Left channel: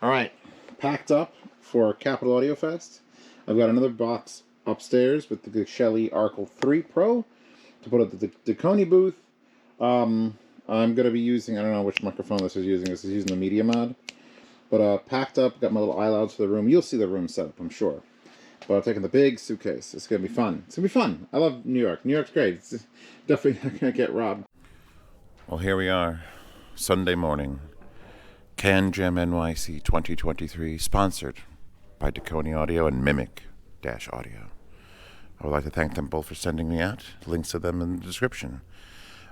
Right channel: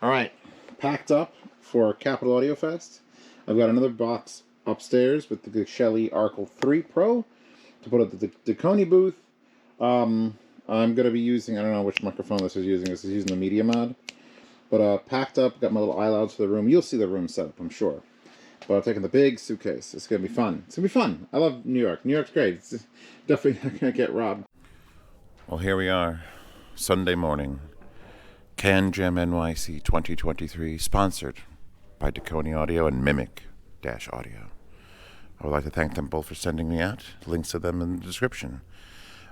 All right, packed up for Capital Audio Fest. I've got another box upstairs with the Geshelli Arcal 3 Pro to put at the Dekoni booth. I'm going to be using, I don't know which microphone this is using. This is using the Media Mod. But packed up, got my little iLouds for the room. You'll see the room set up, I'm sure. But I'm taking the big suitcase. It's going to be fun. It's going to be fun. I love New York. New York's great. It's definitely not going to get robbed. Well, here we are, Sunday morning. CanJam NYC 2023, sponsored by Dekoni Audio and Mimic-Audio. I would like to thank them both for sending me out. Links to them in the description.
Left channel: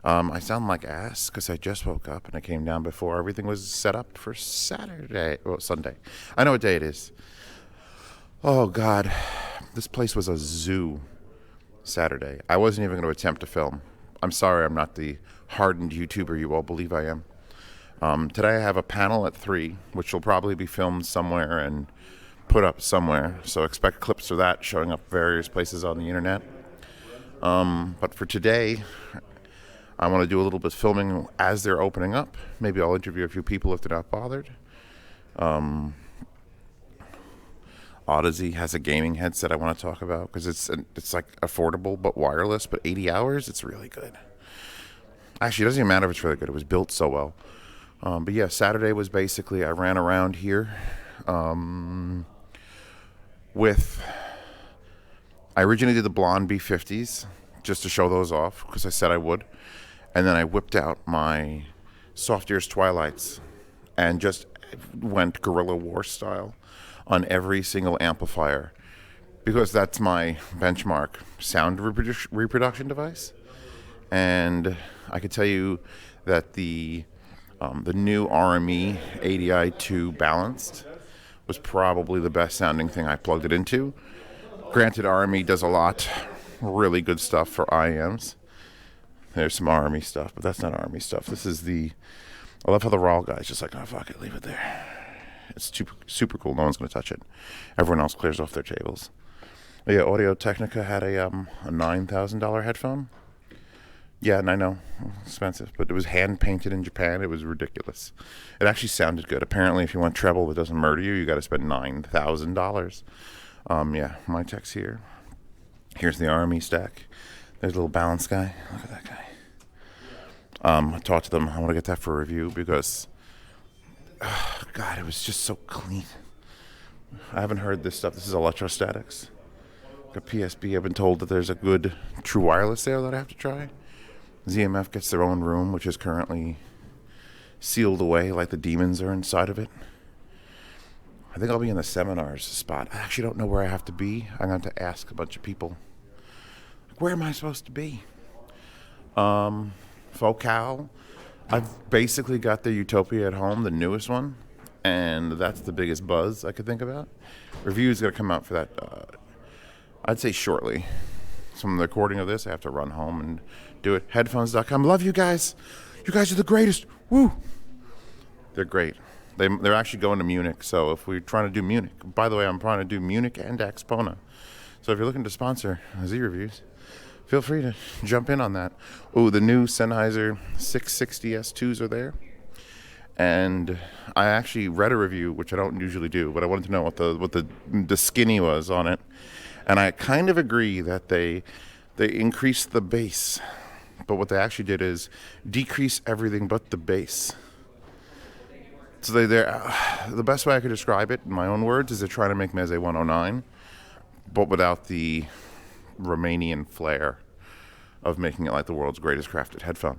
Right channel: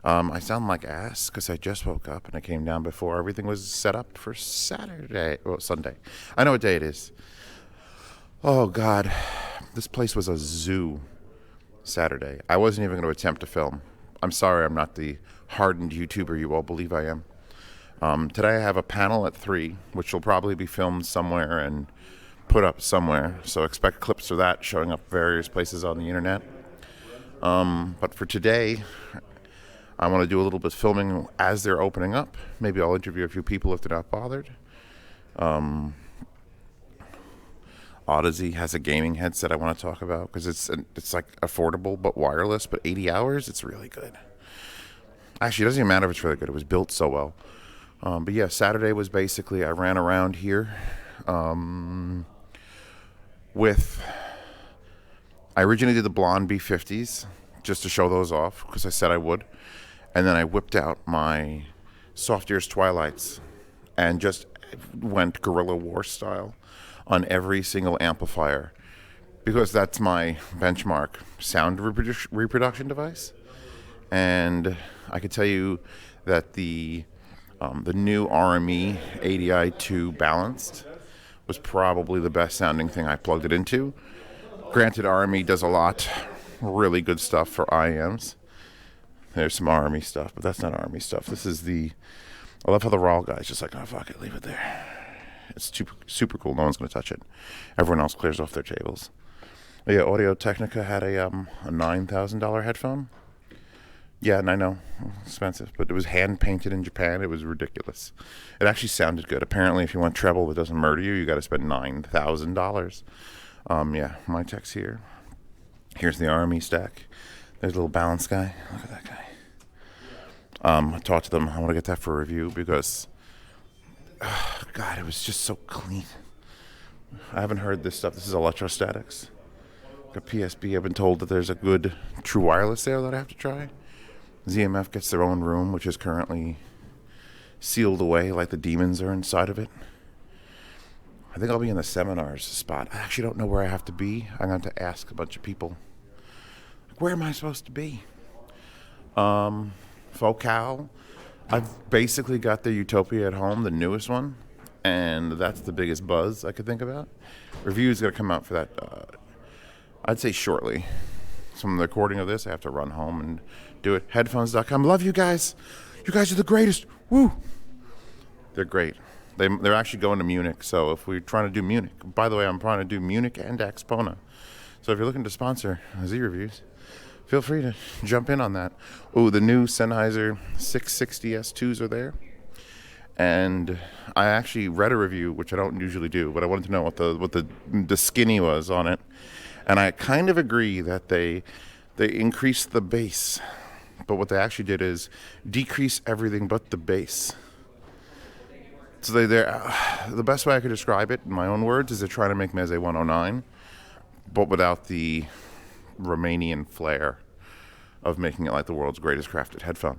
I sound like ass because I just woke up and I came down before everything was set up for Sunday. I know what day it is. Oh, God. This place was a zoo Saturday. I wasn't even going to attempt to film. I'm sorry I'm not the hardened YouTuber you all believe I am. Today I have a panel at 3, which will probably be filmed somewhere and put up somewhere. So expect clips of that showing up various places on the internet. But for today, I want to do a little bit of filming as they're opening up. Maybe I'll interview a few people if they're not bothered. Odyssey has a gaming headset I want to talk about because it's like affordable but wireless, but 80 hours, it's really good. Actually, it doesn't even matter if it's really good. It was built so well. But yeah, Saturday was basically I ran around here with... I originally did the blonde B50s just to show those off because I said I would. And then I whipped out my Soft Ears Twilights and just went guerrilla war style on every single amplifier because that's my benchmark sound reproduction device. And I could tell you that the new RME ADI2 balanced was probably the best sounding thing I plugged it into. Granted, RME does a lot really good stuff for IEMs. There's some RME stuff, but that's not RME stuff. This is I love how the RAAL guy's just like, oh, fuck it, leave it there. It's super cool. No one's going to touch it. Everyone else clears off their tables. But yeah, Audio-Technica had a $9,000 headphone. Yeah, and I know, expensive, but it was hand-painted in Japan. It was ridiculous. It actually sounded good. Apparently, if you want treble that doesn't murder you, you got to spend $9,000. Yeah, my tech's here. Here's the RME stack. There's a little balance guy. Look at that guy. I talked to them. I want to get that for a review because, God, it was just so clean. I haven't heard this stuff. This is electrostatics. A PSB. I've been told that there's a good true wireless there that I have to try. ZMF gets their own room, which is currently sealed away like the demons are inside of it. I think I'll be in the seminars spot. I actually don't know where I have to be. I'm going to have to ask a bunch of people. Where am I supposed to be? Focal. I've basically got the Utopia at home, the newest one, and that's the biggest buzz I could think about. Review's going to come out for that, I'd say shortly. From the recording of this, I have to run home and do it. Headphones.com. Love you guys. You guys are the greatest. Woo! They're great. They're actually going to Munich, so if we're trying to do Munich, by the way, I'm trying to do Munich and Expona. So if you're looking to sponsor Z Reviews, feel free to jump in on that. Oh, the new Sennheiser 660S2s are there. And I actually read a review, which I don't usually do, but I wanted to know what the skinny was on it. And I kind of agree that they increased the bass. But what they actually did is decrease everything but the bass. So the best way I could describe it in my own words is they're trying to make Meze 109, but without the Romanian flair of making it like the world's greatest crafted headphone.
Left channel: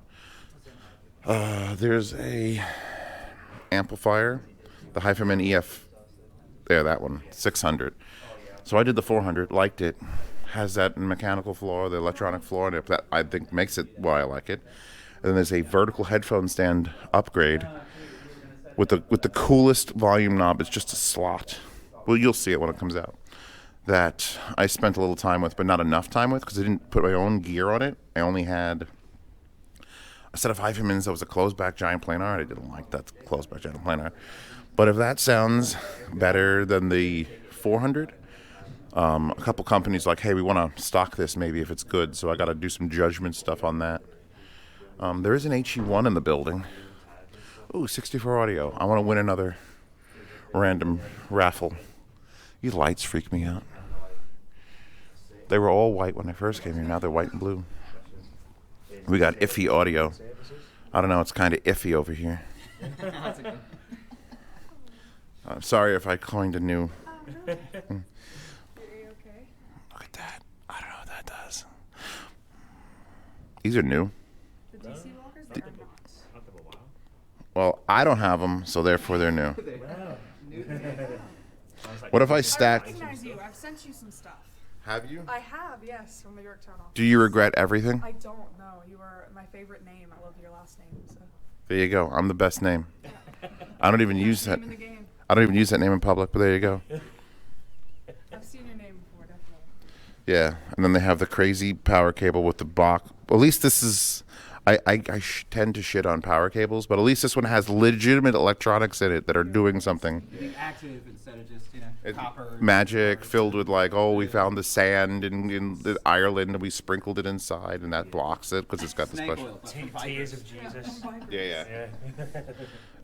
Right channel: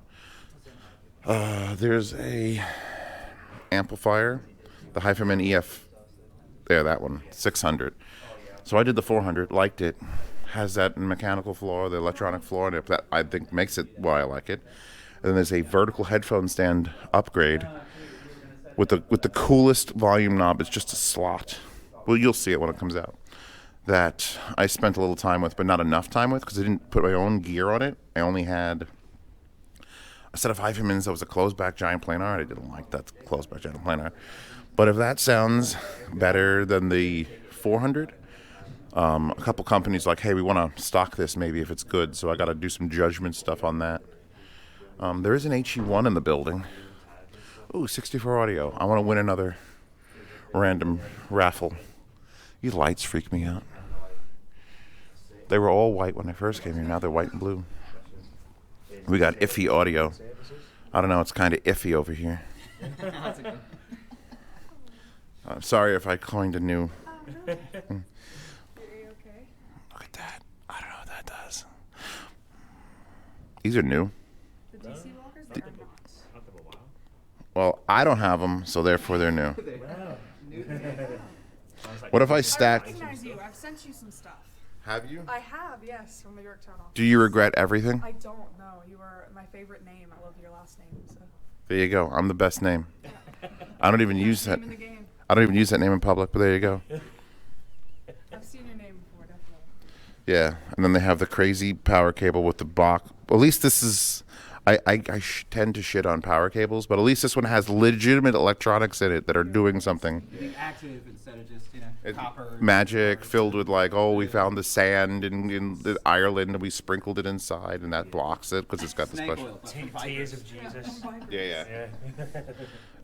There's a amplifier, the Hyphaman EF, there, that one, 600. So I did the 400, liked it, has that mechanical floor, the electronic floor, and that I think makes it why I like it. And then there's a vertical headphone stand upgrade with the coolest volume knob. It's just a slot. Well, you'll see it when it comes out. That I spent a little time with, but not enough time with, because I didn't put my own gear on it. I only had a set of Hyphamans that was a closed-back giant planar, and I didn't like that closed-back giant planar. But if that sounds better than the 400, a couple companies like, hey, we want to stock this maybe if it's good, so I got to do some judgment stuff on that. There is an HE1 in the building. Ooh, 64 audio. I want to win another random raffle. These lights freak me out. They were all white when I first came here. Now they're white and blue. We got iffy audio. I don't know. It's kind of iffy over here. I'm sorry if I coined a new. Look at that. I don't know what that does. These are new. The DC walkers? They are not. Well, I don't have them, so therefore they're new. What if I stacked? I recognize you. I've sent you some stuff. Have you? I have, yes, from the Yorktown office. Do you regret everything? I don't know. You were my favorite name. I love your last name. So. There you go. I'm the best name. I don't even use that. Name in the game. I don't even use that name in public, but there you go. I've seen your name before, definitely. Yeah, and then they have the crazy power cable with the Bach. At least this is. I tend to shit on power cables, but at least this one has legitimate electronics in it that are doing something. Active instead of just, copper. Magic filled with like, oh, we found the sand in Ireland and we sprinkled it inside, and that blocks it because it's got the special. Tears of Jesus. Yeah.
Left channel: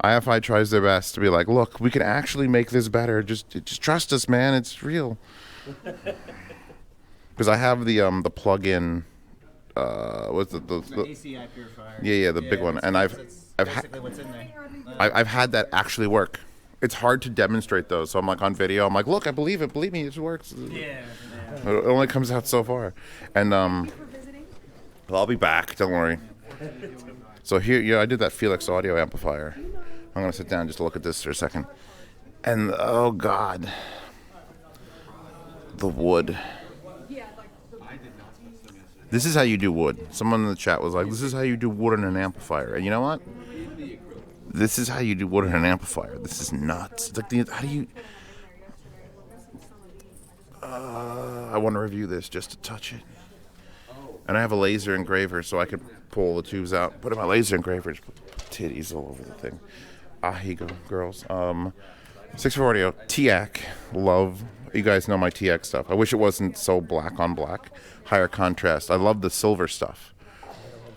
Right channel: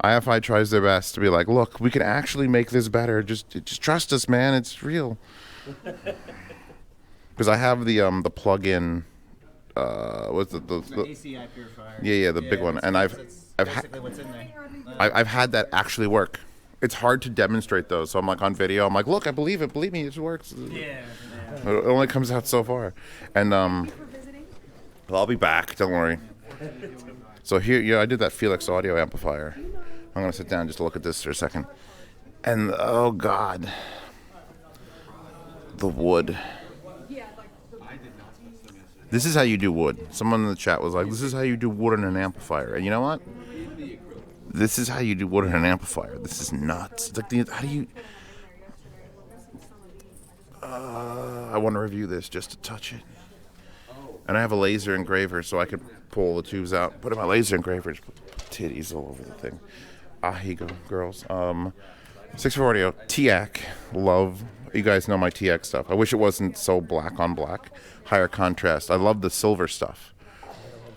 IFI tries their best to be like, look, we can actually make this better. Just trust us, man. It's real. Because I have the plug-in. What's the ACI purifier. Yeah, the big one, and I've had that actually work. It's hard to demonstrate those, so I'm like on video. I'm like, look, I believe it. Believe me, it works. Yeah. It only comes out so far, and well, I'll be back. Don't worry. So here, I did that Felix audio amplifier. I'm gonna sit down just to look at this for a second, and oh god, the wood. This is how you do wood. Someone in the chat was like, this is how you do wood in an amplifier. And you know what? This is how you do wood in an amplifier. This is nuts. It's like, how do you... I want to review this just to touch it. And I have a laser engraver, so I can pull the tubes out, put in my laser engraver, just put titties all over the thing. Here you go, girls. 64 audio, Teac, love. You guys know my Teac stuff. I wish it wasn't so black on black. Higher contrast. I love the silver stuff.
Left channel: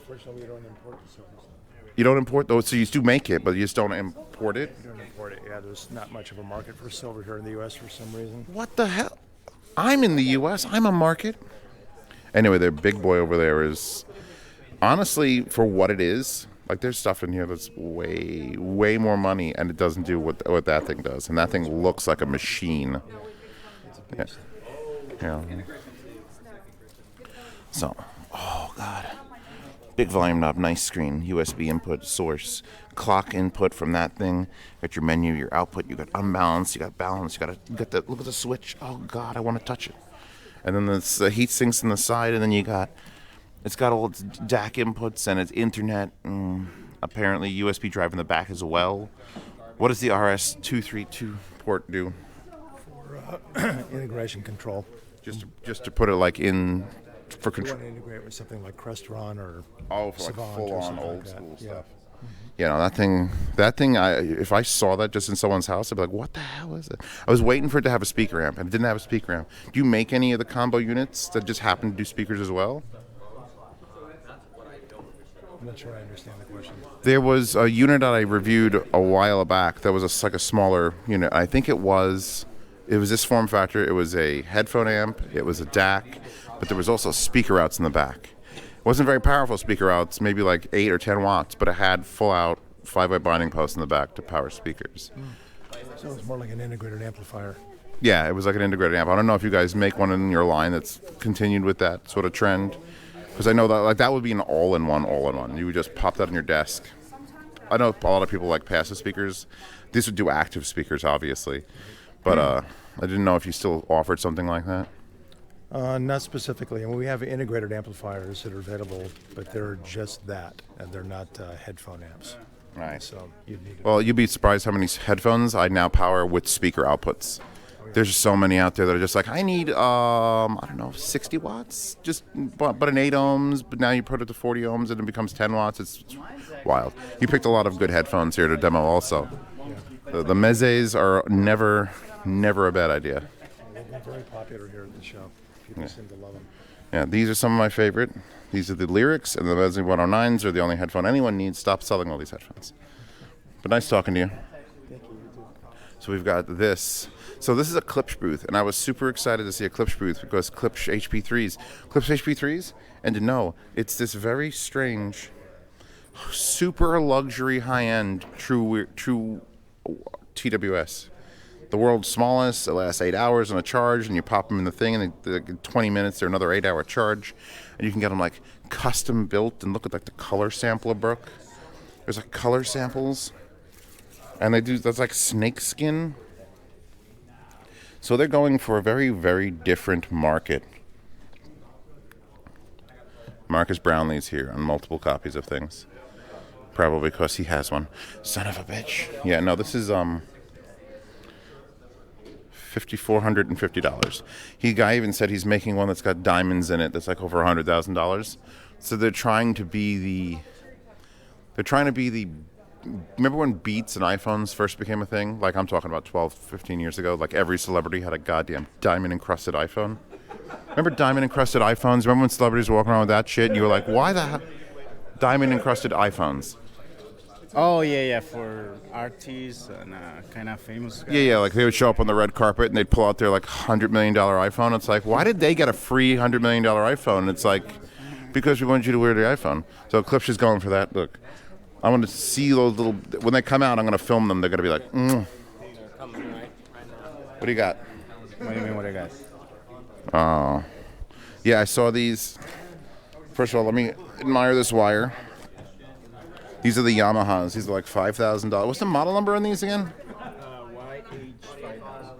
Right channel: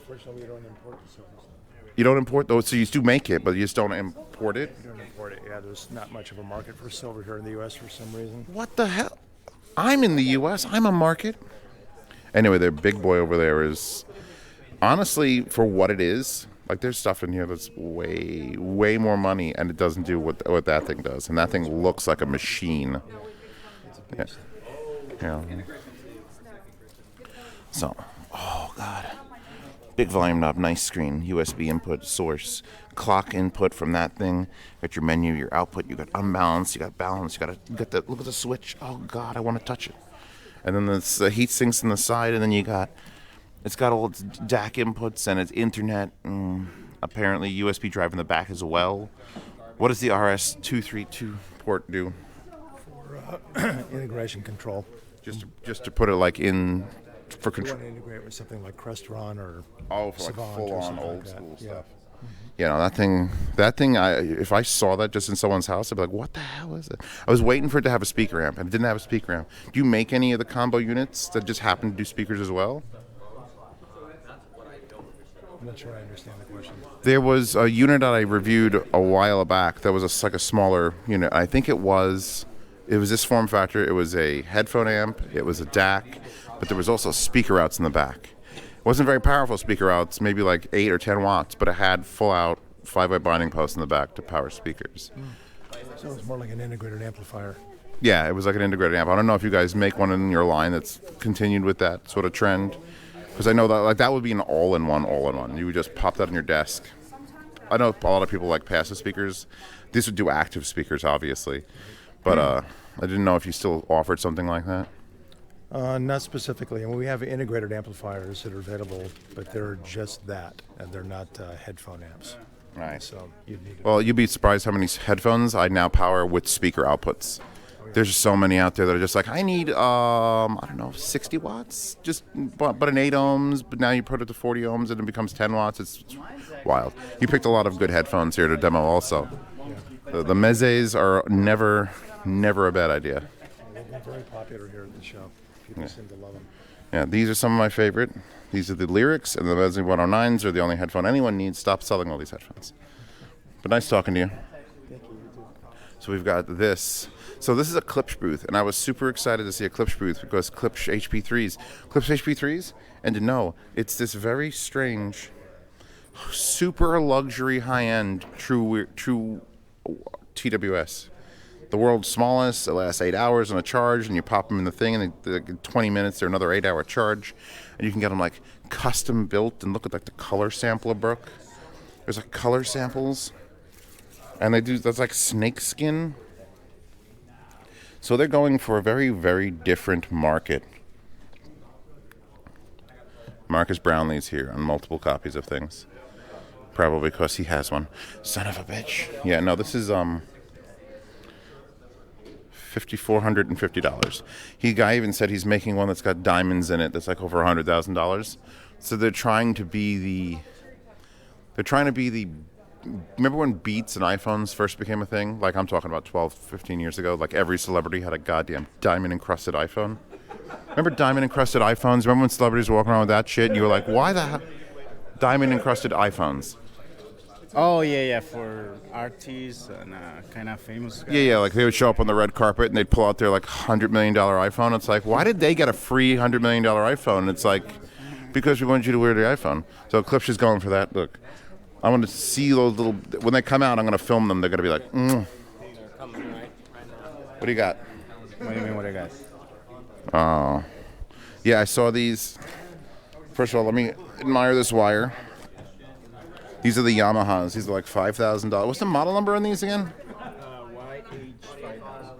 Unfortunately, we don't import the silver stuff. You don't import those, so you do make it, but you just don't import it? We don't import it. Yeah, there's not much of a market for silver here in the U.S. for some reason. What the hell? I'm in the U.S. I'm a market. Anyway, their big boy over there is, honestly, for what it is, like there's stuff in here that's way, way more money, and it doesn't do what that thing does. And that thing looks like a machine. Yeah. So, oh god. Big volume knob, nice screen, USB input, source, clock input from that thing. Got your menu, your output, you got unbalance, you got balance, you got the look at the switch. Oh god, I want to touch it. And then there's the heat sinks on the side, and then it's got all its DAC inputs and its internet, and apparently USB drive in the back as well. What does the RS-232 port do? For integration control. Just to put it like in for You control. want to integrate with something like Crestron or Oh, for like Savant or full on something old like that. school Yeah. stuff. You know, that thing, if I saw that just in someone's house, I'd be like, what the hell is it? I was waiting for it to have a speaker amp, and it didn't have a speaker amp. Do you make any of the combo units that just happen to do speakers as well? I'm not sure I understand the question. There was a unit that I reviewed a while back that was like a smaller unit. I think it was this form factor. It was a headphone amp, it was a DAC, but there was also speaker outs in the back. It wasn't very powerful speaker outs, maybe like 8 or 10 watts, but it had full out 5-way binding posts in the back to power speakers. So it's more like an integrated amplifier. Yeah, it was like an integrated amp. I don't know if you guys make one in your line that's continued with that sort of trend, because I know that like that would be an all-in-one. You would just pop that on your desk. I know a lot of people like passive speakers. This would do active speakers, obviously, but I didn't know if you still offered something like that. Not specifically. I mean, we have integrated amplifiers that are available, but they're just that, and they're not headphone amps. Right. So you'd need. Well, you'd be surprised how many headphones I now power with speaker outputs. There's so many out there that are just like, I need, I don't know, 60 watts, just but an 8 ohms, but now you put it to 40 ohms and it becomes 10 watts. It's wild. You picked a lot of good headphones here to demo also. The Mezes are never a bad idea. They're very popular here at the show. People seem to love them. Yeah, these are some of my favorite. These are the Lyrics, and the Meze 109s are the only headphone anyone needs. Stop selling all these headphones. But nice talking to you. Thank you. You too. So we've got this. So this is a Klipsch booth, and I was super excited to see a Klipsch booth because Klipsch HP3s. Klipsch HP3s, and to know, it's this very strange, super luxury, high-end, true TWS. The world's smallest. It lasts 8 hours on a charge, and you pop them in the thing, and in 20 minutes, they're another 8-hour charge. And you can get them, like, custom built, and look at, like, the color sampler book. There's, like, color samples. And that's like snake skin. So they're going for a very, very different market. Marcus Brownlee's here on multiple copies of things. Probably because he has one. Son of a bitch. Yeah, no, this is $5,450. Guy even said he's making one that's got diamonds in it that's like over $100,000. So they're trying to be the remember when Beats and iPhones first became a thing? Like, I'm talking about 12, 15 years ago. Like, every celebrity had a goddamn diamond-encrusted iPhone. Remember diamond-encrusted iPhones? Remember when celebrities were walking around with that shit? And you were like, why the hell? Diamond-encrusted iPhones. Oh, yeah, for artists and kind of famous guys. Yeah, like, they would show up on the red carpet, and they'd pull out their, like, $100 million iPhone. It's like, why did they get a free $100 million iPhone? And it's like, because we wanted you to wear the iPhone. So Klipsch is going for that. Look. I want to see those little... When they come out, I'm going to film them. They're going to be like, What do you got? What do you mean, what I got? Oh. Yeah, I saw these. First of all, let me admire this wire. These are the Yamahas. These are like $5,000. What's the model number on these again? YH5000.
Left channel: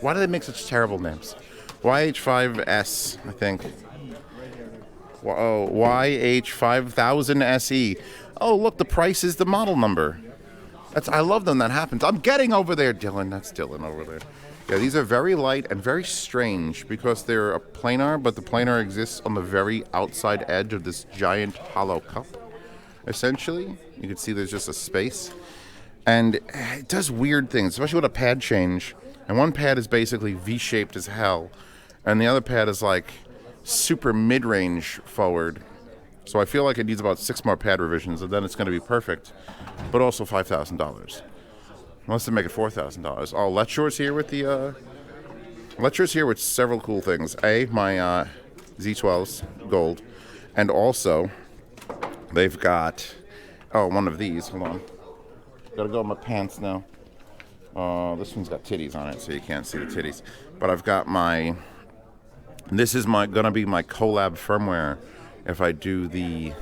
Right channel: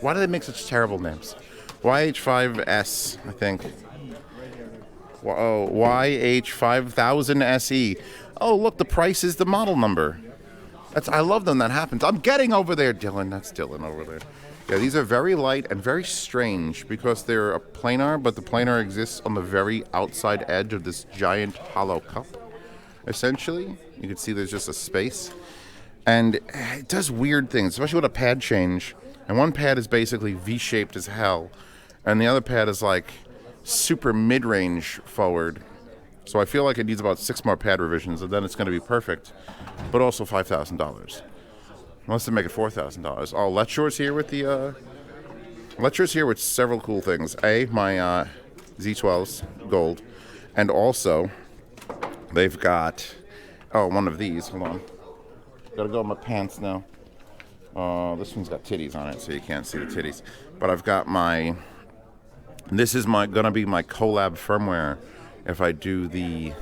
Why do they make such terrible names? YH5S, I think. Oh, YH5000se. Oh, look, the price is the model number. I love when that happens. I'm getting over there, Dylan. That's Dylan over there. Yeah, these are very light and very strange because they're a planar, but the planar exists on the very outside edge of this giant hollow cup, essentially. You can see there's just a space. And it does weird things, especially with a pad change. And one pad is basically V-shaped as hell, and the other pad is like super mid-range forward. So I feel like it needs about 6 more pad revisions, and then it's going to be perfect, but also $5,000. Unless they make it $4,000. Oh, Letshore's here with the Letshore's here with several cool things. My Z12s gold, and also they've got one of these. Hold on, gotta go in my pants now. This one's got titties on it, so you can't see the titties. But I've got this is gonna be my collab firmware. If I do the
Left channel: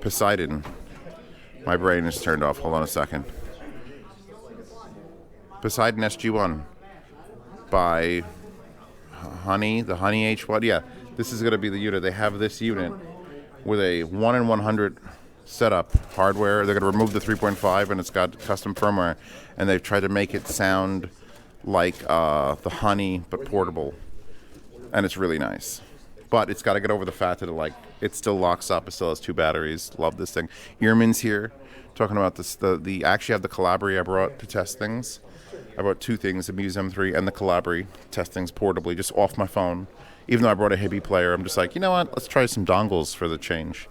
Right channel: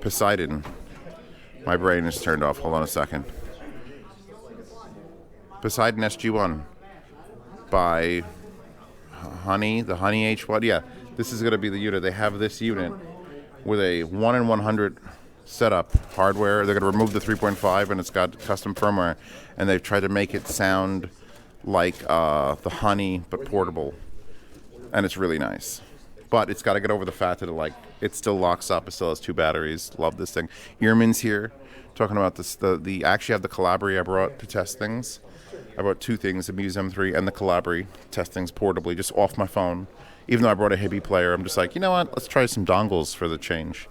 Poseidon, my brain is turned off. Hold on a second. Poseidon SG1 by Honey, the Honey H1. Yeah, this is going to be the unit. They have this unit with a 1 in 100 setup hardware. They're going to remove the 3.5, and it's got custom firmware. And they've tried to make it sound like the Honey, but portable. And it's really nice. But it's got to get over the fact that it still locks up. It still has 2 batteries. Love this thing. Earman's here talking about this. I actually have the Calabri I brought to test things. I brought 2 things, the Muse M3 and the Calabri, test things portably, just off my phone. Even though I brought a Hibby player, I'm just like, you know what? Let's try some dongles for the change.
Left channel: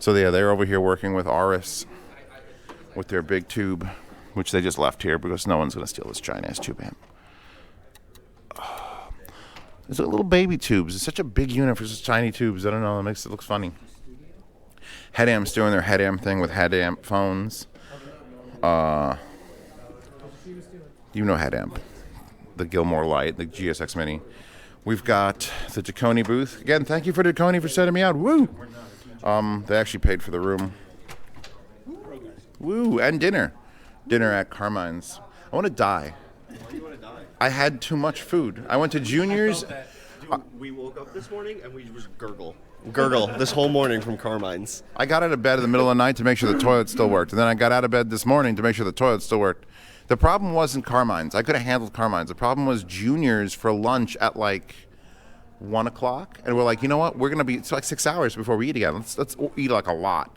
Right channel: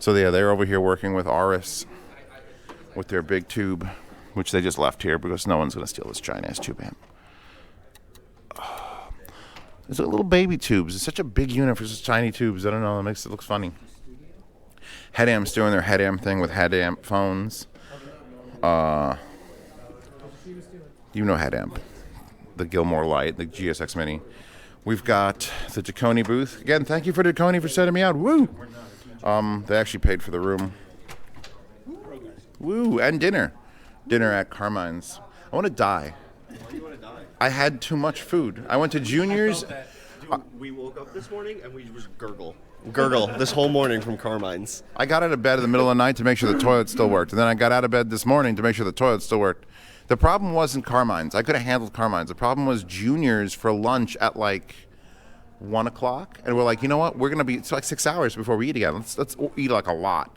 So yeah, they're over here working with Aris with their big tube, which they just left here because no one's going to steal this giant ass tube amp. There's little baby tubes. It's such a big unit for such tiny tubes. I don't know. It makes it look funny. Headamp's doing their Headamp thing with Headamp phones. You know Headamp. The Gilmore Light, the GSX Mini. We've got the Dekoni booth. Again, thank you for Dekoni for setting me out. Woo! They actually paid for the room. Woo! And dinner. Dinner at Carmine's. I want to die. I had too much food. I went to Junior's. We woke up this morning and we just gurgle this whole morning from Carmine's. I got out of bed in the middle of the night to make sure the toilet still worked. And then I got out of bed this morning to make sure the toilet still worked. The problem wasn't Carmine's. I could have handled Carmine's. The problem was Junior's for lunch at 1 o'clock. And we're like, you know what? We're going to be, it's 6 hours before we eat again. Let's eat a lot.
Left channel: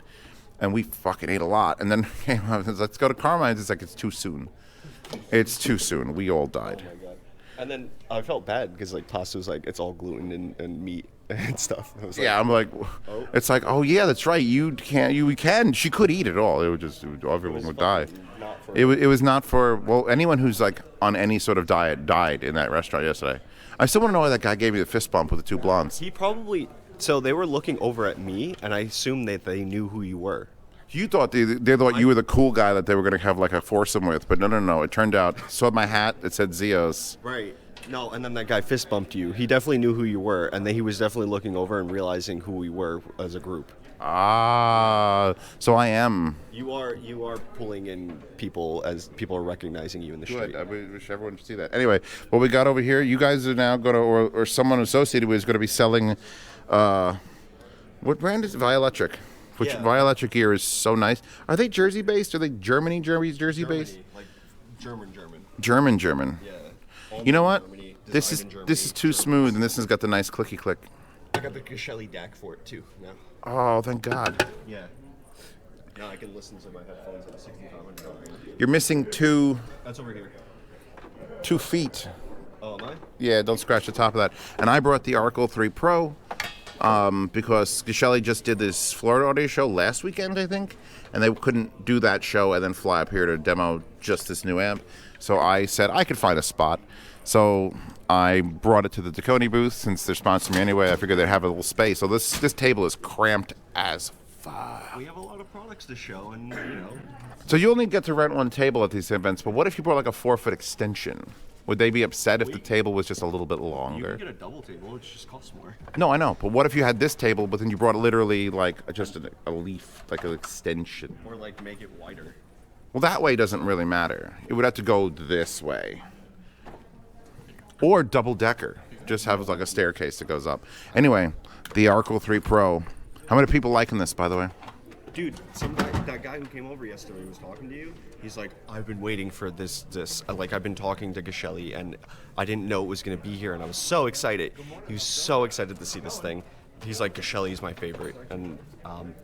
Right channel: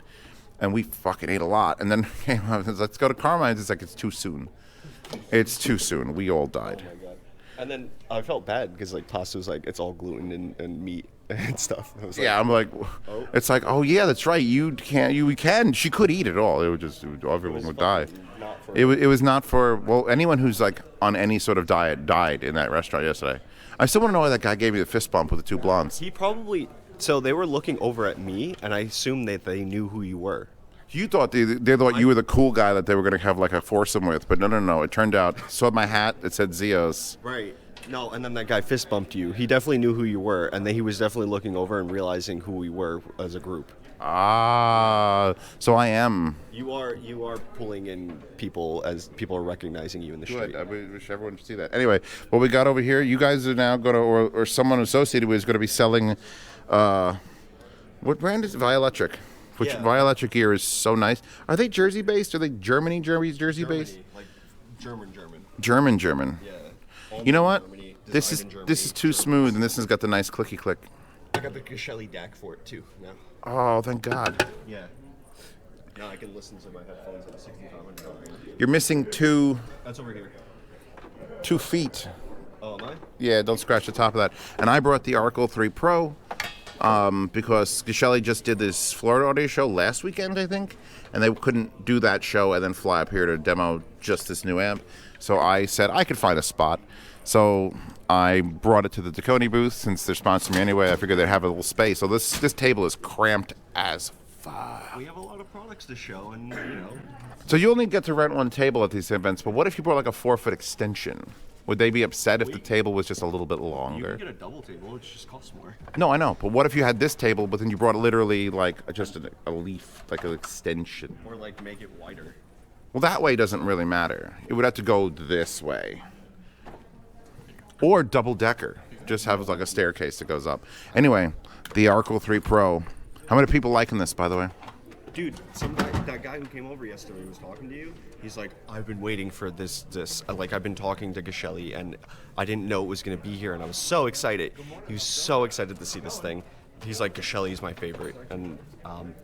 And we fucking ate a lot. And then came out, let's go to Carmine's. It's it's too soon. It's too soon. We all died. Oh my God. And then I felt bad because pasta was it's all gluten and meat. and stuff. I was like, Yeah, I'm like, it's like, oh yeah, that's right. You can. She could eat it all. Everyone would die. not for- It was not for, well, anyone who's like on any sort of diet died in that restaurant yesterday. I still want to know why that guy gave me the fist bump with the two blondes. He probably. So they were looking over at me, and I assumed that they knew who you were. You thought they thought you were the cool guy that they were going to have like a foursome with, but no. It turned out, saw my hat, it said Zeos. Right. No, and then that guy fist bumped you. He definitely knew who you were, and then he was definitely looking over and realizing who we were as a group. Ah, so I am. You are pulling in people as people are recognizing you in the Good. street. I wish everyone could see that. Anyway, what we got over here, you guys are now going to, or someone associated with is going to be selling, what brand is it? Vioelectric. Which Yeah. Vioelectric gear is so nice. Are they Jersey based? Are they Jersey based? Like German. German. Yeah. You know what? Germany, This is designed in this is Germany. too smooth, and this has got the nice clicky click. I got the Geshelli DAC for it too. Now. Oh, thank God. Yeah. Now I can listen to my headphones at 6500. You're missing two That's over here. feet. Oh, am I? Yeah, don't scratch the top of that. And I brought the RAAL 3 Pro because Geshelli just did this Florida audio show last weekend, I think, and they couldn't do that show and then fly up here to demo just this new amp. So I said I could find a spot. So I brought it to the Dekoni booth since they're sponsoring me anyway. I figured they'd have a little space. So this table is cramped as fuck. We have a lot of products to show, and So you only get to rent one table at these events, but what if you brought like a 4-foot extension? Would they be upset if the table was just a little bit you longer? can get a double table. It just costs more. No, I know. But what if you had this table, but then you brought literally like just a leaf, like an extension? Or like make it wider. Well, that way doesn't really matter. It would have to go this way. Or double decker. Just have like a staircase that goes up. Anyway, the RAAL 3 Pro. How many people liking this, by the way? Dude, that guy who came over yesterday was talking to you. He's like, I've been waiting for this. Like, I've been talking to Geshelli, and I didn't know it was going to be here, and I was so excited. He was so excited to see this thing. He's like, Geshelli is my favorite, and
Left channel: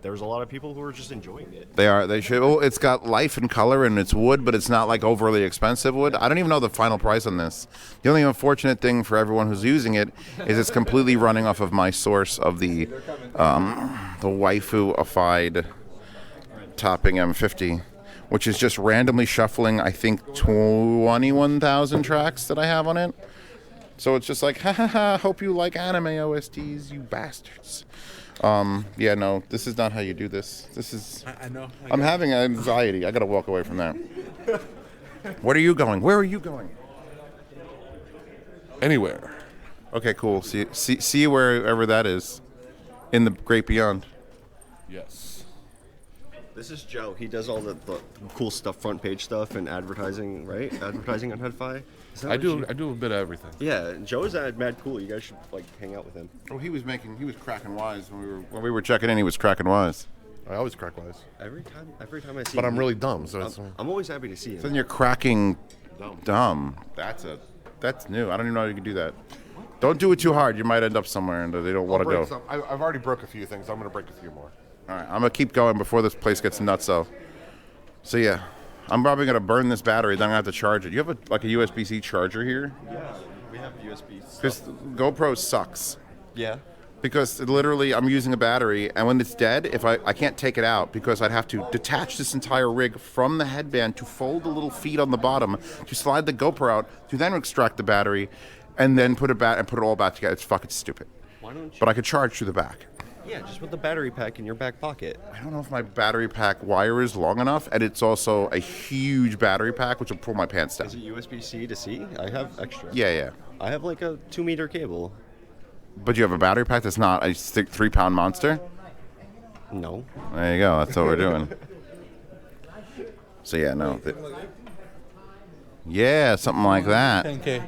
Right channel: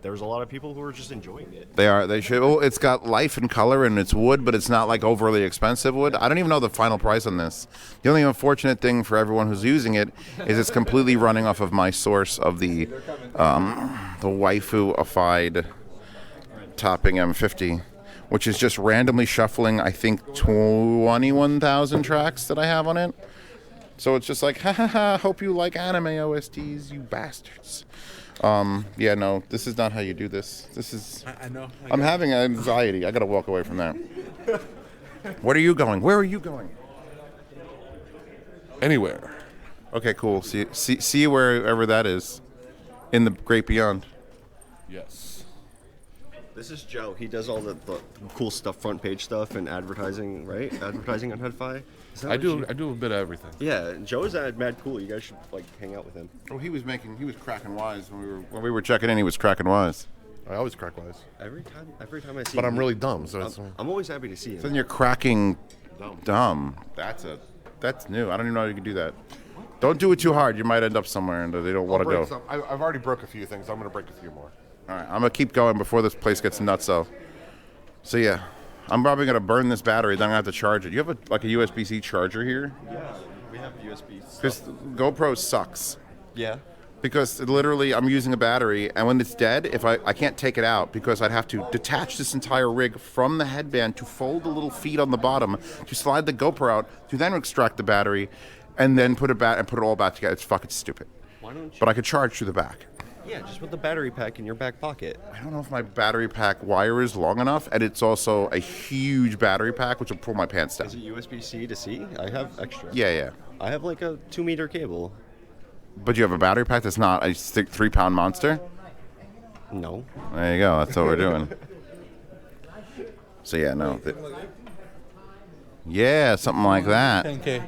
there was a lot of people who were just enjoying it. They should. Well, it's got life and color, and it's wood, but it's not like overly expensive wood. I don't even know the final price on this. The only unfortunate thing for everyone who's using it is it's completely running off of my source of the waifu-ified topping M50, which is just randomly shuffling, I think, 21,000 tracks that I have on it. So it's just like, ha ha ha, hope you like anime OSTs, you bastards. Yeah, no, this is not how you do this. This is... I know. I'm having anxiety. I gotta walk away from that. Where are you going? Where are you going? Anywhere. Okay, cool. See you wherever that is. In the great beyond. Yes. This is Joe. He does all the cool stuff, front page stuff, and advertising, right? Advertising on Headfi. I do a bit of everything. Yeah, Joe is mad cool. You guys should like hang out with him. Oh, he was cracking wise when we were checking in. He was cracking wise. I always crack wise. Every time I see But him, I'm really dumb, so it's... I'm always happy to see him. So then you're cracking dumb. That's new. I don't even know how you can do that. Don't do it too hard. You might end up somewhere and they don't want to go. I've already broke a few things. I'm going to break a few more. All right, I'm gonna keep going before this place gets nuts. So yeah, I'm probably gonna burn this battery. Then I have to charge it. You have a USB-C charger here? Yeah, we have USB. Because GoPro sucks. Yeah. Because literally, I'm using a battery, and when it's dead, if I can't take it out because I'd have to detach this entire rig from the headband to fold the little feet on the bottom to slide the GoPro out to then extract the battery, and then put it all back together. It's fucking stupid. Why don't you? But I could charge through the back. Yeah, just put the battery pack in your back pocket. I don't know if my battery pack wire is long enough, and it's also a huge battery pack, which will pull my pants down. Is it USB-C to C? I have extra. Yeah. I have like a 2-meter cable. But you have a battery pack that's not a 3-pound monster? No. There you go. That's what we're doing. So, yeah, no. Yeah, something like that. 10K.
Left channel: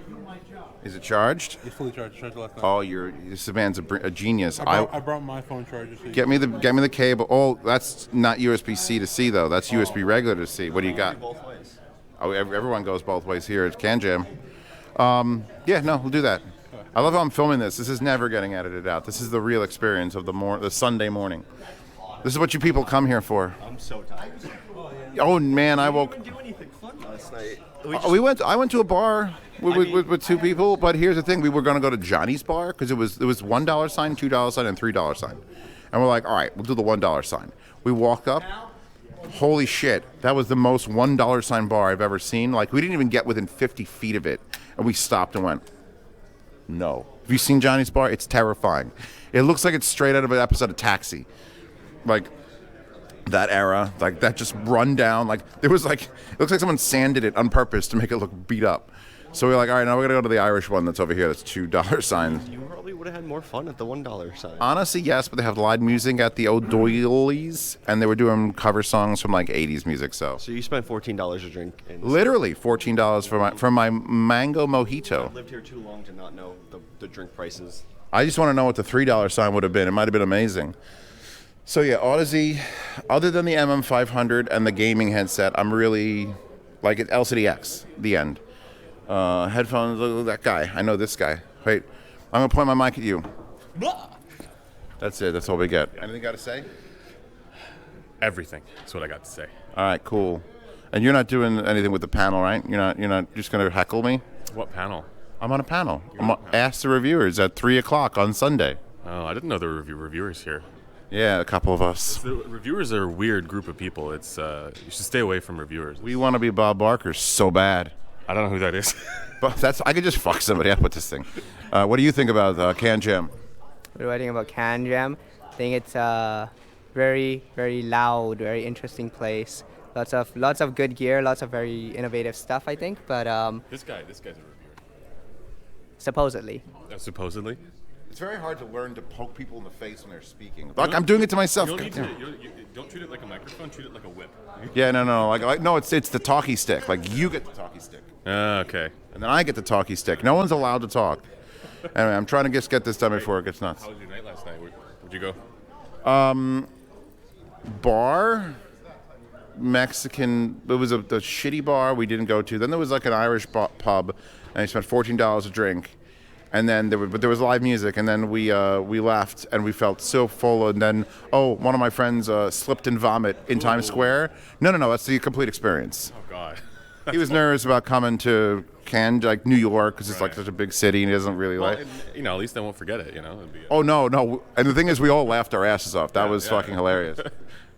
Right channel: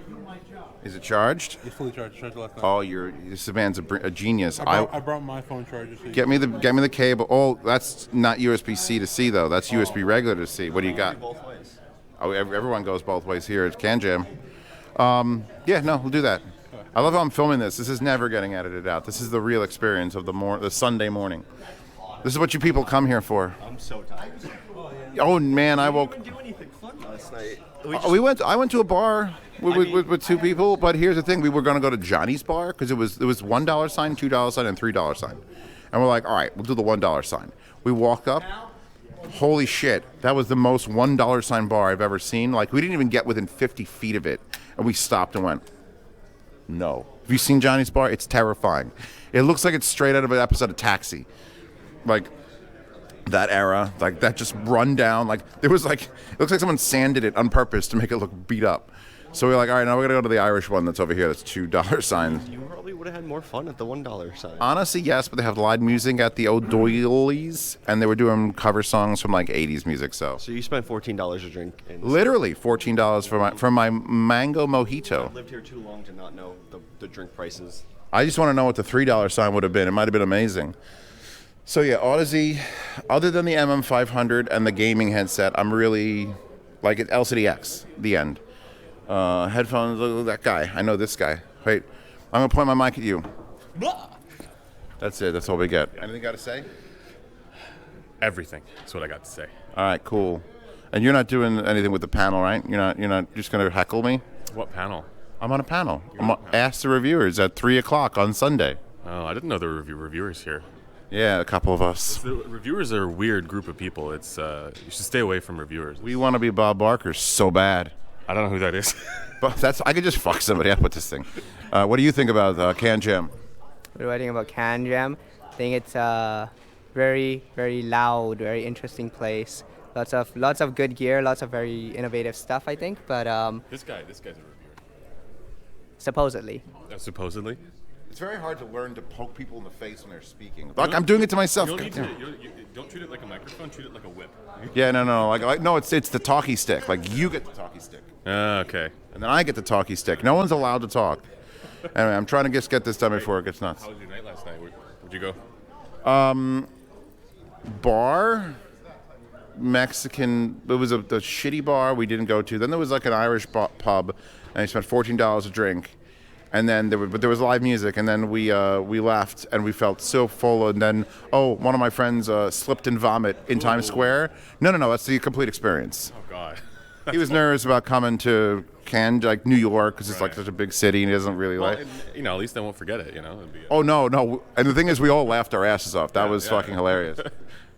Is it charged? It's fully charged. Charged last night. Oh, this man's a genius. I brought my phone charger. So Get me the cable. Oh, that's not USB-C to C, though. That's USB regular to C. What do you got? Both ways. Oh, everyone goes both ways here at CanJam. Yeah, no, we'll do that. I love how I'm filming this. This is never getting edited out. This is the real experience of the Sunday morning. This is what you people come here for. I'm so tired. Oh man, I I woke. didn't do anything fun last night. we went. I went to a bar with two people, but here's the thing: we were going to go to Johnny's bar because it was $1 sign, $2 sign, and $3 sign, and we're like, all right, we'll do the $1 sign. We walk up. Holy shit! That was the most $1 sign bar I've ever seen. Like we didn't even get within 50 feet of it, and we stopped and went, no. Have you seen Johnny's bar? It's terrifying. It looks like it's straight out of an episode of Taxi. Like that era, like that just run down. Like it looks like someone sanded it on purpose to make it look beat up. So we're like, all right, now we're gonna go to the Irish one that's over here. That's $2 signs. You probably would have had more fun at the $1 sign. Honestly, yes, but they have live music at the Audiophile, and they were doing cover songs from like 80s music. So So you spent $14 a drink. literally $14 for my mango mojito. I've lived here too long to not know the drink prices. I just want to know what the $3 sign would have been. It might have been amazing. So yeah, Odyssey, other than the MM500 and the gaming headset, I'm really like it. LCDX, the end. Headphones, look at that guy. I know this guy. Wait, I'm going to point my mic at you. That's it. That's all we get. Anything got to say? Everything. That's what I got to say. All right, cool. And you're not doing anything with the panel, right? You're not just going to heckle me? What panel? I'm on a panel. Ask the reviewers at 3 o'clock on Sunday. Oh, I didn't know there were reviewers here. Yeah, a couple of us. The reviewers are a weird group of people. It's you should stay away from reviewers. We want to be Bob Barker so bad. I don't know who that is. But I could just fuck somebody up with this thing. What do you think about CanJam? What do I think about CanJam? I think it's a very, very loud, very interesting place. Lots of good gear, lots of very innovative stuff, I think. But This guy's a reviewer. supposedly. Supposedly. It's very hard to learn to poke people in the face when they're speaking. Like I'm doing it to myself. You don't treat it like a microphone. Treat it like a whip. Yeah, no. Like no, it's the talkie stick. Like you get the talkie stick. Okay. And then I get the talkie stick. No one's allowed to talk. Anyway, I'm trying to just get this done before it gets nuts. How was your night last night? Where'd you go? Bar, Mexican. It was a shitty bar we didn't go to. Then there was like an Irish pub, and I spent $14 a drink. And then there was live music, and then we left, and we felt so full. And then one of my friends slipped and vomit in Times Square. No, that's the complete experience. Oh God. He was nervous about coming to New York, because it's like such a big city, and he doesn't really like. And, at least I won't forget it. It'd be, Oh no! And the thing is, we all laughed our asses off. That was fucking hilarious.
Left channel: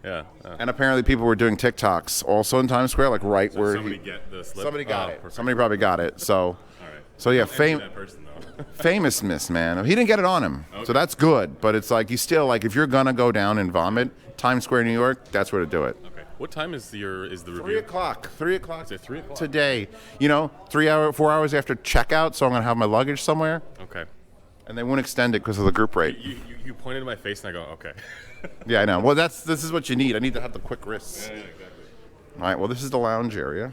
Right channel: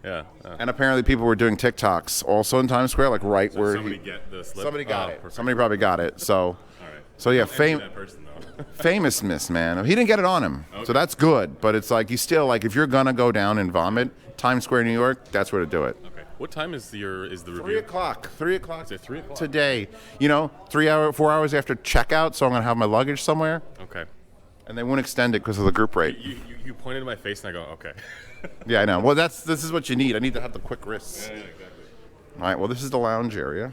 Yeah. And apparently, people were doing TikToks also in Times Square, like right where somebody get the slip? somebody got it. Perfect. Somebody probably got it. So. All right. So yeah, That person, though. famous miss, man. He didn't get it on him, Okay. so that's good. But it's like you still like if you're gonna go down and vomit, Times Square, New York, that's where to do it. Okay. What time is the review? 3 o'clock. 3 o'clock. Is it 3 o'clock? Today. 4 hours after checkout, so I'm gonna have my luggage somewhere, Okay. and they won't extend it because of the group rate. You pointed to my face and I go, okay. Yeah, I know. Well, this is what you need. I need to have the quick wrists. Yeah, exactly. All right. Well, this is the lounge area.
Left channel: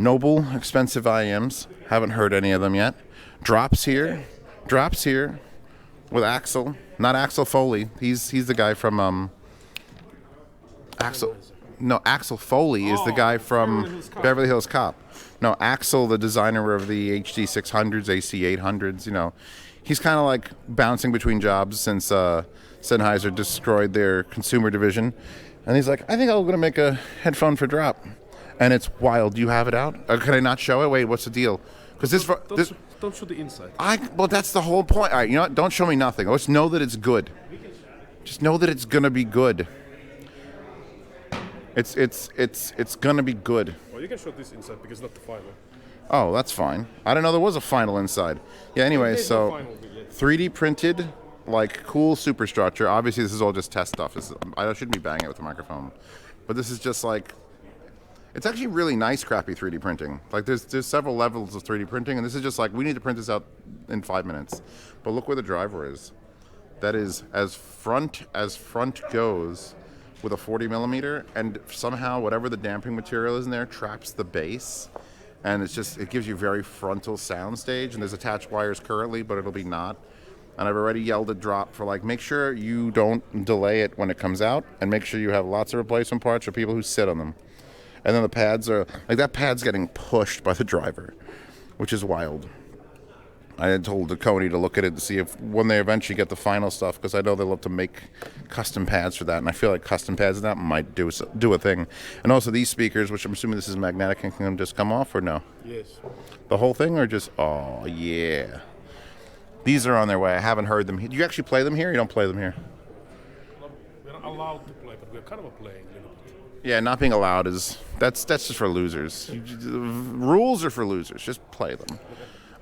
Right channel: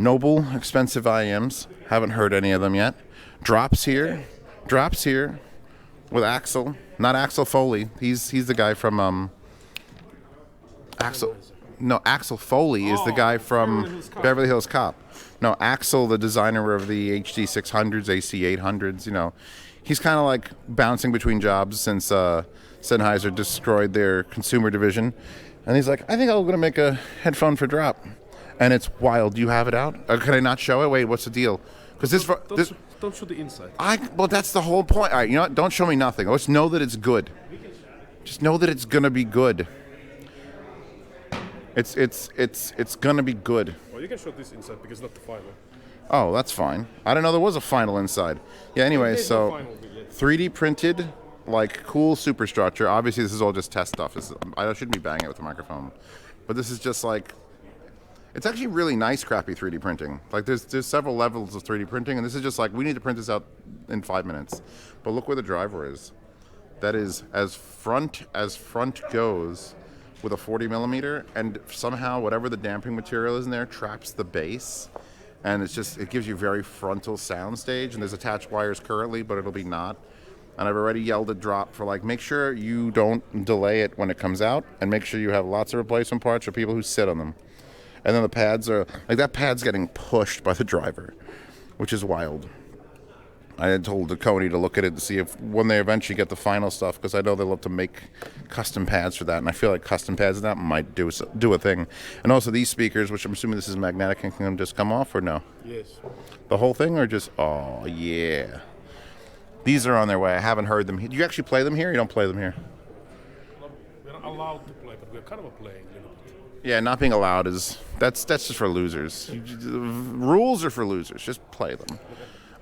Noble, expensive IMs. Haven't heard any of them yet. Drops here with Axel. Not Axel Foley. He's the guy from Axel. No, Axel Foley is the guy from Beverly Hills Cop. No, Axel, the designer of the HD600s, AC800s. He's kind of like bouncing between jobs since Sennheiser destroyed their consumer division, and he's like, I think I'm gonna make a headphone for drop. And it's wild. Do you have it out? Can I not show it? Wait, what's the deal? Because Don't show the inside. well, that's the whole point. All right, you know what? Don't show me nothing. Just know that it's good. Just know that it's gonna be good. It's gonna be good. Well, you can show this inside because not the final. Oh, that's fine. I didn't know there was a final inside. Yeah. Anyway, There's no so final yet. 3D printed, like cool superstructure. Obviously, this is all just test stuff. I shouldn't be banging it with the microphone, but this is just like. It's actually really nice, crappy 3D printing. Like there's several levels of 3D printing, and this is just like we need to print this out in 5 minutes. But look where the driver is. That is as front goes, with a 40 millimeter, and somehow whatever the damping material is in there traps the bass, and it gives you very frontal sound stage. And there's attached wires currently, but it'll be not. And I've already yelled at Drop for make sure you don't delay it when it comes out, and make sure you have lots of replacement parts for people who sit on them. And then the pads are, that pad's getting pushed by the driver, which is wild. I had told Dekoni to look at it to see if when they eventually get the final stuff, because I know they love to make custom pads for that, and I feel like custom pads of that might do a thing. And also these speakers, which I'm assuming this is magnetic and can just come off, or no? Yes. The whole thing, or just, oh yeah. These are on their way. I haven't heard them. Do you actually play them here? Or you don't play them here? We're not allowed to play, but we're kind of playing a little bit. Yeah, not being allowed that's just for losers. Rules are for losers. Just play them.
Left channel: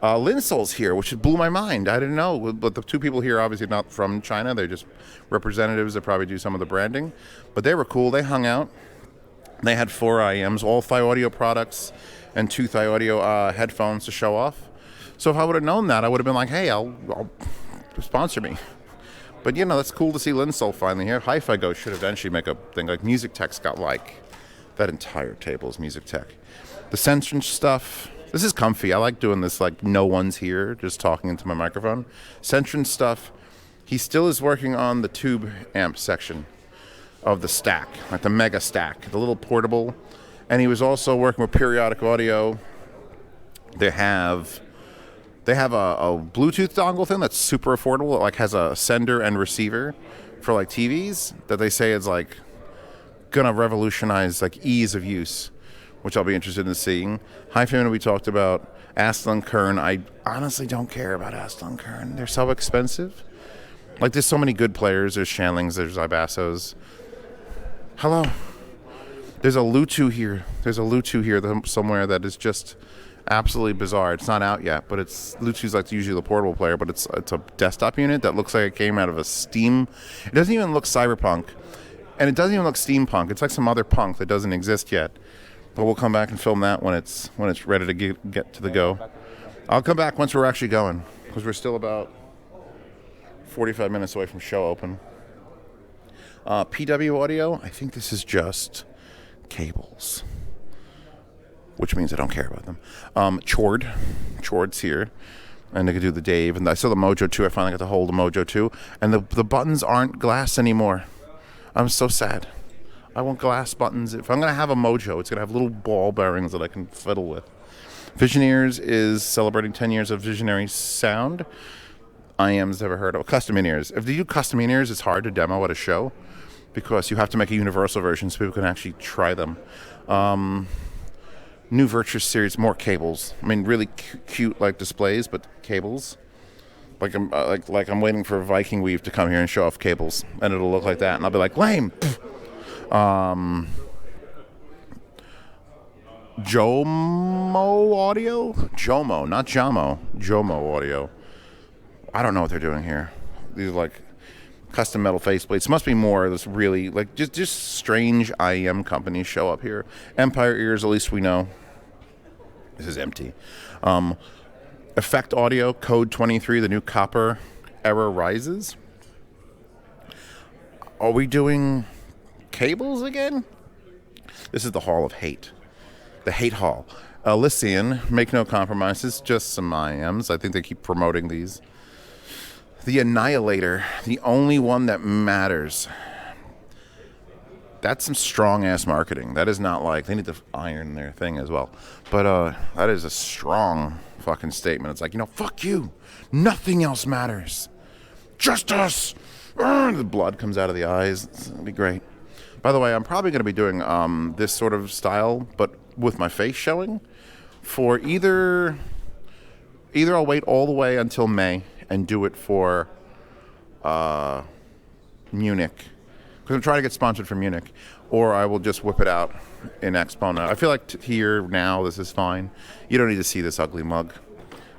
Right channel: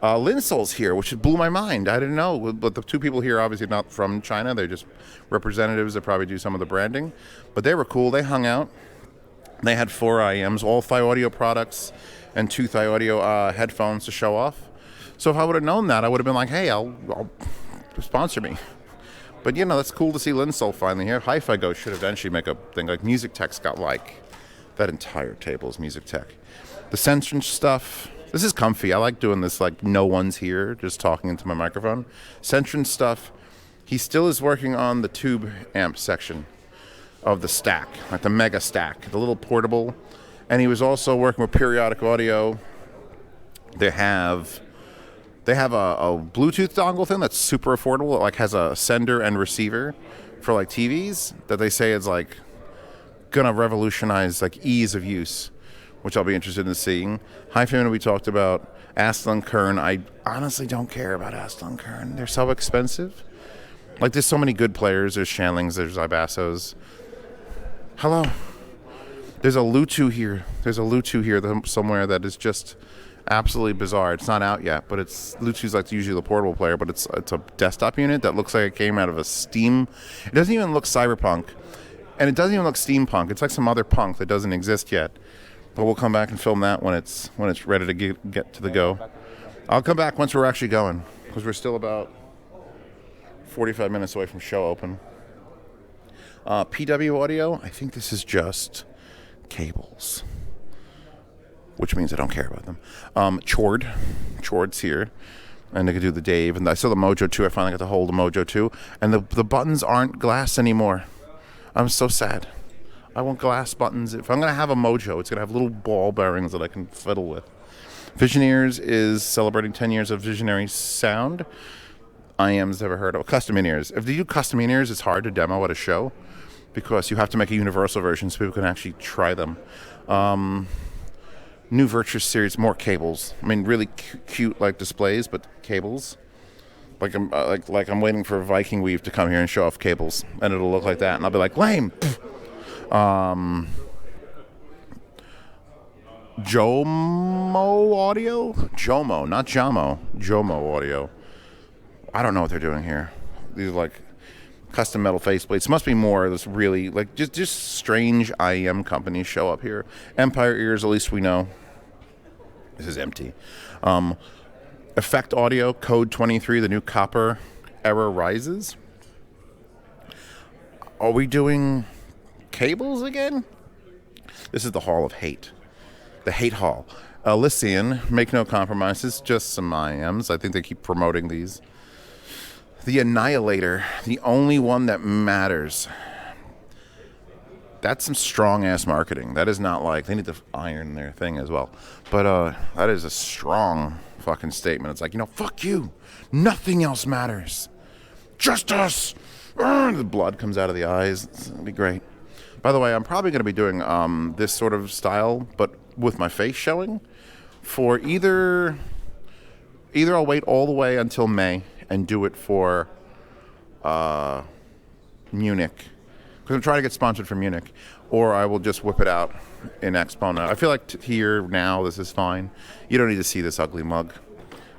Linsol's here, which blew my mind. I didn't know, but the two people here obviously not from China. They're just representatives that probably do some of the branding. But they were cool. They hung out. They had 4 IMs, all Thai Audio products, and 2 Thai Audio headphones to show off. So if I would have known that, I would have been like, hey, I'll sponsor me. But, that's cool to see Linsol finally here. Hi-Fi Go should eventually make a thing. Like, Music Tech's got, that entire table is Music Tech. The Centron stuff, this is comfy. I like doing this, no one's here, just talking into my microphone. Centron stuff, he still is working on the tube amp section of the stack, like the mega stack, the little portable. And he was also working with Periodic Audio. They have a Bluetooth dongle thing that's super affordable. It has a sender and receiver for TVs that they say is gonna revolutionize ease of use, which I'll be interested in seeing. Hi-Fi, we talked about Astell Kern. I honestly don't care about Astell Kern. They're so expensive. There's so many good players. There's Shanlings, there's Ibassos. Hello. There's a Lutu here. Somewhere that is just absolutely bizarre. It's not out yet, but Lutu's usually the portable player, but it's a desktop unit that looks like it came out of a Steam. It doesn't even look cyberpunk, and it doesn't even look steampunk. It's like some other punk that doesn't exist yet. But we'll come back and film that when it's ready to get to the go. I'll come back once we're actually going, because we're still about 45 minutes away from show open. PW Audio, I think this is just cables, which means I don't care about them. Chord's here, and they could do the Dave, and I saw the Mojo 2. I finally got to hold the Mojo 2, and the buttons aren't glass anymore. I'm so sad. I want glass buttons. If I'm going to have a Mojo, it's going to have little ball bearings that I can fiddle with. Visioneers is celebrating 10 years of Visionary sound. IM's never heard of. Custom in-ears. If you do custom in-ears, it's hard to demo at a show because you have to make a universal version so people can actually try them. New Virtuous series, more cables. I mean, really cute displays, but cables. I'm waiting for Viking Weave to come here and show off cables, and it'll look like that, and I'll be like, lame. Jomo Audio? Jomo, not Jamo. Jomo Audio. I don't know what they're doing here. These are custom metal faceplates. Must be more of this really just strange IEM companies show up here. Empire Ears, at least we know. This is empty. Effect Audio, Code 23, the new copper era rises. Are we doing cables again? This is the Hall of Hate. The Hate Hall. Elysian, Make No Compromises, just some IMs. I think they keep promoting these. The Annihilator, the only one that matters. That's some strong-ass marketing. That is not they need to iron their thing as well. But that is a strong fucking statement. It's fuck you. Nothing else matters. Just us. The blood comes out of the eyes. It'll be great. By the way, I'm probably going to be doing this sort of style, but with my face showing. For either I'll wait all the way until May and do it for Munich, because I'm trying to get sponsored for Munich, or I will just whip it out in EXPO now. I feel like here now this is fine. You don't need to see this ugly mug.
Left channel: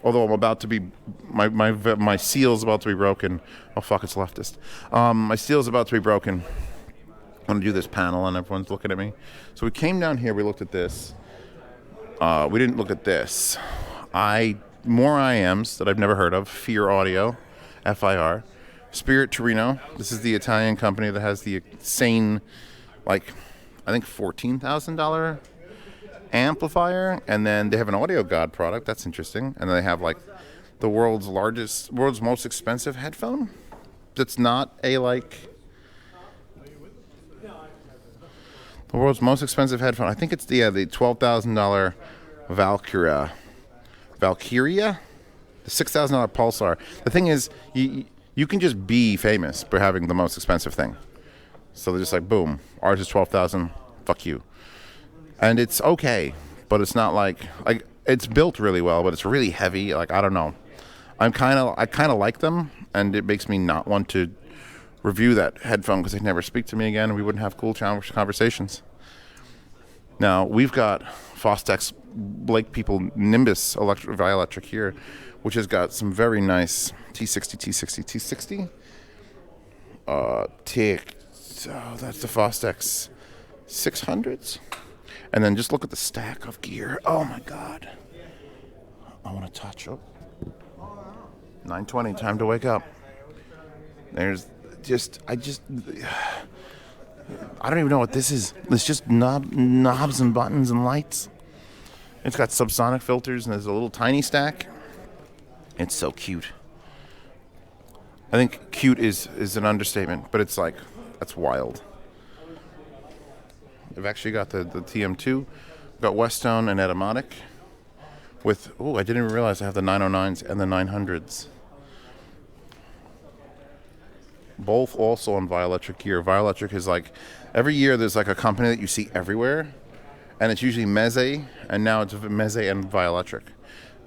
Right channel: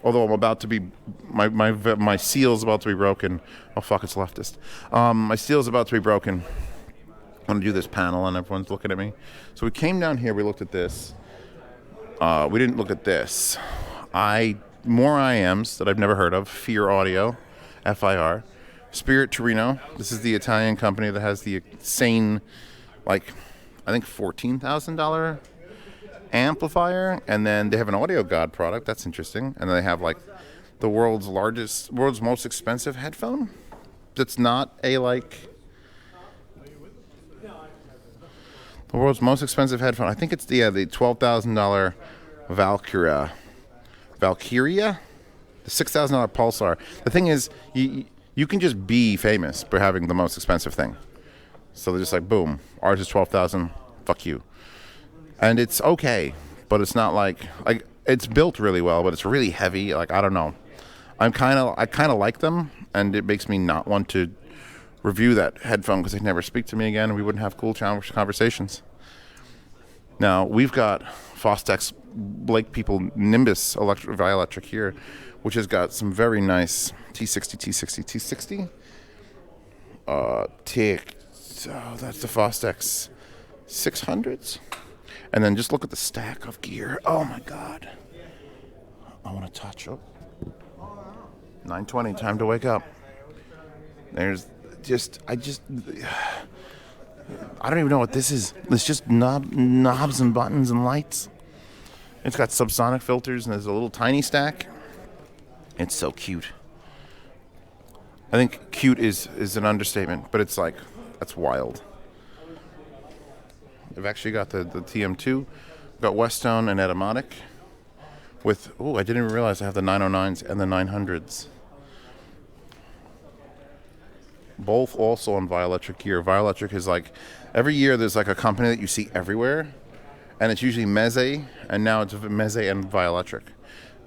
Although I'm about to be, my seal's about to be broken. Oh fuck, it's leftist. My seal's about to be broken. I'm gonna do this panel and everyone's looking at me. So we came down here, we looked at this. We didn't look at this. More IMs that I've never heard of. Fear Audio, FIR. Spirit Torino. This is the Italian company that has the insane, I think $14,000 amplifier. And then they have an Audio God product. That's interesting. And then they have the world's most expensive headphone. That's not a the world's most expensive headphone. I think it's the $12,000 Valkyria. The $6,000 Pulsar. The thing is, you can just be famous by having the most expensive thing. So they're just like, boom, ours is $12,000. Fuck you. And it's okay, but it's not like it's built really well, but it's really heavy. Like, I don't know. I kind of like them, and it makes me not want to review that headphone because they'd never speak to me again, and we wouldn't have cool conversations. Now we've got Fostex Blake People Nimbus Electric here, which has got some very nice T60. Teac. Oh, that's the Fostex 600s. And then just look at the stack of gear. Oh my God. I want to touch up. 9:20, time to wake up. There's I don't even know what this is. It's just knobs and buttons and lights. It's got subsonic filters and there's a little tiny stack. It's so cute. I think cute is an understatement, but it's like, that's wild. I've actually got the TM2, got Westone and Etymotic with, I didn't even realize I have the 909s and the 900s. Both also on Vioelectric gear. Vioelectric is like, every year there's like a company that you see everywhere, and it's usually Meze, and now it's Meze and Vioelectric.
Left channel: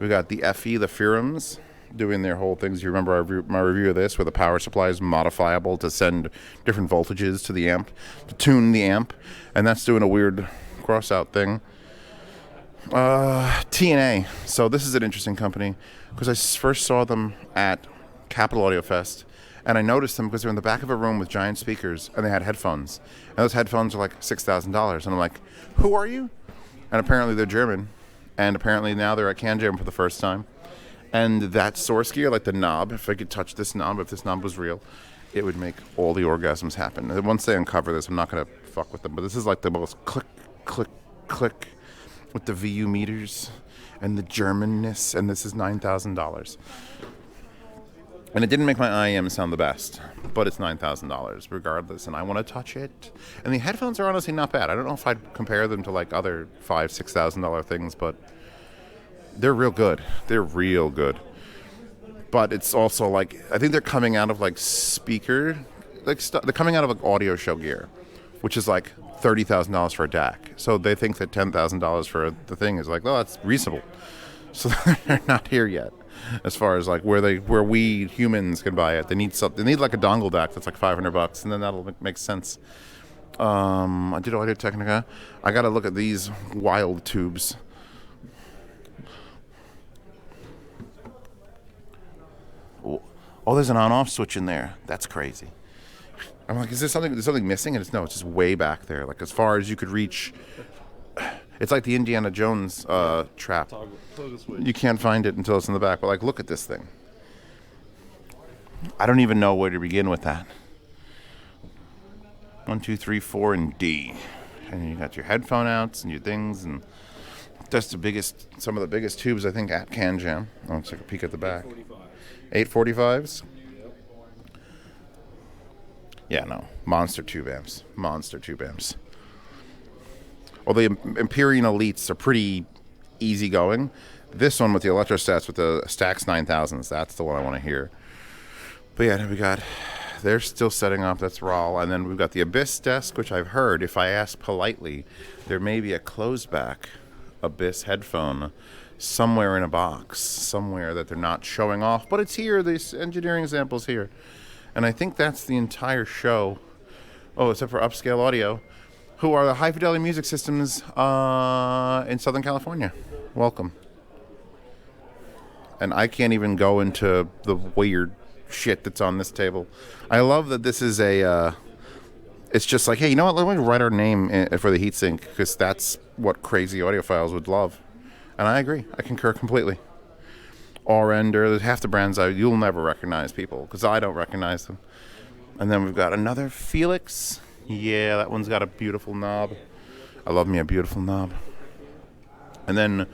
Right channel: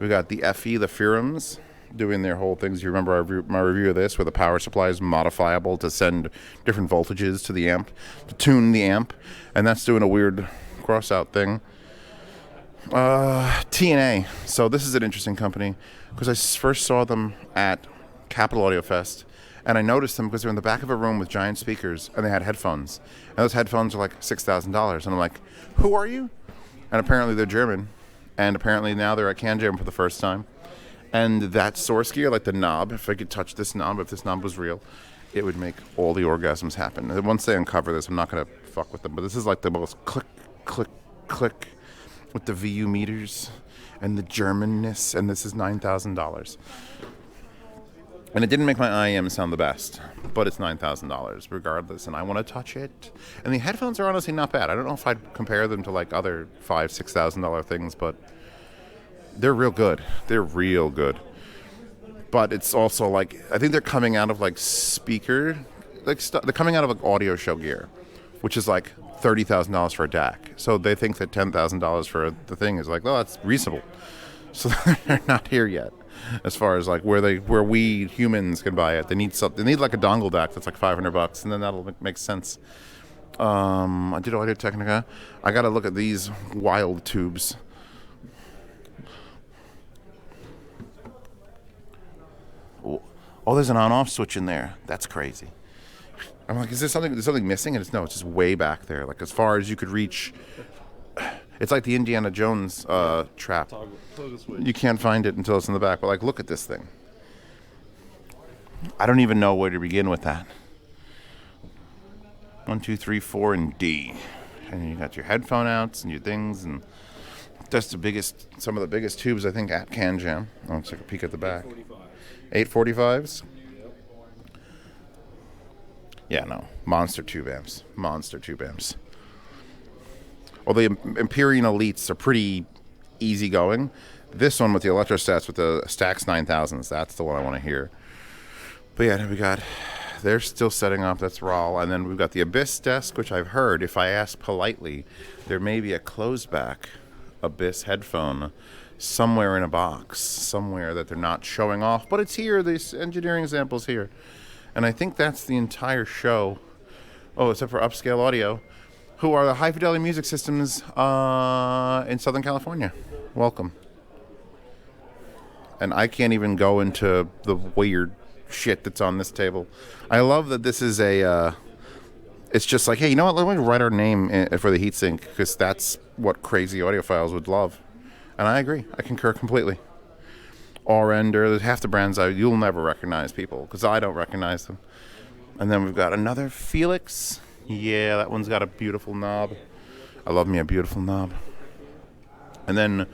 We got the FE, the Firums, doing their whole things. You remember my review of this, where the power supply is modifiable to send different voltages to the amp, to tune the amp, and that's doing a weird cross-out thing. TNA. So this is an interesting company, because I first saw them at Capital Audio Fest, and I noticed them because they're in the back of a room with giant speakers, and they had headphones. And those headphones are like $6,000. And I'm like, who are you? And apparently they're German. And apparently now they're at CanJam for the first time. And that source gear, like the knob, if I could touch this knob, if this knob was real, it would make all the orgasms happen. And once they uncover this, I'm not going to fuck with them. But this is like the most click, click, click with the VU meters and the Germanness. And this is $9,000. And it didn't make my IEM sound the best, but it's $9,000 regardless, and I want to touch it. And the headphones are honestly not bad. I don't know if I'd compare them to like other $5,000-$6,000 things, but they're real good. They're real good. But it's also like, I think they're coming out of like speaker, they're coming out of like audio show gear, which is like $30,000 for a DAC. So they think that $10,000 for the thing is like, oh, that's reasonable. So they're not here yet. As far as like where we humans can buy it, they need like a dongle DAC that's like $500, and then that'll make sense. I did Audio-Technica. I got to look at these wild tubes. Oh, there's an on-off switch in there. That's crazy. I'm like, is there something? There's something missing? And it's just way back there, like as far as you could reach. It's like the Indiana Jones trap. You can't find it until it's in the back. But like, look at this thing. I don't even know where to begin with that. 1, 2, 3, 4, and D. And you got your headphone outs and your things, and that's some of the biggest tubes I think at CanJam. Let's take a peek at the back. 845s. Yeah, no, monster tube amps. Well, the Empyrean Elites are pretty easygoing. This one with the Electrostats with the Stax 9000s, that's the one I want to hear. But yeah, they're still setting up, that's RAAL. And then we've got the Abyss desk, which I've heard, if I ask politely, there may be a closed back Abyss headphone somewhere in a box, somewhere that they're not showing off. But it's here, this engineering sample's here. And I think that's the entire show. Oh, except for Upscale Audio, who are the high fidelity music systems in Southern California. Welcome. And I can't even go into the weird shit that's on this table. I love that this is it's just like, hey, you know what, let me write our name for the heatsink, because that's what crazy audiophiles would love. And I agree, I concur completely. Orender, there's half the brands you'll never recognize, people, because I don't recognize them. And then we've got another Felix. Yeah, that one's got a beautiful knob. I love me a beautiful knob. And then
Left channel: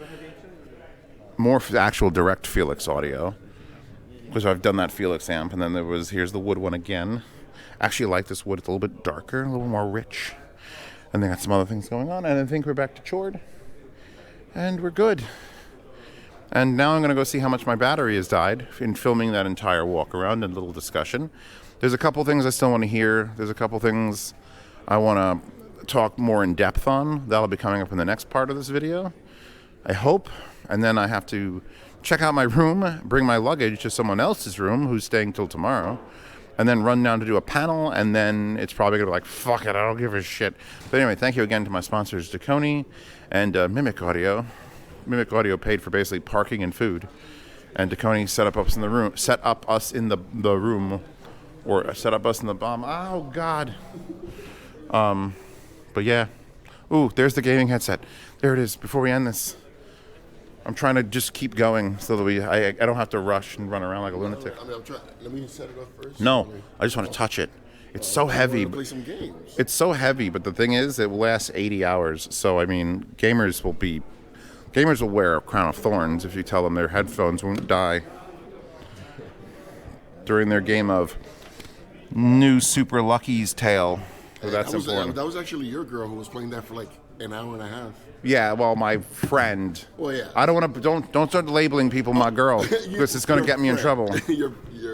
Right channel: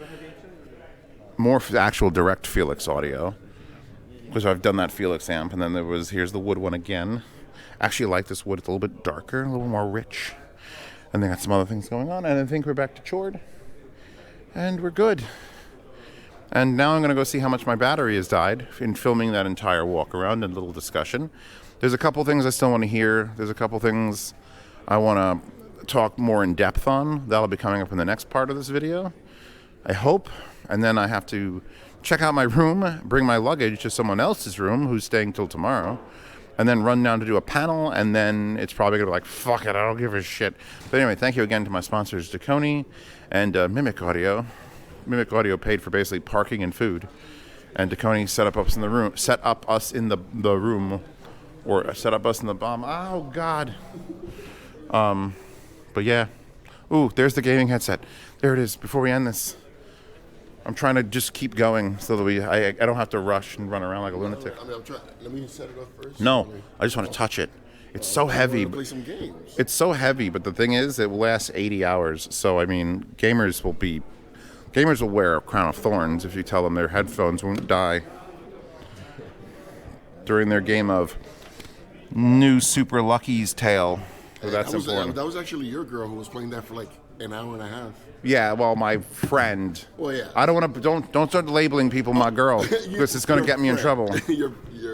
more actual direct Felix audio, because I've done that Felix amp. And then here's the wood one again. Actually, I like this wood. It's a little bit darker, a little more rich. And they got some other things going on. And I think we're back to Chord. And we're good. And now I'm going to go see how much my battery has died in filming that entire walk around and little discussion. There's a couple things I still want to hear. There's a couple things I want to talk more in depth on. That'll be coming up in the next part of this video, I hope. And then I have to check out my room, bring my luggage to someone else's room who's staying till tomorrow, and then run down to do a panel, and then it's probably going to be like, fuck it, I don't give a shit. But anyway, thank you again to my sponsors, Dekoni and Mimic Audio. Mimic Audio paid for basically parking and food, and Dekoni set up us in the room, or set up us in the bomb. Oh, God. But yeah. Ooh, there's the gaming headset. There it is, before we end this. I'm trying to just keep going so that I don't have to rush and run around like a lunatic. I mean, I'm trying. Let me set it up first. No, I just want to touch it. It's so heavy. Play some games. It's so heavy, but the thing is, it will last 80 hours. So, I mean, gamers will wear a crown of thorns if you tell them their headphones won't die during their game of New Super Lucky's Tale. So that's important. That was actually your girl who was playing that for like an hour and a half. Yeah, well, my friend. Well, yeah. I don't want to. Don't start labeling people my girl because it's going to get me in trouble. your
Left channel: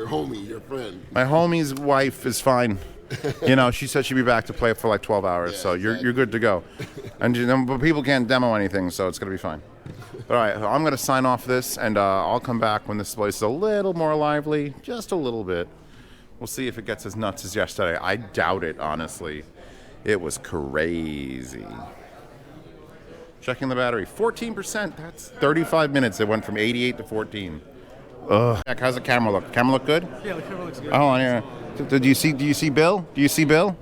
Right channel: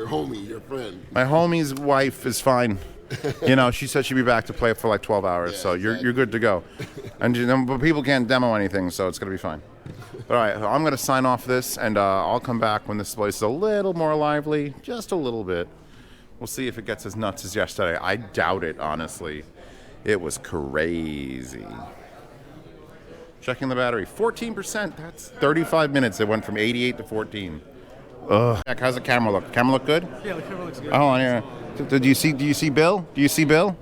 homie, your friend. My homie's wife is fine. You know, she said she'd be back to play for like 12 hours, so you're good to go. And but people can't demo anything, so it's going to be fine. All right, I'm going to sign off this, and I'll come back when this place is a little more lively, just a little bit. We'll see if it gets as nuts as yesterday. I doubt it, honestly. It was crazy. Checking the battery, 14%. That's 35 minutes. It went from 88 to 14. Ugh. How's the camera look? Camera look good? Yeah, the camera looks good. Oh, yeah. Do you see Bill? Do you see Bill?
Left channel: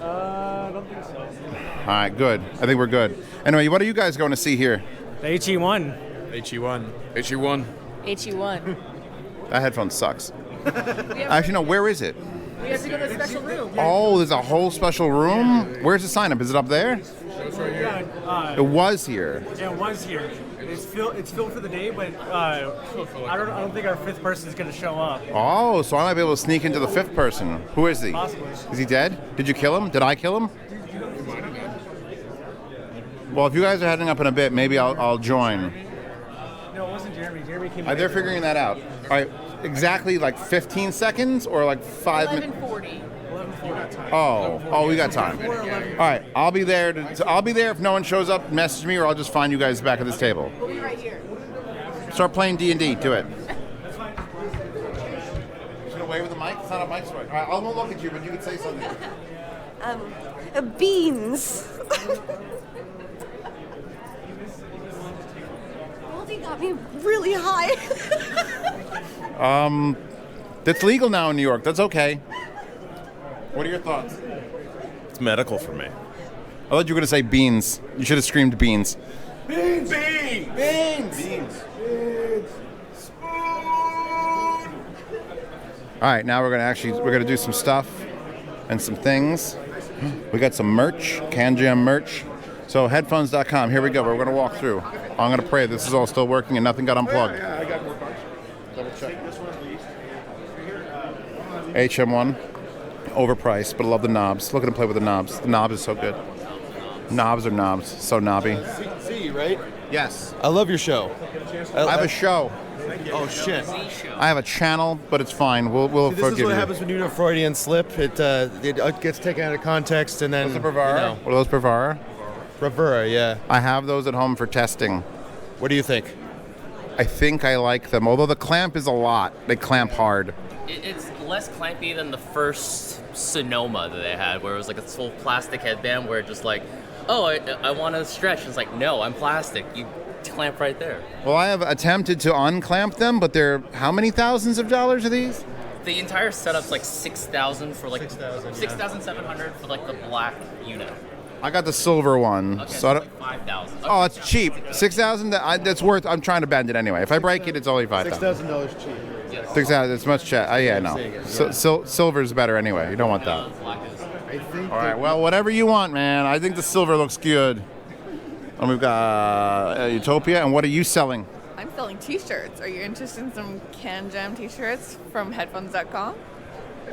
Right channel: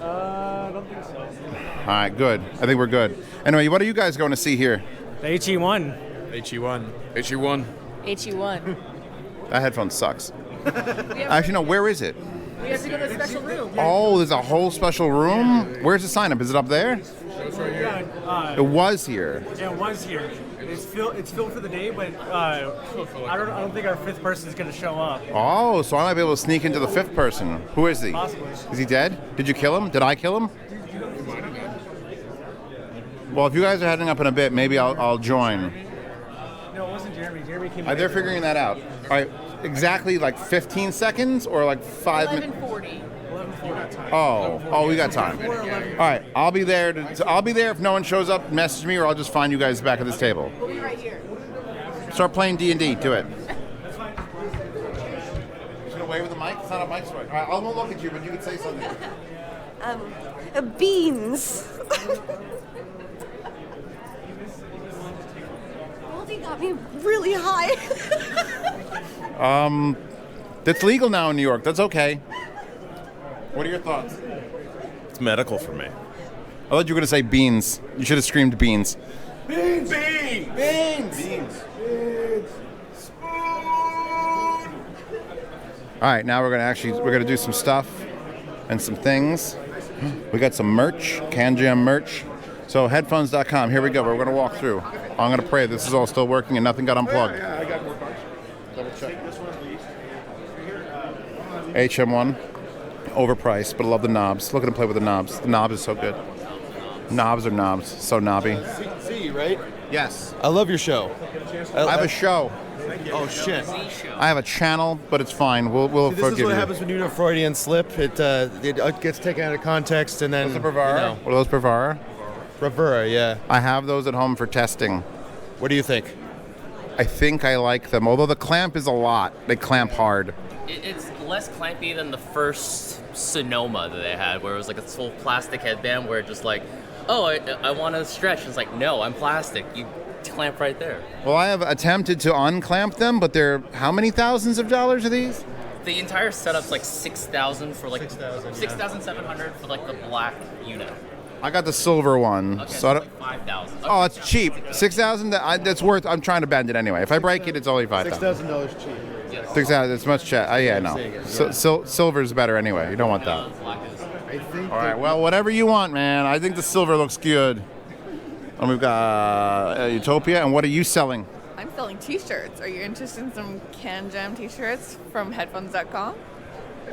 I don't think so. All right, good. I think we're good. Anyway, what are you guys going to see here? The HE1. HE1. HE1. HE1. That headphone sucks. Actually, no, where is it? We have to go to a special room. Oh, there's a whole special room? Where's the sign up? Is it up there? It was here. Yeah, it was here. It's filled for the day, but I don't think our fifth person is going to show up. Oh, so I might be able to sneak into the fifth person. Who is he? Possibly. Is he dead? Did you kill him? Did I kill him? Well, if you guys are heading up in a bit, maybe I'll join. No, it wasn't Jeremy. Jeremy came. They're figuring that out. All right, exactly like 15 seconds or like 5 minutes. 11:40. Oh, we got time. All right, I'll be there. I'll be there if no one shows up. Message me, or I'll just find you guys back at this table. We'll be right here. Start playing D&D. Do it. Just gonna wave with the mic. It's not a mic story. All right, I won't look at you, but you can say something. Beans. Goldie got me really high. That's legal now in New York. That's okay. What are your thoughts? It's medical for me. I thought you were going to say beans. You should have screamed beans. Beans! Beans! Beans! Beans! Spoon! All right, now we're going to do some stuff and some things. We got some merch, CanJam merch. So headphones.com. Here we go. We're going to walk through. I'm going to pray this is all still working and nothing got unplugged. Yeah, I got more parts. Double check. HM1. Overpriced, but I love the knobs. Look at him play with the knobs. The knob is so good. Knobs are knobs. So knobby. Z, right? Yes. I love your show. I have a show. Oh shit! I have a channel, but it's fine. We'll See, this forgive is what you. happens when you do a Freudian slip. It gets taken out of context and then. What's a Bravara? What are those Bravara? Bravura, yeah. I have those at home for testing. What do you think? I think I like them, although the clamp is a lot. They clamp hard. It's less clampy than the first Sonoma that they had, where it was like a full plastic headband where it just like, oh, I want to stretch. And it's like, no, I'm plastic. You clamp right there. Well, I have attempted to unclamp them, but they're how many thousands of dollars are these? The entire setup's like $6,000 for like $6,700 for like the black unit. I got the silver one. Okay, so like $5,000. Oh, it's cheap. $6,000. That's worth. I'm trying to bend it anyway. If I break it, it's only $5,000. $6,000 cheap. Yes. $6,000. It's much cheap. Yeah, no. Silver's better anyway. You don't want that. I think. All right. Well, whatever you want, man. I think the silver looks good. And we've got Utopia. And what are you selling? I'm selling t-shirts. Are you interested in some CanJam t-shirts from headphones.com?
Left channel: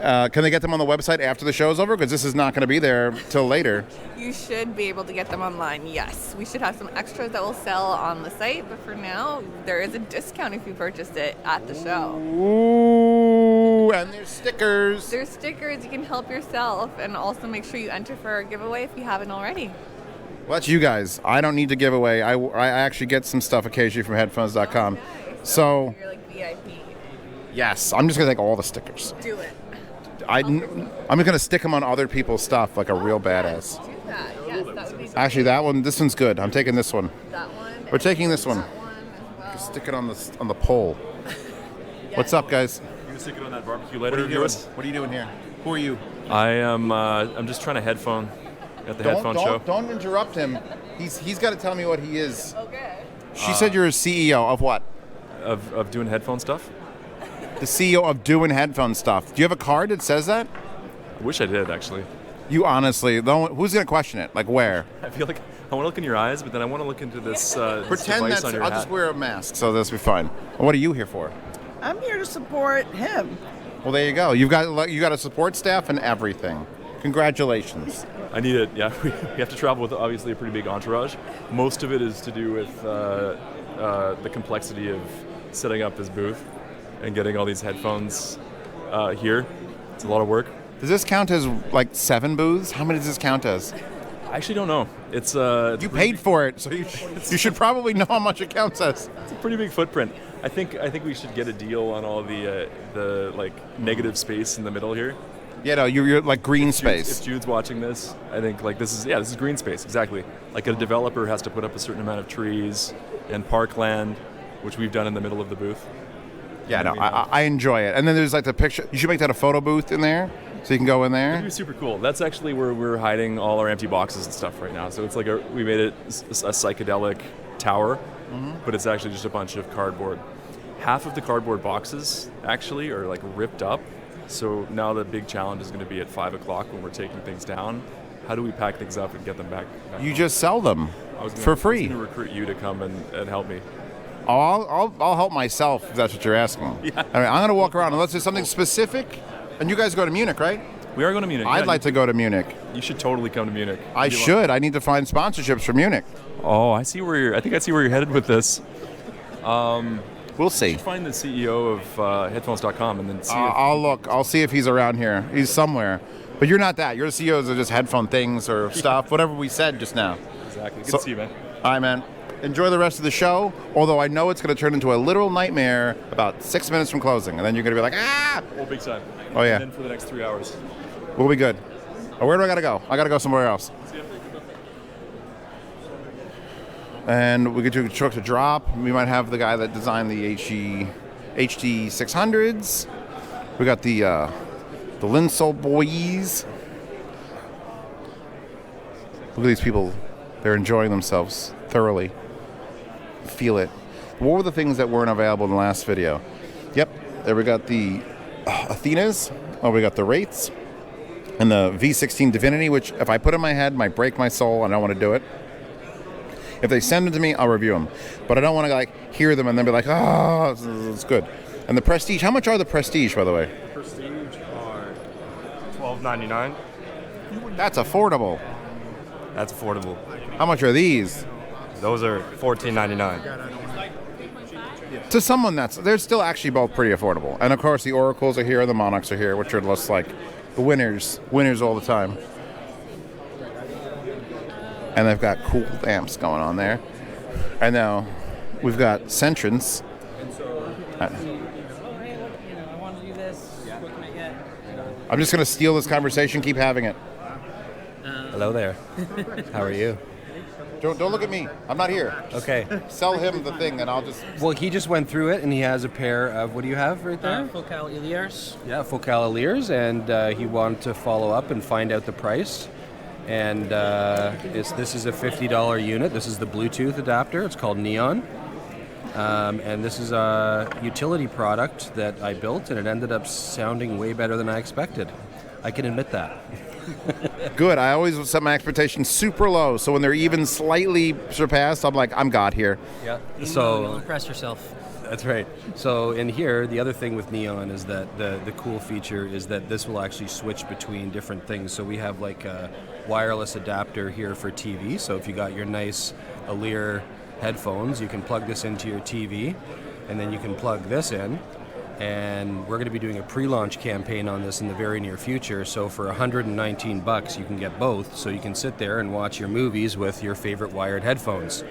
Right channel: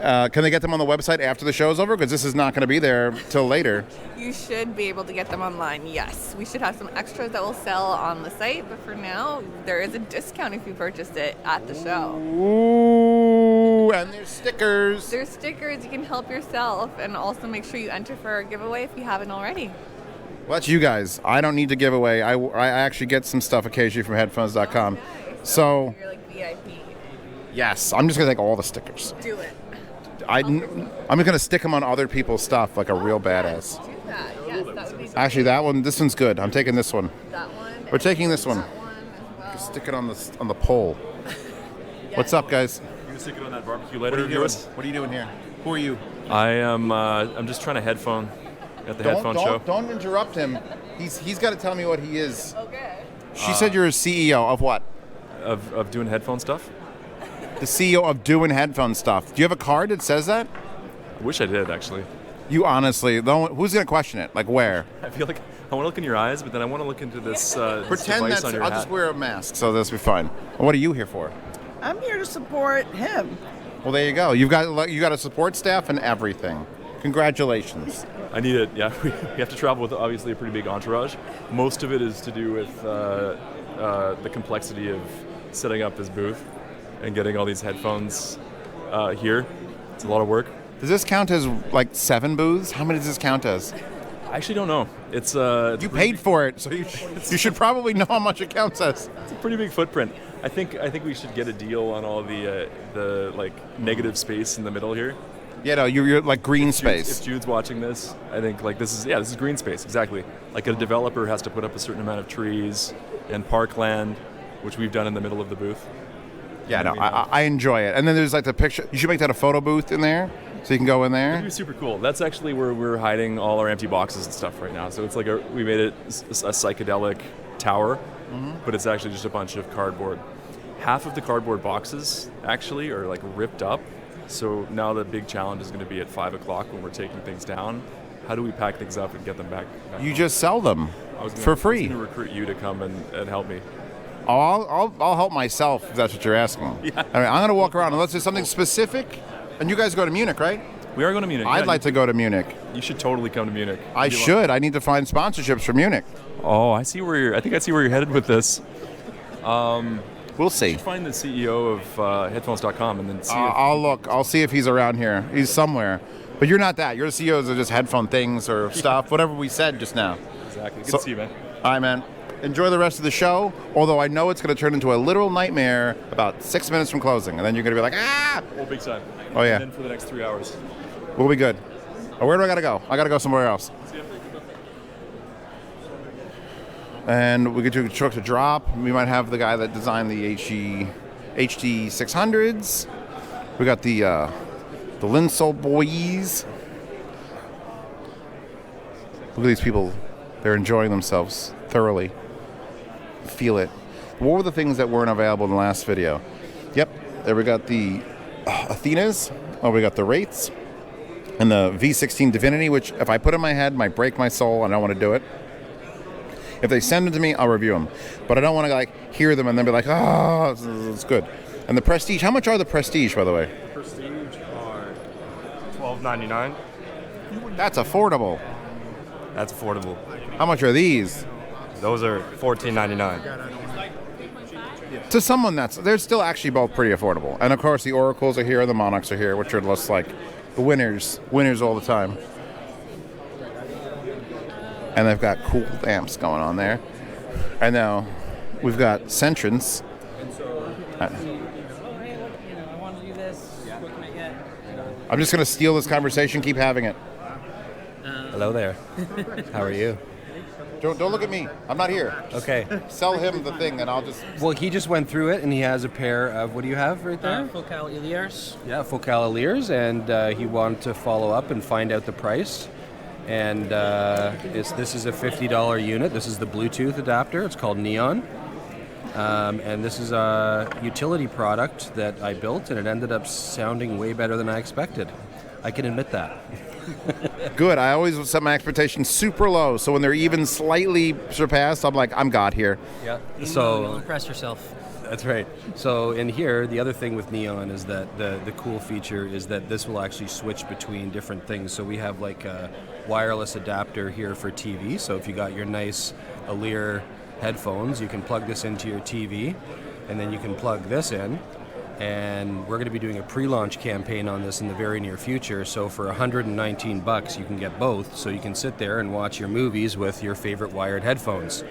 Can they get them on the website after the show's over? Because this is not going to be there till later. You should be able to get them online, yes. We should have some extras that will sell on the site, but for now, there is a discount if you purchased it at the show. Ooh, and there's stickers. There's stickers, you can help yourself, and also make sure you enter for a giveaway if you haven't already. Well, that's you guys. I don't need to give away. I actually get some stuff occasionally from headphones.com. So You're like VIP. yes, I'm just going to take all the stickers. Do it. I'm going to stick them on other people's stuff like a real badass. Do that, yes, that would be Actually, this one's good. I'm taking this one. that one. We're taking this one. That one as well. Stick it on the pole. What's up, guys? You can stick it on that barbecue What lighter are of you doing? yours. What are you doing here? Who are you? I am. I'm just trying to headphone at the headphone show. Don't interrupt him. He's got to tell me what he is. Okay. She said you're a CEO of what? Of doing headphone stuff. The CEO of doing headphone stuff. Do you have a card that says that? I wish I did actually. You honestly, who's going to question it? Like where? I feel like I want to look in your eyes, but then I want to look into this, this Pretend device that's. on your I'll hat. just wear a mask, so this will be fine. What are you here for? I'm here to support him. Well, there you go. You got a support staff and everything. Congratulations. I need it. Yeah, we have to travel with obviously a pretty big entourage. Most of it is to do with the complexity of setting up this booth and getting all these headphones here. It's a lot of work. Does this count as like 7 booths? How many does this count as? I actually don't know. It's you paid for it, so you should probably know how much it counts as. It's a pretty big footprint. I think we should get a deal on all the like negative space in the middle here. Yeah, no, you're like green space. If Jude's watching this, I think like this is green space exactly. Like a developer has to put up a certain amount of trees and parkland, which we've done in the middle of the booth. Yeah, no, I enjoy it. And then there's like the picture. You should make that a photo booth in there, so you can go in there. It'd be super cool. That's actually where we're hiding all our empty boxes and stuff right now. So it's like we made it a psychedelic tower, but it's actually just a bunch of cardboard. Half of the cardboard boxes actually are like ripped up. So now the big challenge is going to be at 5 o'clock when we're taking things down. How do we pack things up and get them back You home? just sell them for free. I was going to recruit you to come and help me. Oh, I'll help myself if that's what you're asking. Yeah. All right, I'm going to walk around unless there's something specific. And you guys go to Munich, right? We are going to Munich. I'd like to go to Munich. You should totally come to Munich. I should. I need to find sponsorships for Munich. Oh, I see where you're. I think I see where you're headed with this. We'll see. You should find the CEO of headphones.com and then see. I'll look. I'll see if he's around here. He's somewhere. But you're not that. You're the CEOs of just headphone things or stuff, whatever we said just now. Exactly. Good to see you, man. All right, man. Enjoy the rest of the show, although I know it's going to turn into a literal nightmare about 6 minutes from closing, and then you're going to be like, ah! Oh, big time. Oh, yeah. And then for the next 3 hours. We'll be good. Oh, where do I got to go? I got to go somewhere else. And we get to a truck to drop. We might have the guy that designed the HD600s. We got the Linsol boys. Look at these people. They're enjoying themselves thoroughly. Feel it. What were the things that weren't available in the last video? Yep. There we got the Athenas. Oh, we got the Wraiths. And the V16 Divinity, which if I put in my head might break my soul. I don't want to do it. If they send them to me, I'll review them. But I don't want to like hear them and then be like, oh, it's good. And the Prestige. How much are the Prestige, by the way? Prestige are $12.99. That's affordable. That's affordable. How much are these? Those are $14.99. To someone they're still actually both pretty affordable. And of course the Oracles are here and the Monarchs are here, which are just like the winners all the time. And they've got cool amps going on there. And now we've got Centrance. I'm just going to steal this conversation, keep having it. Hello there. How are you? Don't look at me. I'm not here. Okay. Sell him the thing and I'll just... Well, he just went through it and he has a pair of, what do you have right there? Focal Eliars. Yeah, Focal Eliars, and he wanted to follow up and find out the price. And this is a $50 unit. This is the Bluetooth adapter. It's called Neon. And this is a utility product that I built, and it ended up sounding way better than I expected. I can admit that. Good. I always set my expectations super low, so when they're even slightly surpassed, I'm like, I'm God here. Yeah. You'll So impress yourself. that's right. So in here, the other thing with Neon is that the cool feature is that this will actually switch between different things. So we have like a wireless adapter here for TV. So if you got your nice Alere headphones, you can plug this into your TV, and then you can plug this in. And we're going to be doing a pre-launch campaign on this in the very near future. So for $119, you can get both. So you can sit there and watch your movies with your favorite wired headphones.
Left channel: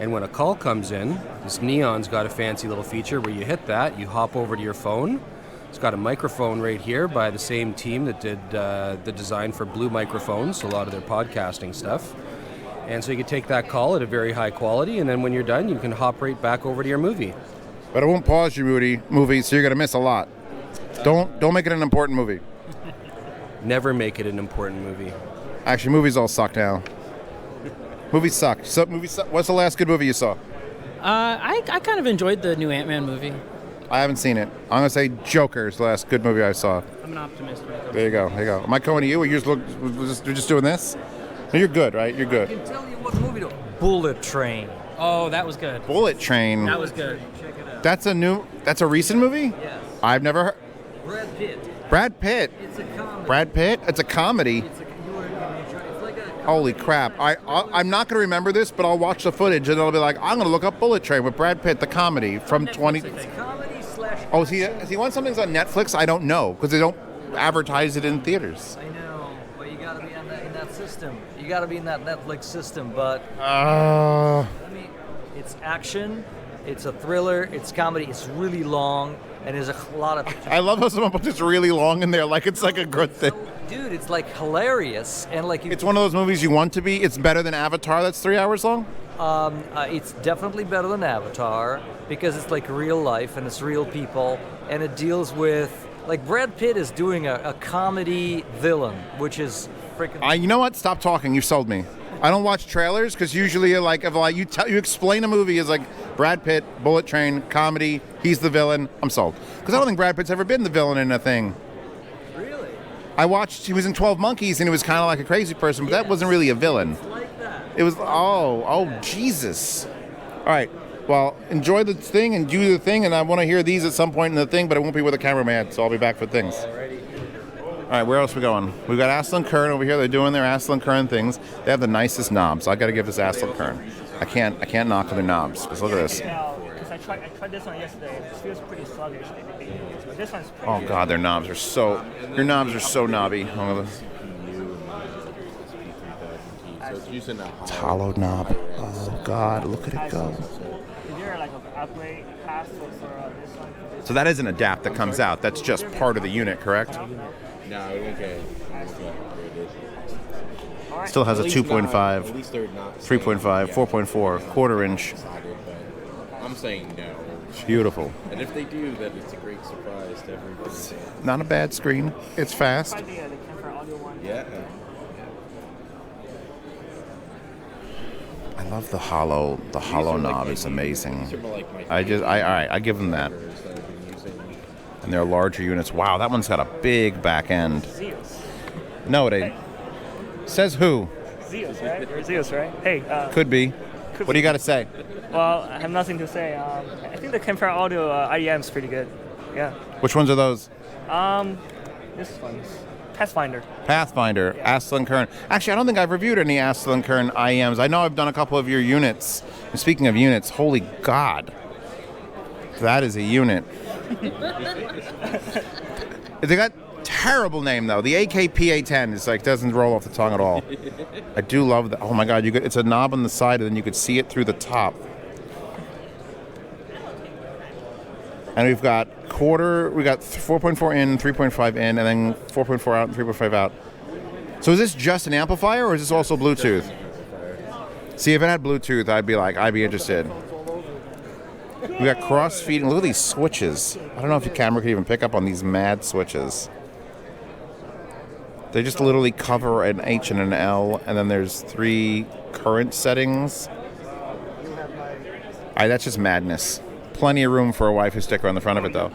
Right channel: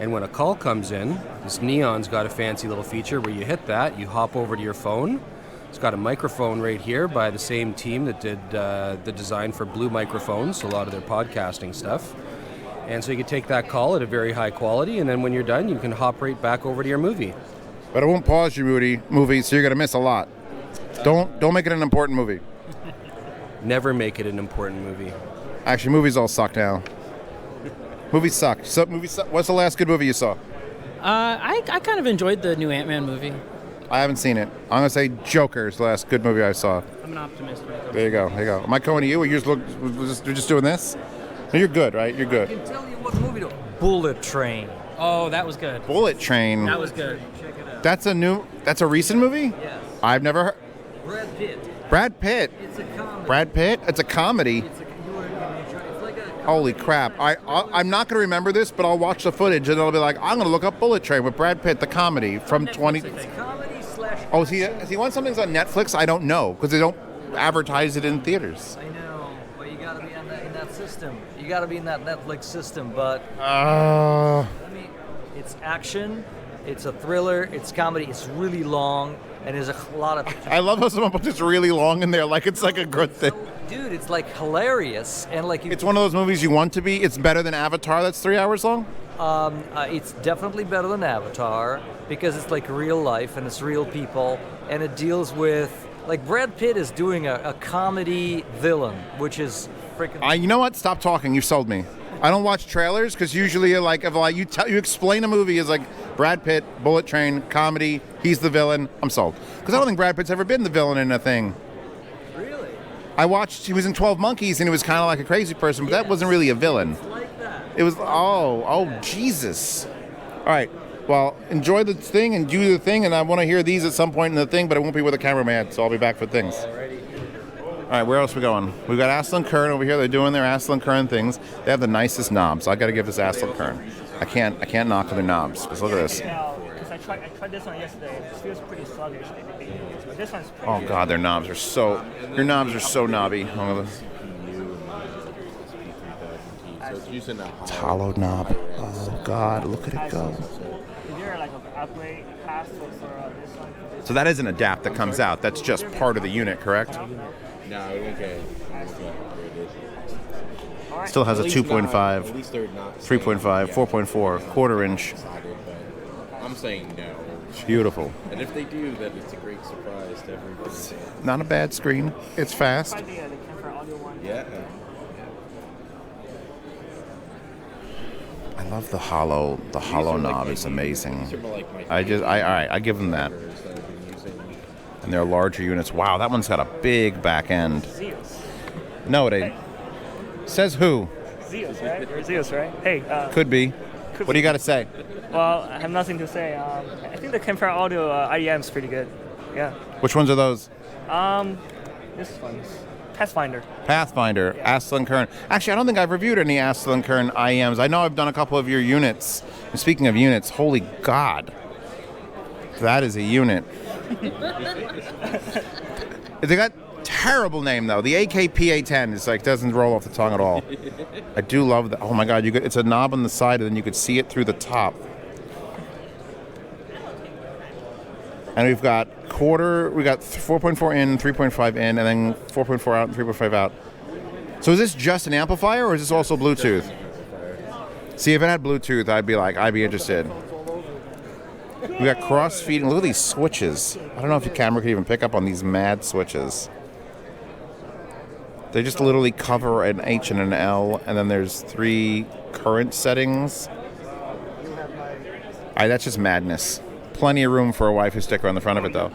And when a call comes in, this Neon's got a fancy little feature where you hit that, you hop over to your phone. It's got a microphone right here by the same team that did the design for Blue Microphones, so a lot of their podcasting stuff. And so you can take that call at a very high quality, and then when you're done, you can hop right back over to your movie. But I won't pause your movie, so you're gonna miss a lot. Don't make it an important movie. Never make it an important movie. Actually, movies all suck now. Movies suck. What's the last good movie you saw? I kind of enjoyed the new Ant-Man movie. I haven't seen it. I'm gonna say Joker is the last good movie I saw. I'm an optimist. There you go. Am I going to you? Or you're just doing this? No, you're good, right? You're good. I can tell you what movie to. Bullet Train. Oh, that was good. Bullet Train. That was good. That's a recent movie? Yes. I've never heard. Brad Pitt. Brad Pitt. It's a comedy. Brad Pitt? It's a comedy. It's like a Holy crap. I'm not going to remember this, but I'll watch the footage and I'll be like, I'm going to look up Bullet Train with Brad Pitt, the comedy from 20... It's comedy slash... Oh, has he won something on Netflix? I don't know, because they don't advertise it in theaters. I know, but you gotta be in that system. You gotta be in that Netflix system, but... It's action, it's a thriller, it's comedy, it's really long, and there's a lot of... I love how someone puts this really long in there, like it's like a good thing. Dude, it's like hilarious, and like... It's one of those movies you want to be. It's better than Avatar that's 3 hours long? It's definitely better than Avatar, because it's like real life, and it's real people, and it deals with... Like, Brad Pitt is doing a comedy villain, which is freaking... You know what? Stop talking. You sold me. I don't watch trailers because usually, you explain a movie as like Brad Pitt, Bullet Train, comedy. He's the villain. I'm sold because I don't think Brad Pitt's ever been the villain in a thing. Really? I watched. He was in 12 Monkeys and he was kind of like a crazy person, but that wasn't really a villain. It's like that. It was Jesus. All right. Well, enjoy the thing and do the thing, and I want to hear these at some point in the thing, but it won't be with a cameraman, so I'll be back for things. All right, where else are we going? We've got Astell Kern over here. They're doing their Astell Kern things. They have the nicest knobs. I got to give this Astell Kern. I can't knock on their knobs. Because look at this. Because I tried this one yesterday. It feels pretty sluggish. But this one's pretty Oh God, their knobs are so. Your knobs are so knobby. It's hollow knob. Oh God, look at it go. Is there like an upgrade path for this one? So that is an adapt that comes out. That's just part of the unit, correct? No, it won't get. Still has a 2.5, 3.5, 4.4, quarter inch. I'm saying no. Beautiful. And if they do, then it's a great surprise to everybody. Not a bad screen. It's fast. Yeah. I love the hollow. The hollow knob is amazing. I give them that. And they're larger units. Wow, that one's got a big back end. No, it ain't. Says who? Zeus, right? Or Zeus, right? Hey. Could be. What do you got to say? Well, I have nothing to say. I think the Kemper Audio IEM is pretty good. Yeah. Which ones are those? This one's Pathfinder. Pathfinder, yeah. Astell Kern. Actually, I don't think I've reviewed any Astell Kern IEMs. I know I've done a couple of your units. And speaking of units, holy God. That is a unit. They got terrible name though. The AKPA10 is like doesn't roll off the tongue at all. I do love that. Oh my God, it's a knob on the side and then you could see it through the top. And we've got we got 4.4 in, 3.5 in, and then 4.4 out and 3.5 out. So is this just an amplifier or is this also Bluetooth? See, if it had Bluetooth, I'd be interested. We got cross-feeding. Look at these switches. I don't know if your camera could even pick up on these mad switches. They just literally cover an H and an L, and then there's 3 current settings. That's just madness. Plenty of room for a waifu sticker on the front of it, though.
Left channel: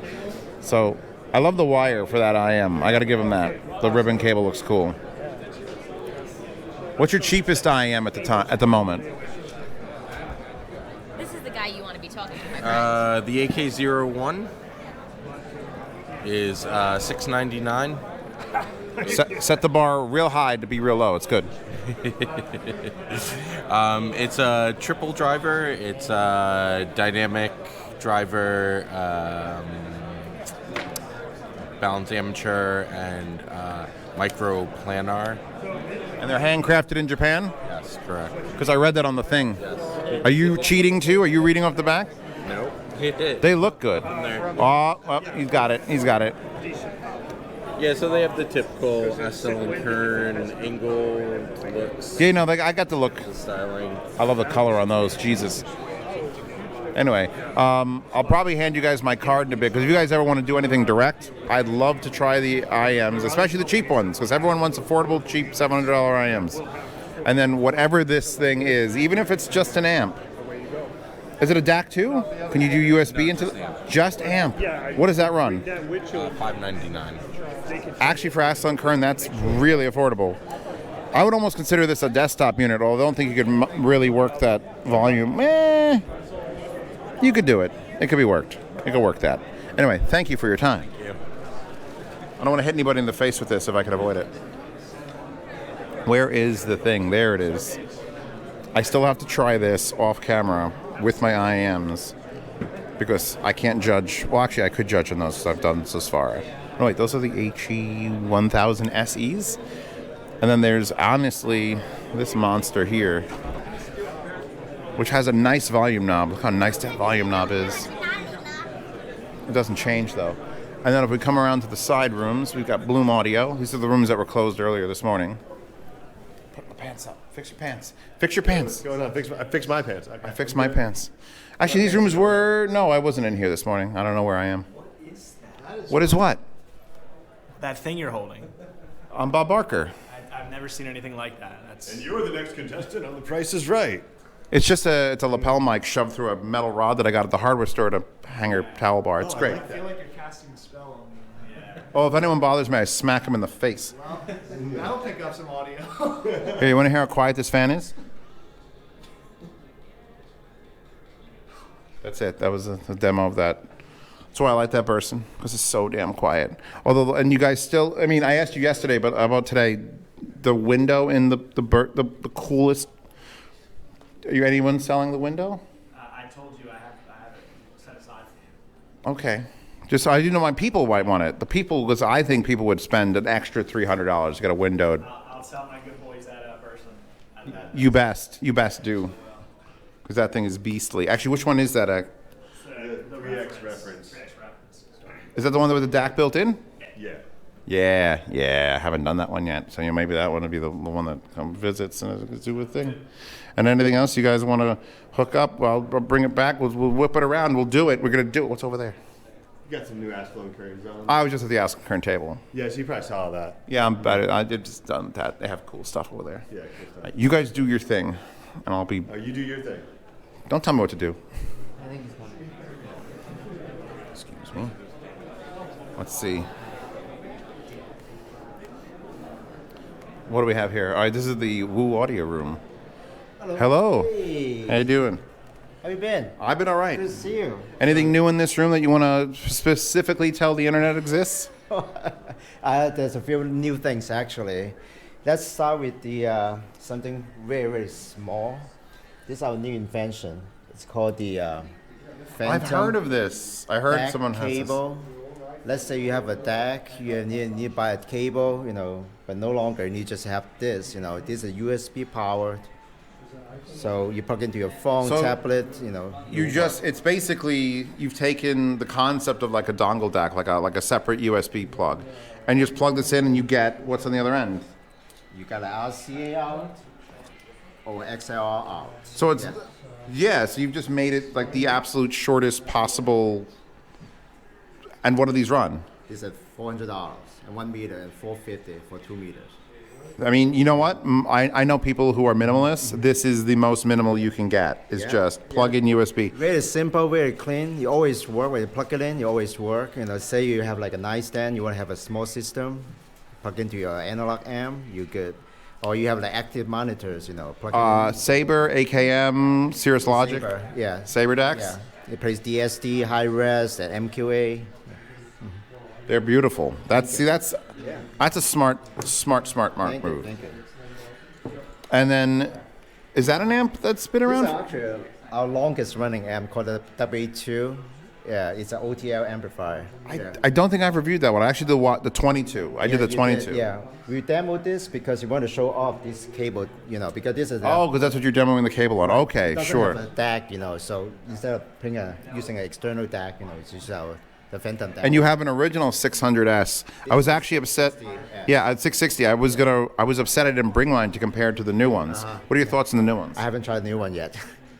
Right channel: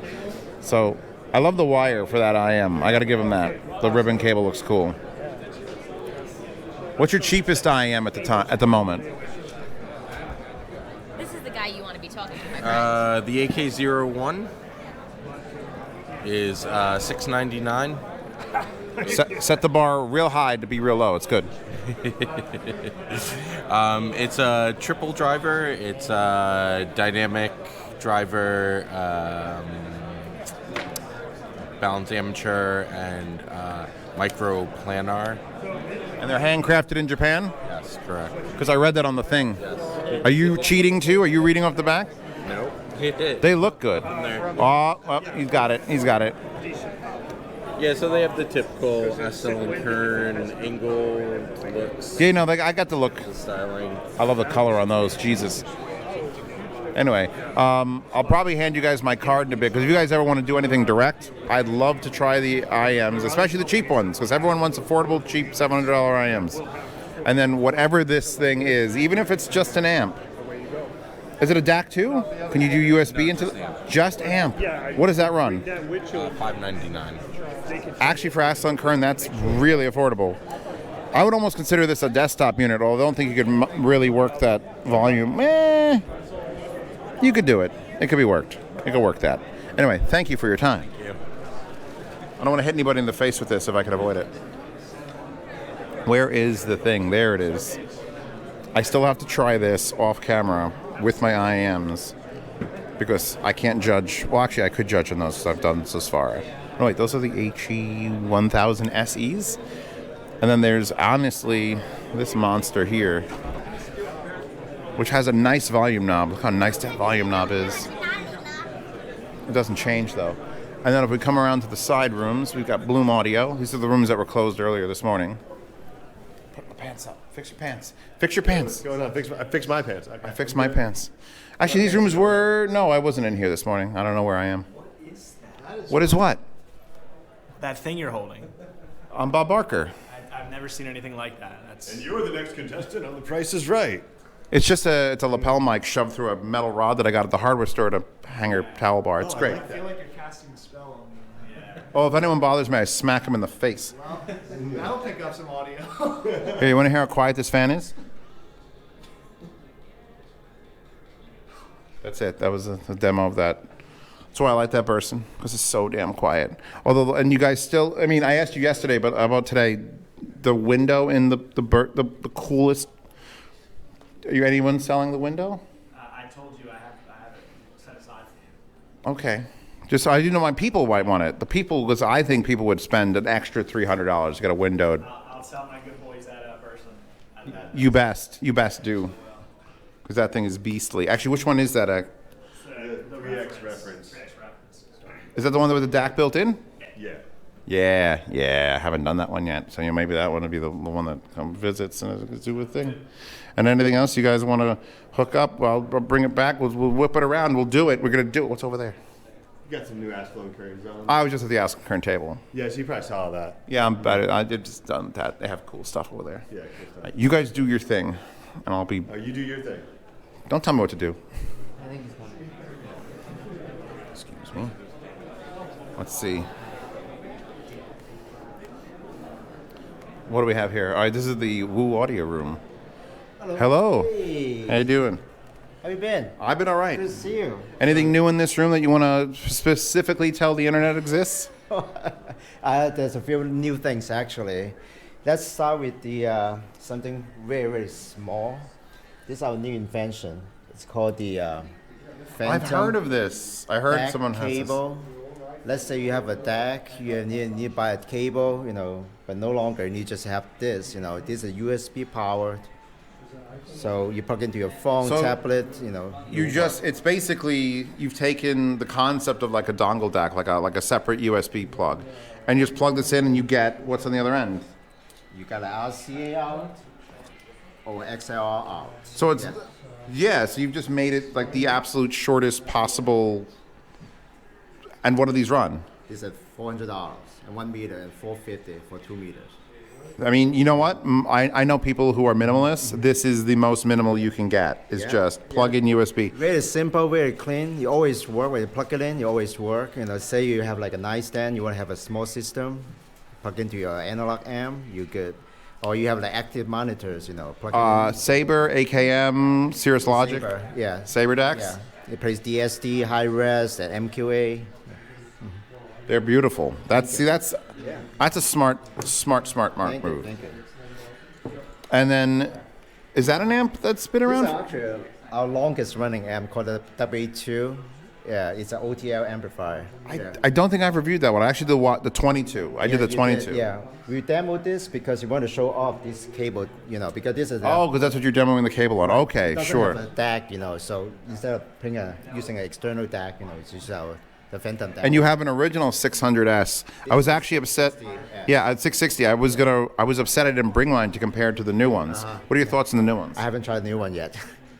So, I love the wire for that IM. I got to give them that. The ribbon cable looks cool. What's your cheapest IM at the moment? This is the guy you want to be talking to, my friend. The AK01 is $699. Set the bar real high to be real low. It's good. It's a triple driver. It's a dynamic driver, balance amateur, and micro planar. And they're handcrafted in Japan? Yes, correct. Because I read that on the thing. Yes. Are you cheating too? Are you reading off the back? No. They look good. Oh, well, he's got it. He's got it. Yeah, so they have the typical Astell Kern angle looks. Yeah, no, I got the look. The styling. I love the color on those. Jesus. Anyway, I'll probably hand you guys my card in a bit, because if you guys ever want to do anything direct, I'd love to try the IMs, especially the cheap ones, because everyone wants affordable, cheap $700 IMs. And then whatever this thing is, even if it's just an amp. Is it a DAC too? Can you do USB into just amp? What does that run? $599. Actually, for Astell Kern, that's really affordable. I would almost consider this a desktop unit, although I don't think you could really work that volume. You could do it. It could be worked. It could work that. Anyway, thank you for your time. Thank you. I don't want to hit anybody in the face with this if I could avoid it. Where is the thing? There it is. I still have to try this off camera with my IMs because I can't judge. Well, actually, I could judge on those because I've done this far. Oh, wait, those are the HE1000SEs? And then there's, honestly, this monster here, which has a nice volume knob. Look how nice that volume knob is. It doesn't change, though. And then if we come around to the side rooms, we've got Bloom Audio. These are the rooms that were closed earlier this morning. Put my pants up. Fix your pants. Fix your pants. What's going on? I fixed my pants. I fixed my pants. Actually, these rooms were... No, I wasn't in here this morning. I don't know where I am. What is that? What is what? That thing you're holding. I'm Bob Barker. I've never seen anything like that. And you're the next contestant on The Price is Right. It's just it's a lapel mic shoved through a metal rod that I got at the hardware store to hang a towel bar. It's great. I feel like you're casting a spell on me. Yeah. Oh, if anyone bothers me, I smack them in the face. Well, that'll pick up some audio. Here, you want to hear how quiet this fan is? That's it. That was a demo of that. That's why I like that person, because it's so damn quiet. Although, and you guys still, I mean, I asked you yesterday, but about today, the window in the coolest. Are you anyone selling the window? I told you I have it set aside for you. Okay. Just so I do know my people might want it. The people, because I think people would spend an extra $300 to get a window. I'll tell my good boys that person. You best do. Because that thing is beastly. Actually, which one is that? The reX reference. Is that the one with the DAC built in? Yeah. Yeah. I haven't done that one yet. So maybe that one would be the one that visits and do a thing. And anything else you guys want to hook up? Well, I'll bring it back. We'll whip it around. We'll do it. We're going to do it. What's over there? You got some new Astell Kerns on. I was just at the Astell Kern table. Yeah, so you probably saw that. Yeah, I'm better. I did just done that. They have cool stuff over there. Yeah, cool stuff. You guys do your thing, and I'll be... Oh, you do your thing. Don't tell me what to do. I think he's coming. Excuse me. Let's see. What do we have here? All right, this is the Woo Audio Room. Hello. Hey. How you doing? How you been? I've been all right. Good to see you. Anything new in this room that you want to specifically tell the internet exists? There's a few new things actually. Let's start with the something very, very small. This is our new invention. It's called the Phantom. I've heard of this. I heard DAC someone has cable. Let's say you have a DAC, you need to buy a cable, but no longer you just have this. This is USB powered. So you plug into your phone, tablet, it's basically, you've taken the concept of like a dongle DAC, like a separate USB plug, and you just plug this in and you get what's on the other end. You got an RCA out or XLR out. So it's, so you've just made it like the absolute shortest possible. And what do these run? It's at $400 and 1 meter and $450 for 2 meters. I mean, you know what? I know people who are minimalists. This is the most minimal you can get. It's just plug in USB. Very simple, very clean. You always work when you plug it in. You always work. Say you have like a nightstand. You want to have a small system. Plug into your analog amp. You get or you have the active monitors, you know. Plug in. Sabre, AKM, Cirrus Logic. Sabre, yeah. Sabre decks. Yeah. It plays DSD, high res, and MQA. They're beautiful. That's a smart move. Thank you. And then, is that an amp that's been around? This is actually our longest running amp called the W2. Yeah, it's an OTL amplifier. I don't think I've reviewed that one. I actually did the 22. I did the 22. Yeah, we demoed this because we want to show off this cable, you know, because this is. Because that's what you're demoing the cable on. Okay, sure. Have a DAC, you know, so instead of using an external DAC, you know, it's just the Phantom DAC. And you have an original 600S. I was actually upset. Yeah, at 660. I was upset I didn't bring mine to compare to the new ones. What are your thoughts on the new ones? I haven't tried the new one yet.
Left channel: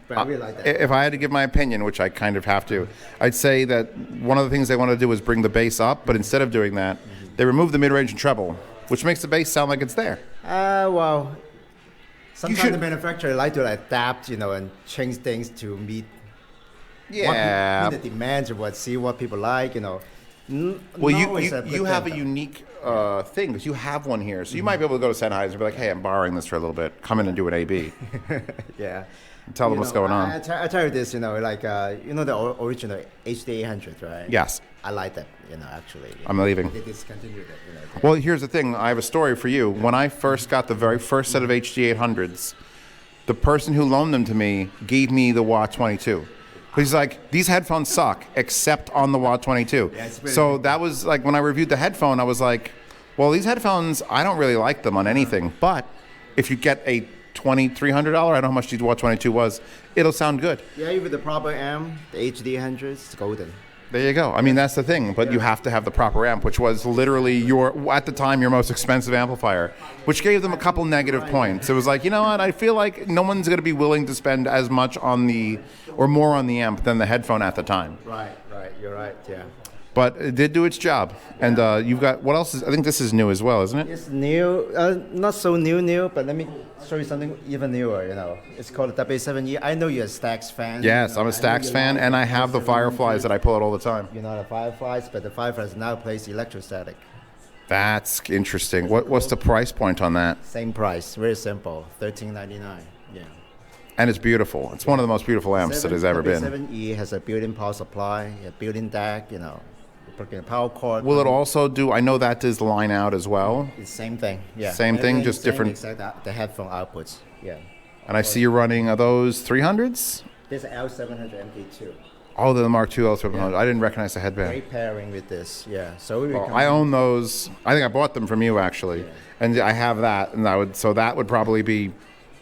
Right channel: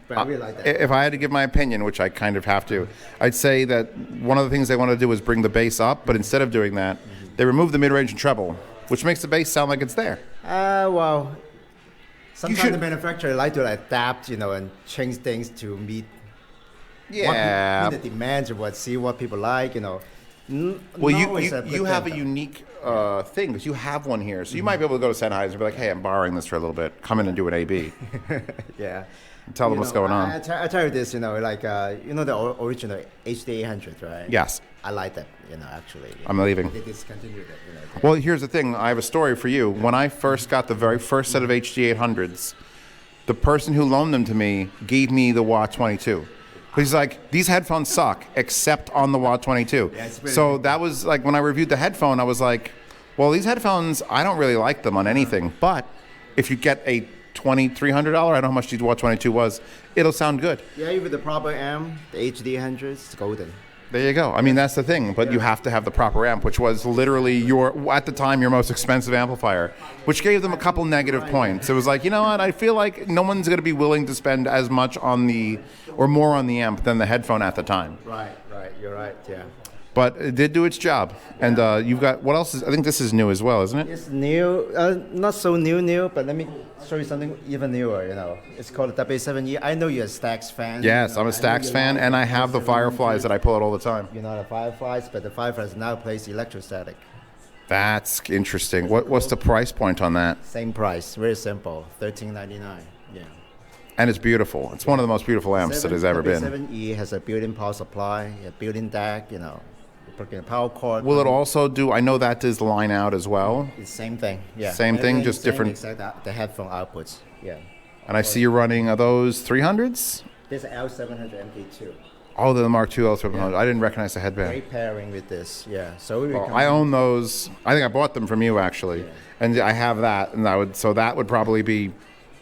But I really like that. If I had to give my opinion, which I kind of have to, I'd say that one of the things they want to do is bring the bass up, but instead of doing that, they remove the mid-range and treble, which makes the bass sound like it's there. Well, sometimes the manufacturer like to adapt, you know, and change things to meet the demands of what people like, you know. Well, you have a unique thing because you have one here, so you might be able to go to Sennheiser and be like, "Hey, I'm borrowing this for a little bit. Come in and do an AB." Yeah. Tell them what's going on. I tell you this, you know, like you know the original HD800, right? Yes. I like that, you know, actually. I'm leaving. They discontinued it, you know. Well, here's the thing. I have a story for you. When I first got the very first set of HD800s, the person who loaned them to me gave me the Wah 22. He's like, these headphones suck, except on the Wah 22. Yeah, so that was like, when I reviewed the headphone, I was like, well, these headphones, I don't really like them on anything, but if you get a $2,300, I don't know how much the Wah 22 was, it'll sound good. Yeah, with the proper amp, the HD800, it's golden. There you go. I mean, that's the thing, but you have to have the proper amp, which was literally at the time, your most expensive amplifier, which gave them a couple negative points. It was like, you know what, I feel like no one's going to be willing to spend as much or more on the amp than the headphone at the time. Right, you're right, yeah. But it did do its job. And you've got, what else I think this is new as well, isn't it? It's new, not so new, but let me show you something even newer, you know. It's called the W7E. I know you're a Stax fan. Yes, I'm a Stax fan, and I have the Fireflies that I pull out all the time. You're not a Fireflies, but the Fireflies now plays electrostatic. That's interesting. What's the price point on that? Same price, very simple, $13.99, yeah. And it's beautiful. It's one of the most beautiful amps that has ever been. W7E has a built-in power supply, a built-in DAC, you know. A power cord. Will it also do, I know that does line out as well. It's same thing, yeah. Same thing, just different. Except the headphone outputs, yeah. And I see you're running, are those 300s? This is L700 MK2. Oh, the Mark II L700. Yeah. I didn't recognize the headband. Great pairing with this, yeah. So I own those. I think I bought them from you, actually. Yeah. And I have that, and so that would probably be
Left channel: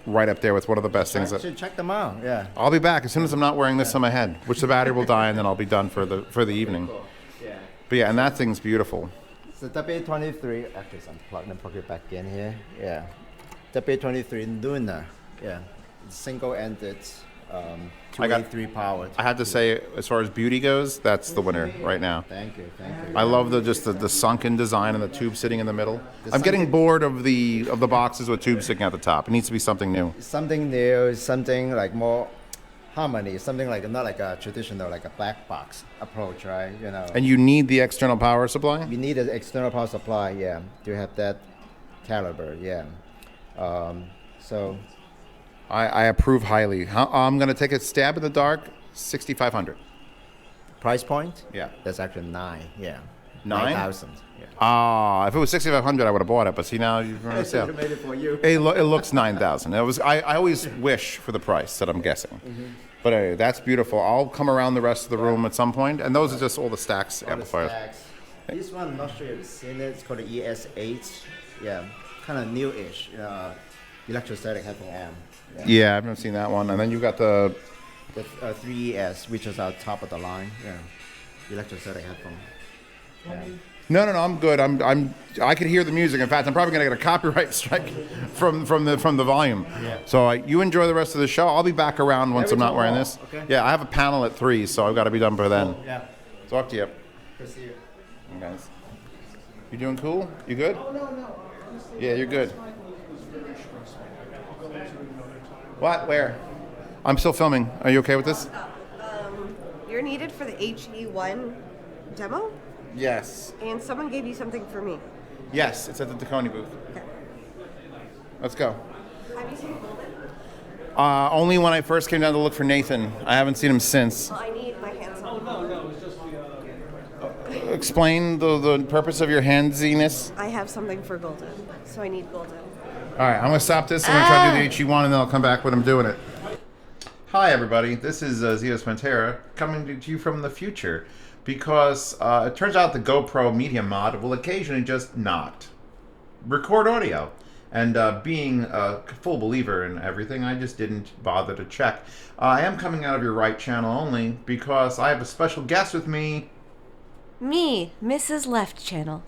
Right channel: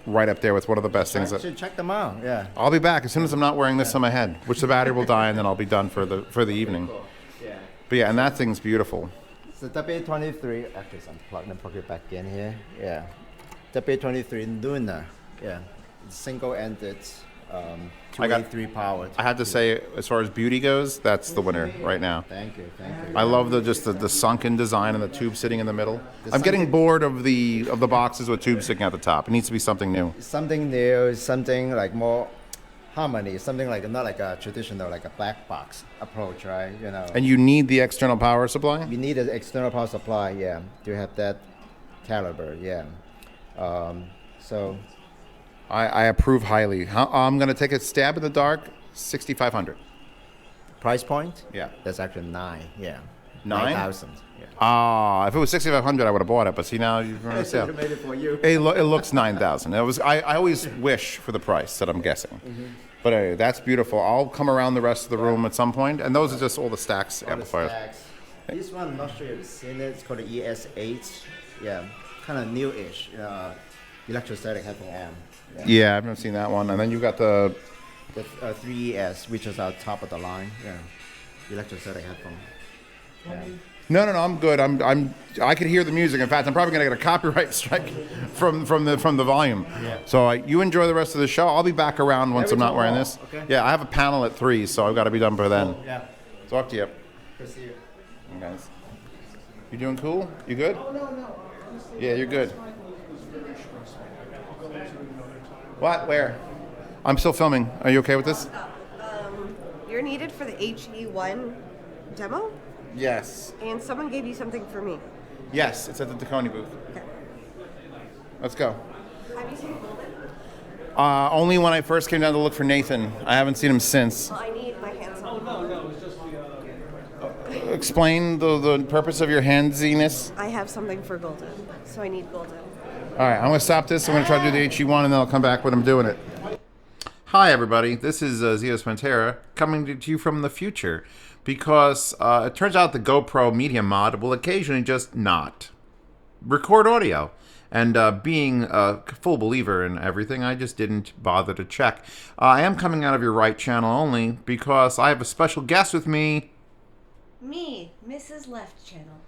right up there with one of the best things. You should check them out, yeah. I'll be back as soon as I'm not wearing this on my head, which the battery will die, and then I'll be done for the evening. Cool. Yeah. But yeah, and that thing's beautiful. So W23, actually, so unplug and plug it back in here. Yeah. W23 Luna. Yeah. Single-ended, 283 powered. I have to say, as far as beauty goes, that's the winner right now. Thank you. I love the sunken design and the tube sitting in the middle. I'm getting bored of the boxes with tubes sticking out the top. It needs to be something new. Something new, something like more harmony, something like not like a traditional like a black box approach, right? You know. And you need the external power supply? You need an external power supply, yeah, to have that caliber, yeah. So I approve highly. I'm going to take a stab in the dark, 6,500. Price point? Yeah. That's actually 9, yeah. 9,000? Yeah. If it was 6,500, I would have bought it, but see now you've run a sale. Made it for you. It looks 9,000. I always wish for the price that I'm guessing. Mm-hmm. But anyway, that's beautiful. I'll come around the rest of the room at some point, and those are just all the Stax amplifiers. This one, I'm not sure if you've seen it. It's called the ES8. Yeah, kind of new-ish electrostatic headphone amp. Yeah, I've never seen that one. And then you've got the 3ES, which is our top of the line. Yeah, electrostatic headphone. Yeah. No, I'm good. I could hear the music. In fact, I'm probably going to get a copyright strike from the volume. Yeah. So you enjoy the rest of the show. I'll be back around once I'm not wearing this. Okay. Yeah, I have a panel at 3, so I've got to be done by then. Yeah. Talk to you. Good to see you. Guys, you doing cool? You good? Oh, no. Yeah, you're good. What? Where? I'm still filming. Are you okay with this? You're needed for the HE1 demo? Yes. And someone gave you something for me. Yes, it's at the Dekoni booth. Okay. Let's go. Have you seen Golden? Only when I first came down to look for Nathan. I haven't seen him since. Well, I need my hands on. No, it's just the. Explain the purpose of your handsiness. I have something for Golden, so I need Golden. All right, I'm going to stop this. I'm going to try to do the HE1, and then I'll come back when I'm doing it. Hi, everybody. This is Zeospantera coming to you from the future because it turns out the GoPro Media Mod will occasionally just not record audio. And being a full believer in everything, I just didn't bother to check. I am coming out of your right channel only because I have a special guest with me. Me, Mrs. Left Channel.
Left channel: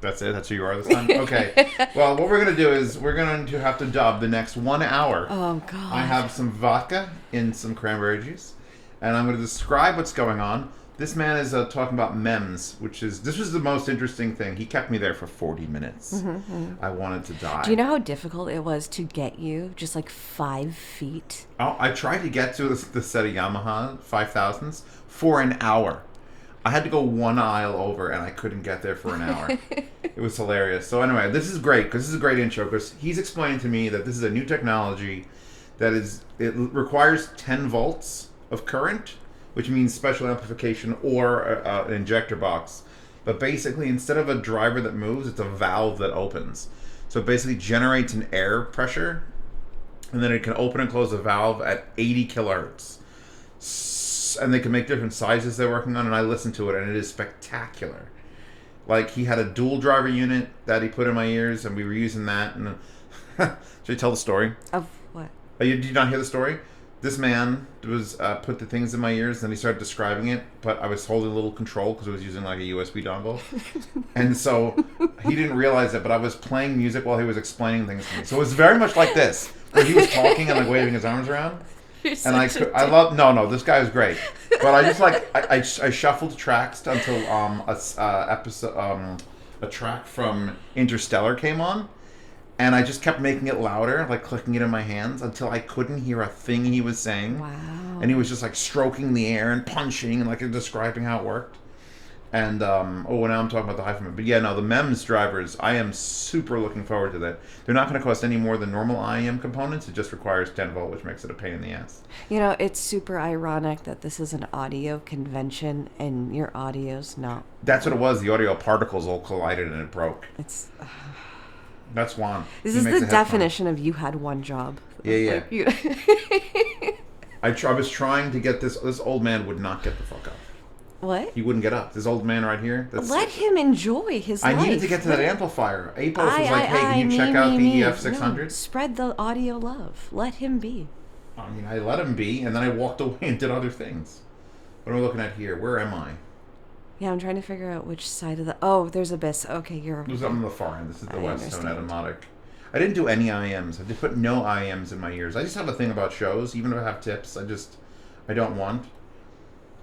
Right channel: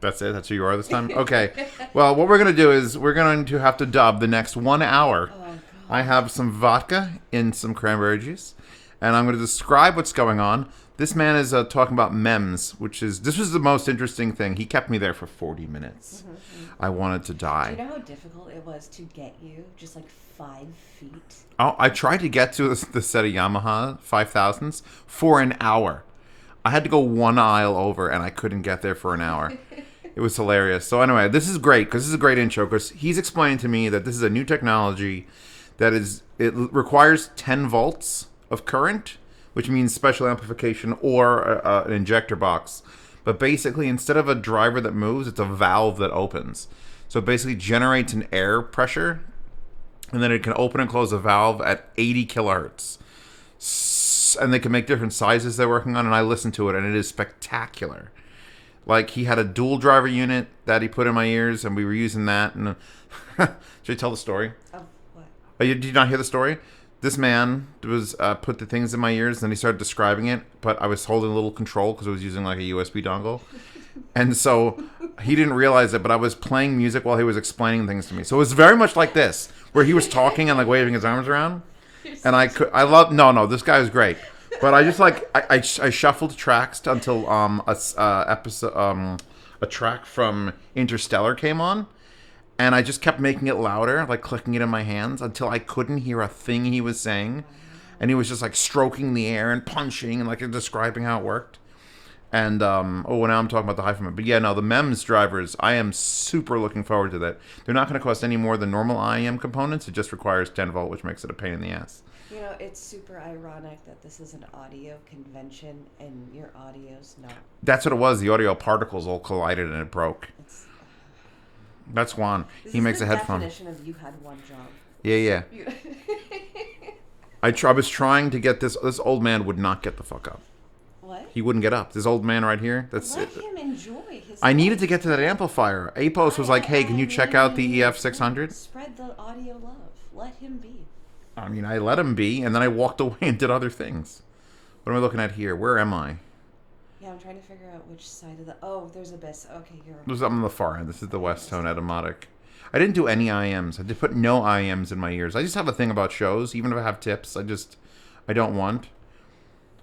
That's it? That's who you are this time? Okay. Well, what we're going to do is we're going to have to dub the next 1 hour. Oh, God. I have some vodka in some cranberry juice, and I'm going to describe what's going on. This man is talking about MEMS, this was the most interesting thing. He kept me there for 40 minutes. I wanted to die. Do you know how difficult it was to get you just like 5 feet? Oh, I tried to get to the set of Yamaha 5000s for an hour. I had to go 1 aisle over, and I couldn't get there for an hour. It was hilarious. So anyway, this is great, because this is a great intro, because he's explaining to me that this is a new technology that it requires 10 volts of current, which means special amplification or an injector box. But basically, instead of a driver that moves, it's a valve that opens. So it basically generates an air pressure, and then it can open and close a valve at 80 kilohertz. And they can make different sizes they're working on, and I listened to it, and it is spectacular. Like, he had a dual driver unit that he put in my ears, and we were using that. And should I tell the story? Of what? Did you not hear the story? This man was put the things in my ears, and then he started describing it, but I was holding a little control because I was using like a USB dongle. And so he didn't realize it, but I was playing music while he was explaining things to me. So it was very much like this, where he was talking and like waving his arms around. And no, this guy was great. But I just I shuffled tracks until a track from Interstellar came on. And I just kept making it louder, like clicking it in my hands until I couldn't hear a thing he was saying. Wow. And he was just like stroking the air and punching and like describing how it worked. And, now I'm talking about the hi-fi. But yeah, no, the MEMS drivers, I am super looking forward to that. They're not going to cost any more than normal IEM components. It just requires 10 volt, which makes it a pain in the ass. You know, it's super ironic that this is an audio convention and your audio's not. That's what it was. The audio particles all collided and it broke. That's Juan. This is the definition of you had one job. Yeah. I was trying to get this old man would not get the fuck up. What? He wouldn't get up. This old man right here. Let him enjoy his life. I needed to get to that amplifier. APOS was like, hey, can you check out the EF600? Spread the audio love. Let him be. I mean, I let him be, and then I walked away and did other things. What am I looking at here? Where am I? Yeah, I'm trying to figure out which side of the... Oh, there's Abyss. Okay, you're... There's something on the far end. This is the West Tone Automatic. I didn't do any IEMs. I just put no IEMs in my ears. I just have a thing about shows. Even if I have tips, I don't want.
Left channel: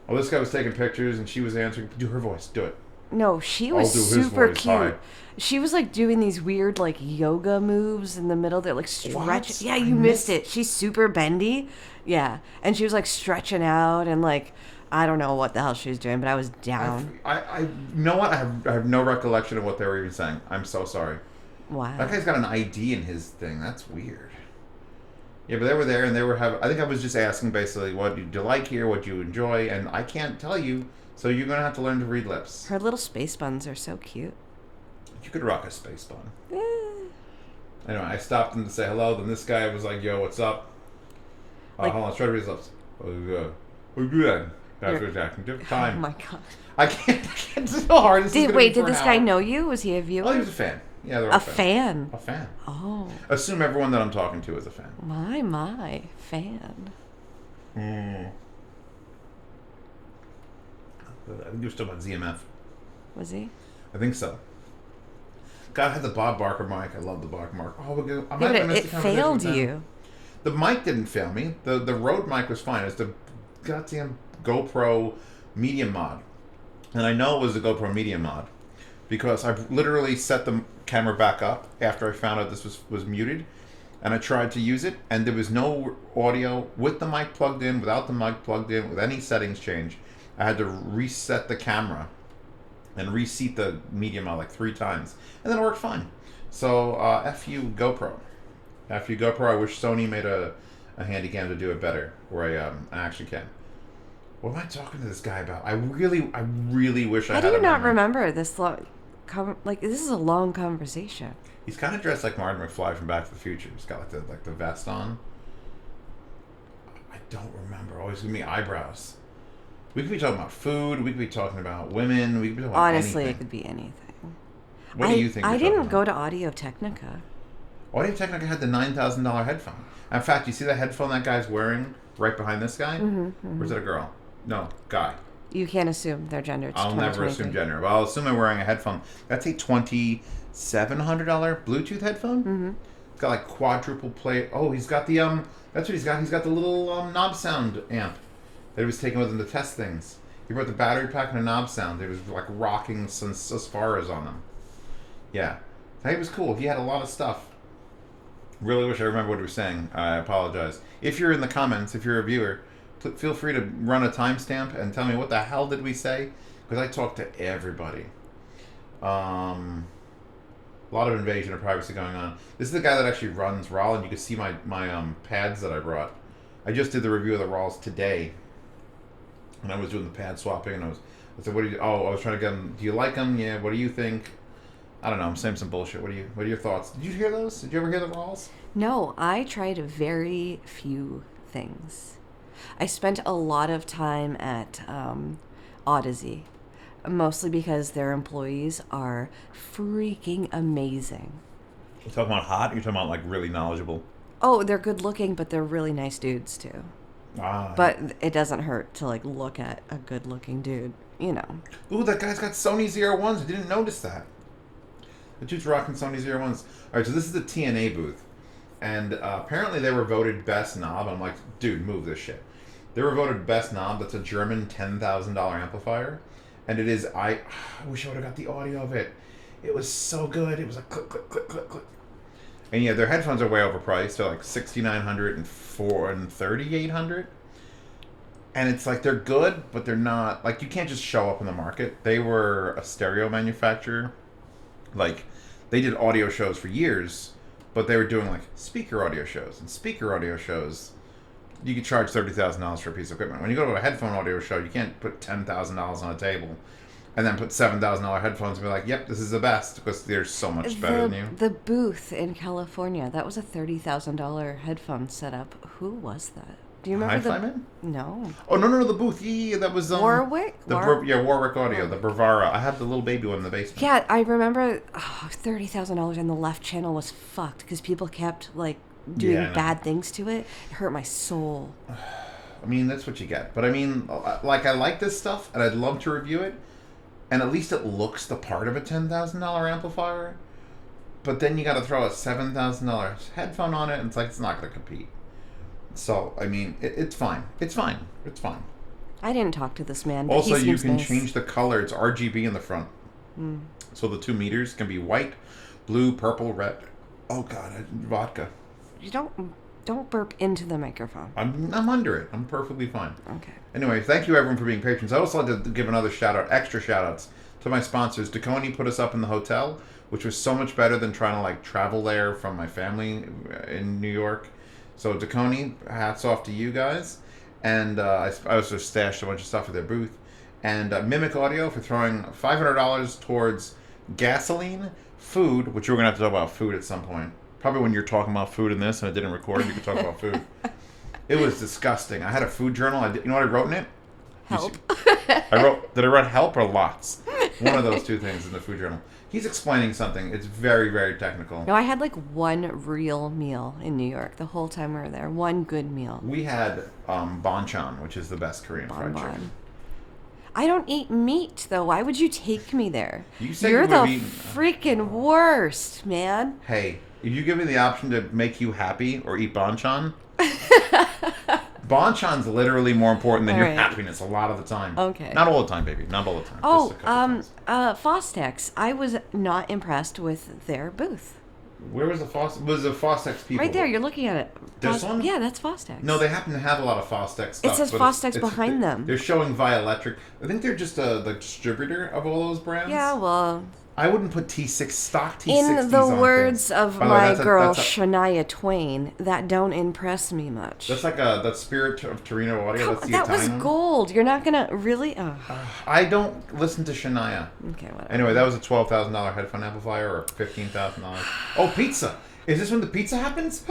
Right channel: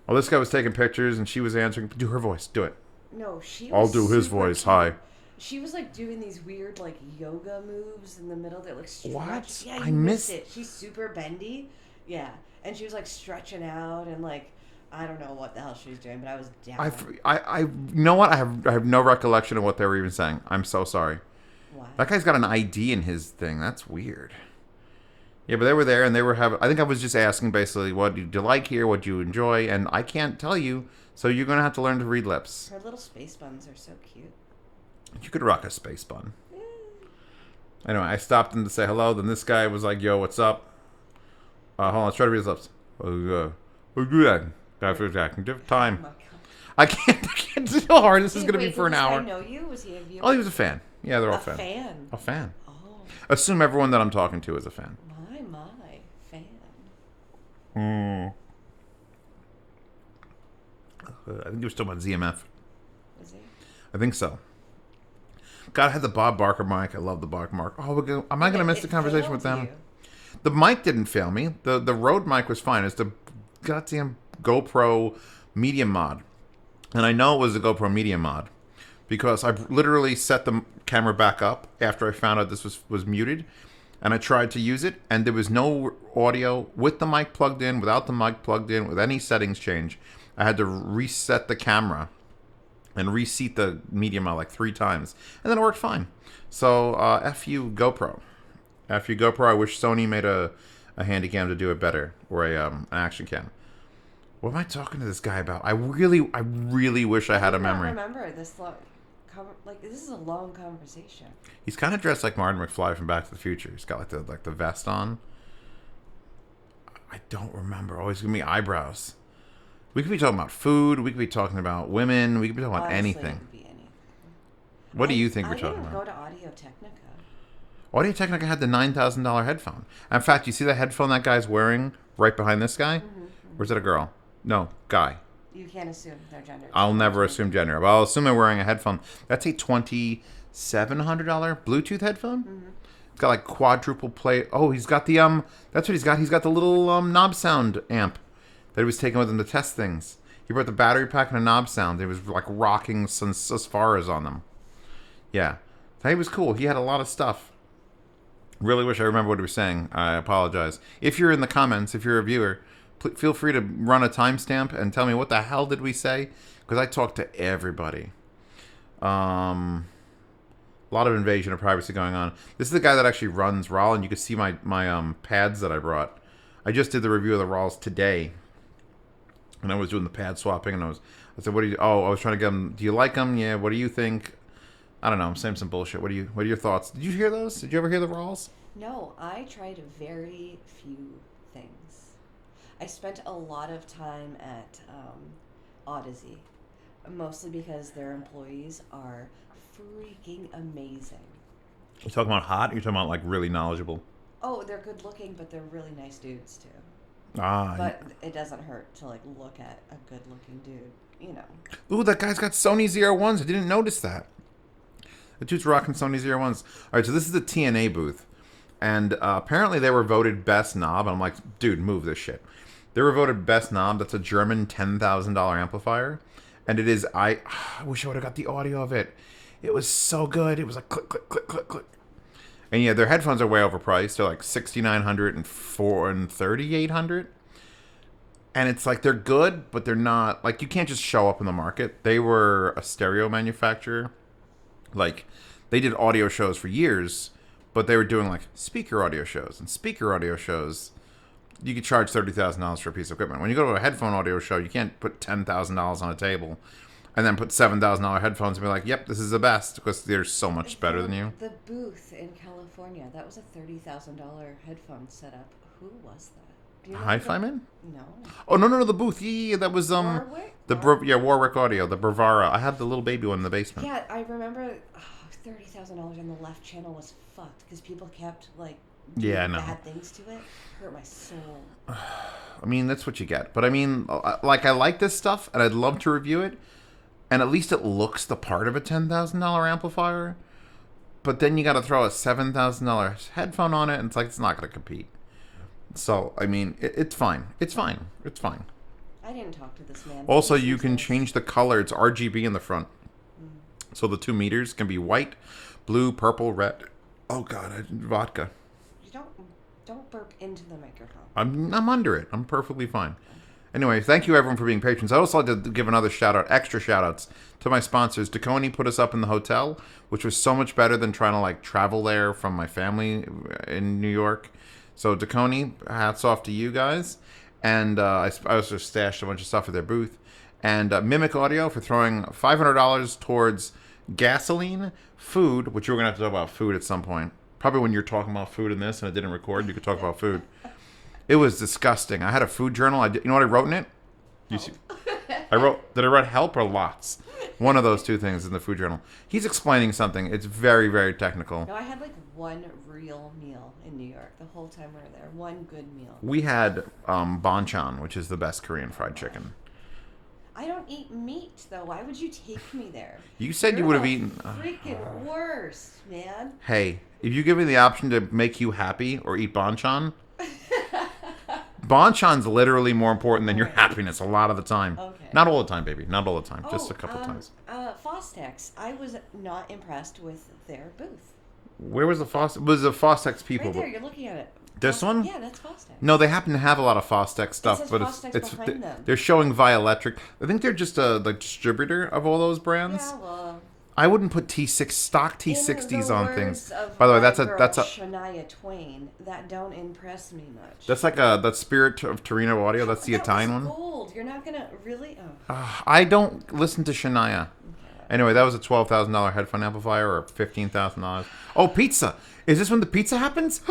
Oh, this guy was taking pictures, and she was answering. Do her voice. Do it. No, she was I'll do his voice. Cute. Hi. She was like doing these weird like yoga moves in the middle. They're like stretch. What? Yeah, you missed it. She's super bendy. Yeah, and she was like stretching out and like I don't know what the hell she was doing, but I was down. I you know what? I have no recollection of what they were even saying. I'm so sorry. Wow. That guy's got an ID in his thing. That's weird. Yeah, but they were there and they were having... I think I was just asking basically, what do you like here? What do you enjoy? And I can't tell you, so you're going to have to learn to read lips. Her little space buns are so cute. You could rock a space bun. Anyway, I stopped him to say hello. Then this guy was like, yo, what's up? Hold on, let's try to read his lips. Oh, good. That's exactly different time. Oh, my God. I can't. It's so hard. This is gonna be for did an this hour. guy know you? Was he a viewer? Oh, he was a fan. Yeah, they're all fans. Fan? A fan. Oh. Assume everyone that I'm talking to is a fan. My fan. I think he was talking about ZMF. Was he? I think so. God, I had the Bob Barker mic. I love the Barker mic. Oh, am I going to miss the conversation with them? You. The mic didn't fail me. The Rode mic was fine. It's the goddamn GoPro Media Mod. And I know it was the GoPro Media Mod because I literally set the camera back up after I found out this was muted. And I tried to use it, and there was no audio with the mic plugged in, without the mic plugged in, with any settings change. I had to reset the camera and reseat the media mod like 3 times. And then it worked fine. So, F you, GoPro. After you GoPro, I wish Sony made a Handycam to do it better, or an action cam. What am I talking to this guy about? I really wish I had a do you not memory. remember this long? This is a long conversation. He's kind of dressed like Martin McFly from Back to the Future. He's got like the vest on. I don't remember. Always gonna be eyebrows. We could be talking about food. We could be talking about women. We could be talking about anything. Honestly, it could be anything. What do you think? I we're talking didn't about? go to Audio-Technica. Audio-Technica had the $9,000 headphone. In fact, you see the headphone that guy's wearing right behind this guy? Or is it a girl? No, guy. You can't assume their gender. It's I'll never assume gender, but I'll assume they're wearing a headphone. That's a $2,700 Bluetooth headphone. It's got like quadruple play. Oh, he's got the That's what he's got. He's got the little knob sound amp that he was taking with him to test things. He brought the battery pack and a knob sound. He was like rocking some Sasfaras on them. Yeah, I think it was cool. He had a lot of stuff. Really wish I remember what he was saying. I apologize. If you're in the comments, if you're a viewer, feel free to run a timestamp and tell me what the hell did we say, because I talked to everybody. A lot of invasion of privacy going on. This is the guy that actually runs RAAL, and you can see my pads that I brought. I just did the review of the RAALs today, and I was doing the pad swapping, and I said, what do you? Oh, I was trying to get them. Do you like them? Yeah. What do you think? I don't know. I'm saying some bullshit. What are your thoughts? Did you hear those? Did you ever hear the RAALs? No, I tried very few things. I spent a lot of time at Odyssey, mostly because their employees are freaking amazing. You talking about hot? Or you talking about like really knowledgeable? Oh, they're good looking, but they're really nice dudes too. But it doesn't hurt to like look at a good looking dude, you know. Ooh, that guy's got Sony 01s. I didn't notice that. The dude's rocking Sony 01s. All right, so this is the TNA booth. And apparently they were voted best knob. I'm like, dude, move this shit. They were voted best knob. That's a German $10,000 amplifier. And it is, I wish I would have got the audio of it. It was so good. It was like click, click, click, click, click. And yeah, their headphones are way overpriced. They're like $6,900 and $3,800. And it's like, they're good, but they're not, like, you can't just show up in the market. They were a stereo manufacturer. Like, they did audio shows for years, but they were doing like speaker audio shows. And speaker audio shows, you could charge $30,000 for a piece of equipment. When you go to a headphone audio show, you can't put $10,000 on a table and then put $7,000 headphones and be like, yep, this is the best, because they're so much better than you. The booth in California, that was a $30,000 headphone setup. Who was that? Do you remember? Hi-Fi Man? No. Oh, no, the booth. Yeah, that was Warwick? Warwick Audio, the Bravara. I had the little baby one in the basement. Yeah, I remember $30,000 and the left channel was fucked because people kept like doing bad things to it. It hurt my soul. I mean, that's what you get. But I mean, like, I like this stuff and I'd love to review it. And at least it looks the part of a $10,000 amplifier. But then you got to throw a $7,000 headphone on it, and it's like, it's not going to compete. So, I mean, it's fine. It's fine. It's fine. I didn't talk to this man. Also, you can change the color. It's RGB in the front. So the 2 meters can be white, blue, purple, red. Oh, God, vodka. You don't burp into the microphone. I'm under it. I'm perfectly fine. Okay. Anyway, thank you, everyone, for being patrons. I'd also like to give another shout-out, extra shout-outs, to my sponsors. Dekoni put us up in the hotel, which was so much better than trying to, like, travel there from my family in New York. So, Dekoni, hats off to you guys. And I also stashed a bunch of stuff at their booth. And Mimic Audio for throwing $500 towards gasoline, food, which we're going to have to talk about food at some point. Probably when you're talking about food in this and it didn't record, you could talk about food. It was disgusting. I had a food journal. You know what I wrote in it? Help. Did I write help or lots? One of those two things in the food journal. He's explaining something. It's very, very technical. No, I had like one real meal in New York the whole time we were there. One good meal. We had banchan, which is the best Korean fried chicken. I don't eat meat, though. Why would you take me there? You said You're you would have the eaten. freaking worst, man. Hey, if you give me the option to make you happy or eat banchan, banchan's literally more important than your happiness a lot of the time. Okay. Not all the time, baby. Not all the time. Just a couple times. Fostex. I was not impressed with their booth. Where was the Fostex? Was the Fostex people? Right there. You're looking at it. This one? Yeah, that's Fostex. No, they happen to have a lot of Fostex stuff. It says but Fostex behind them. They're showing Vioelectric. I think they're just the distributor of all those brands. Yeah, well, I wouldn't put T6 stock T60s In the on words things. of By the way, my that's girl a Shania Twain, that don't impress me much. that's like that Spirit of Torino audio. That's the that Italian was one. gold. You're not gonna really. I don't listen to Shania. Okay, whatever. Anyway, that was a $12,000 headphone amplifier or $15,000. Oh, pizza! Is this when the pizza happens?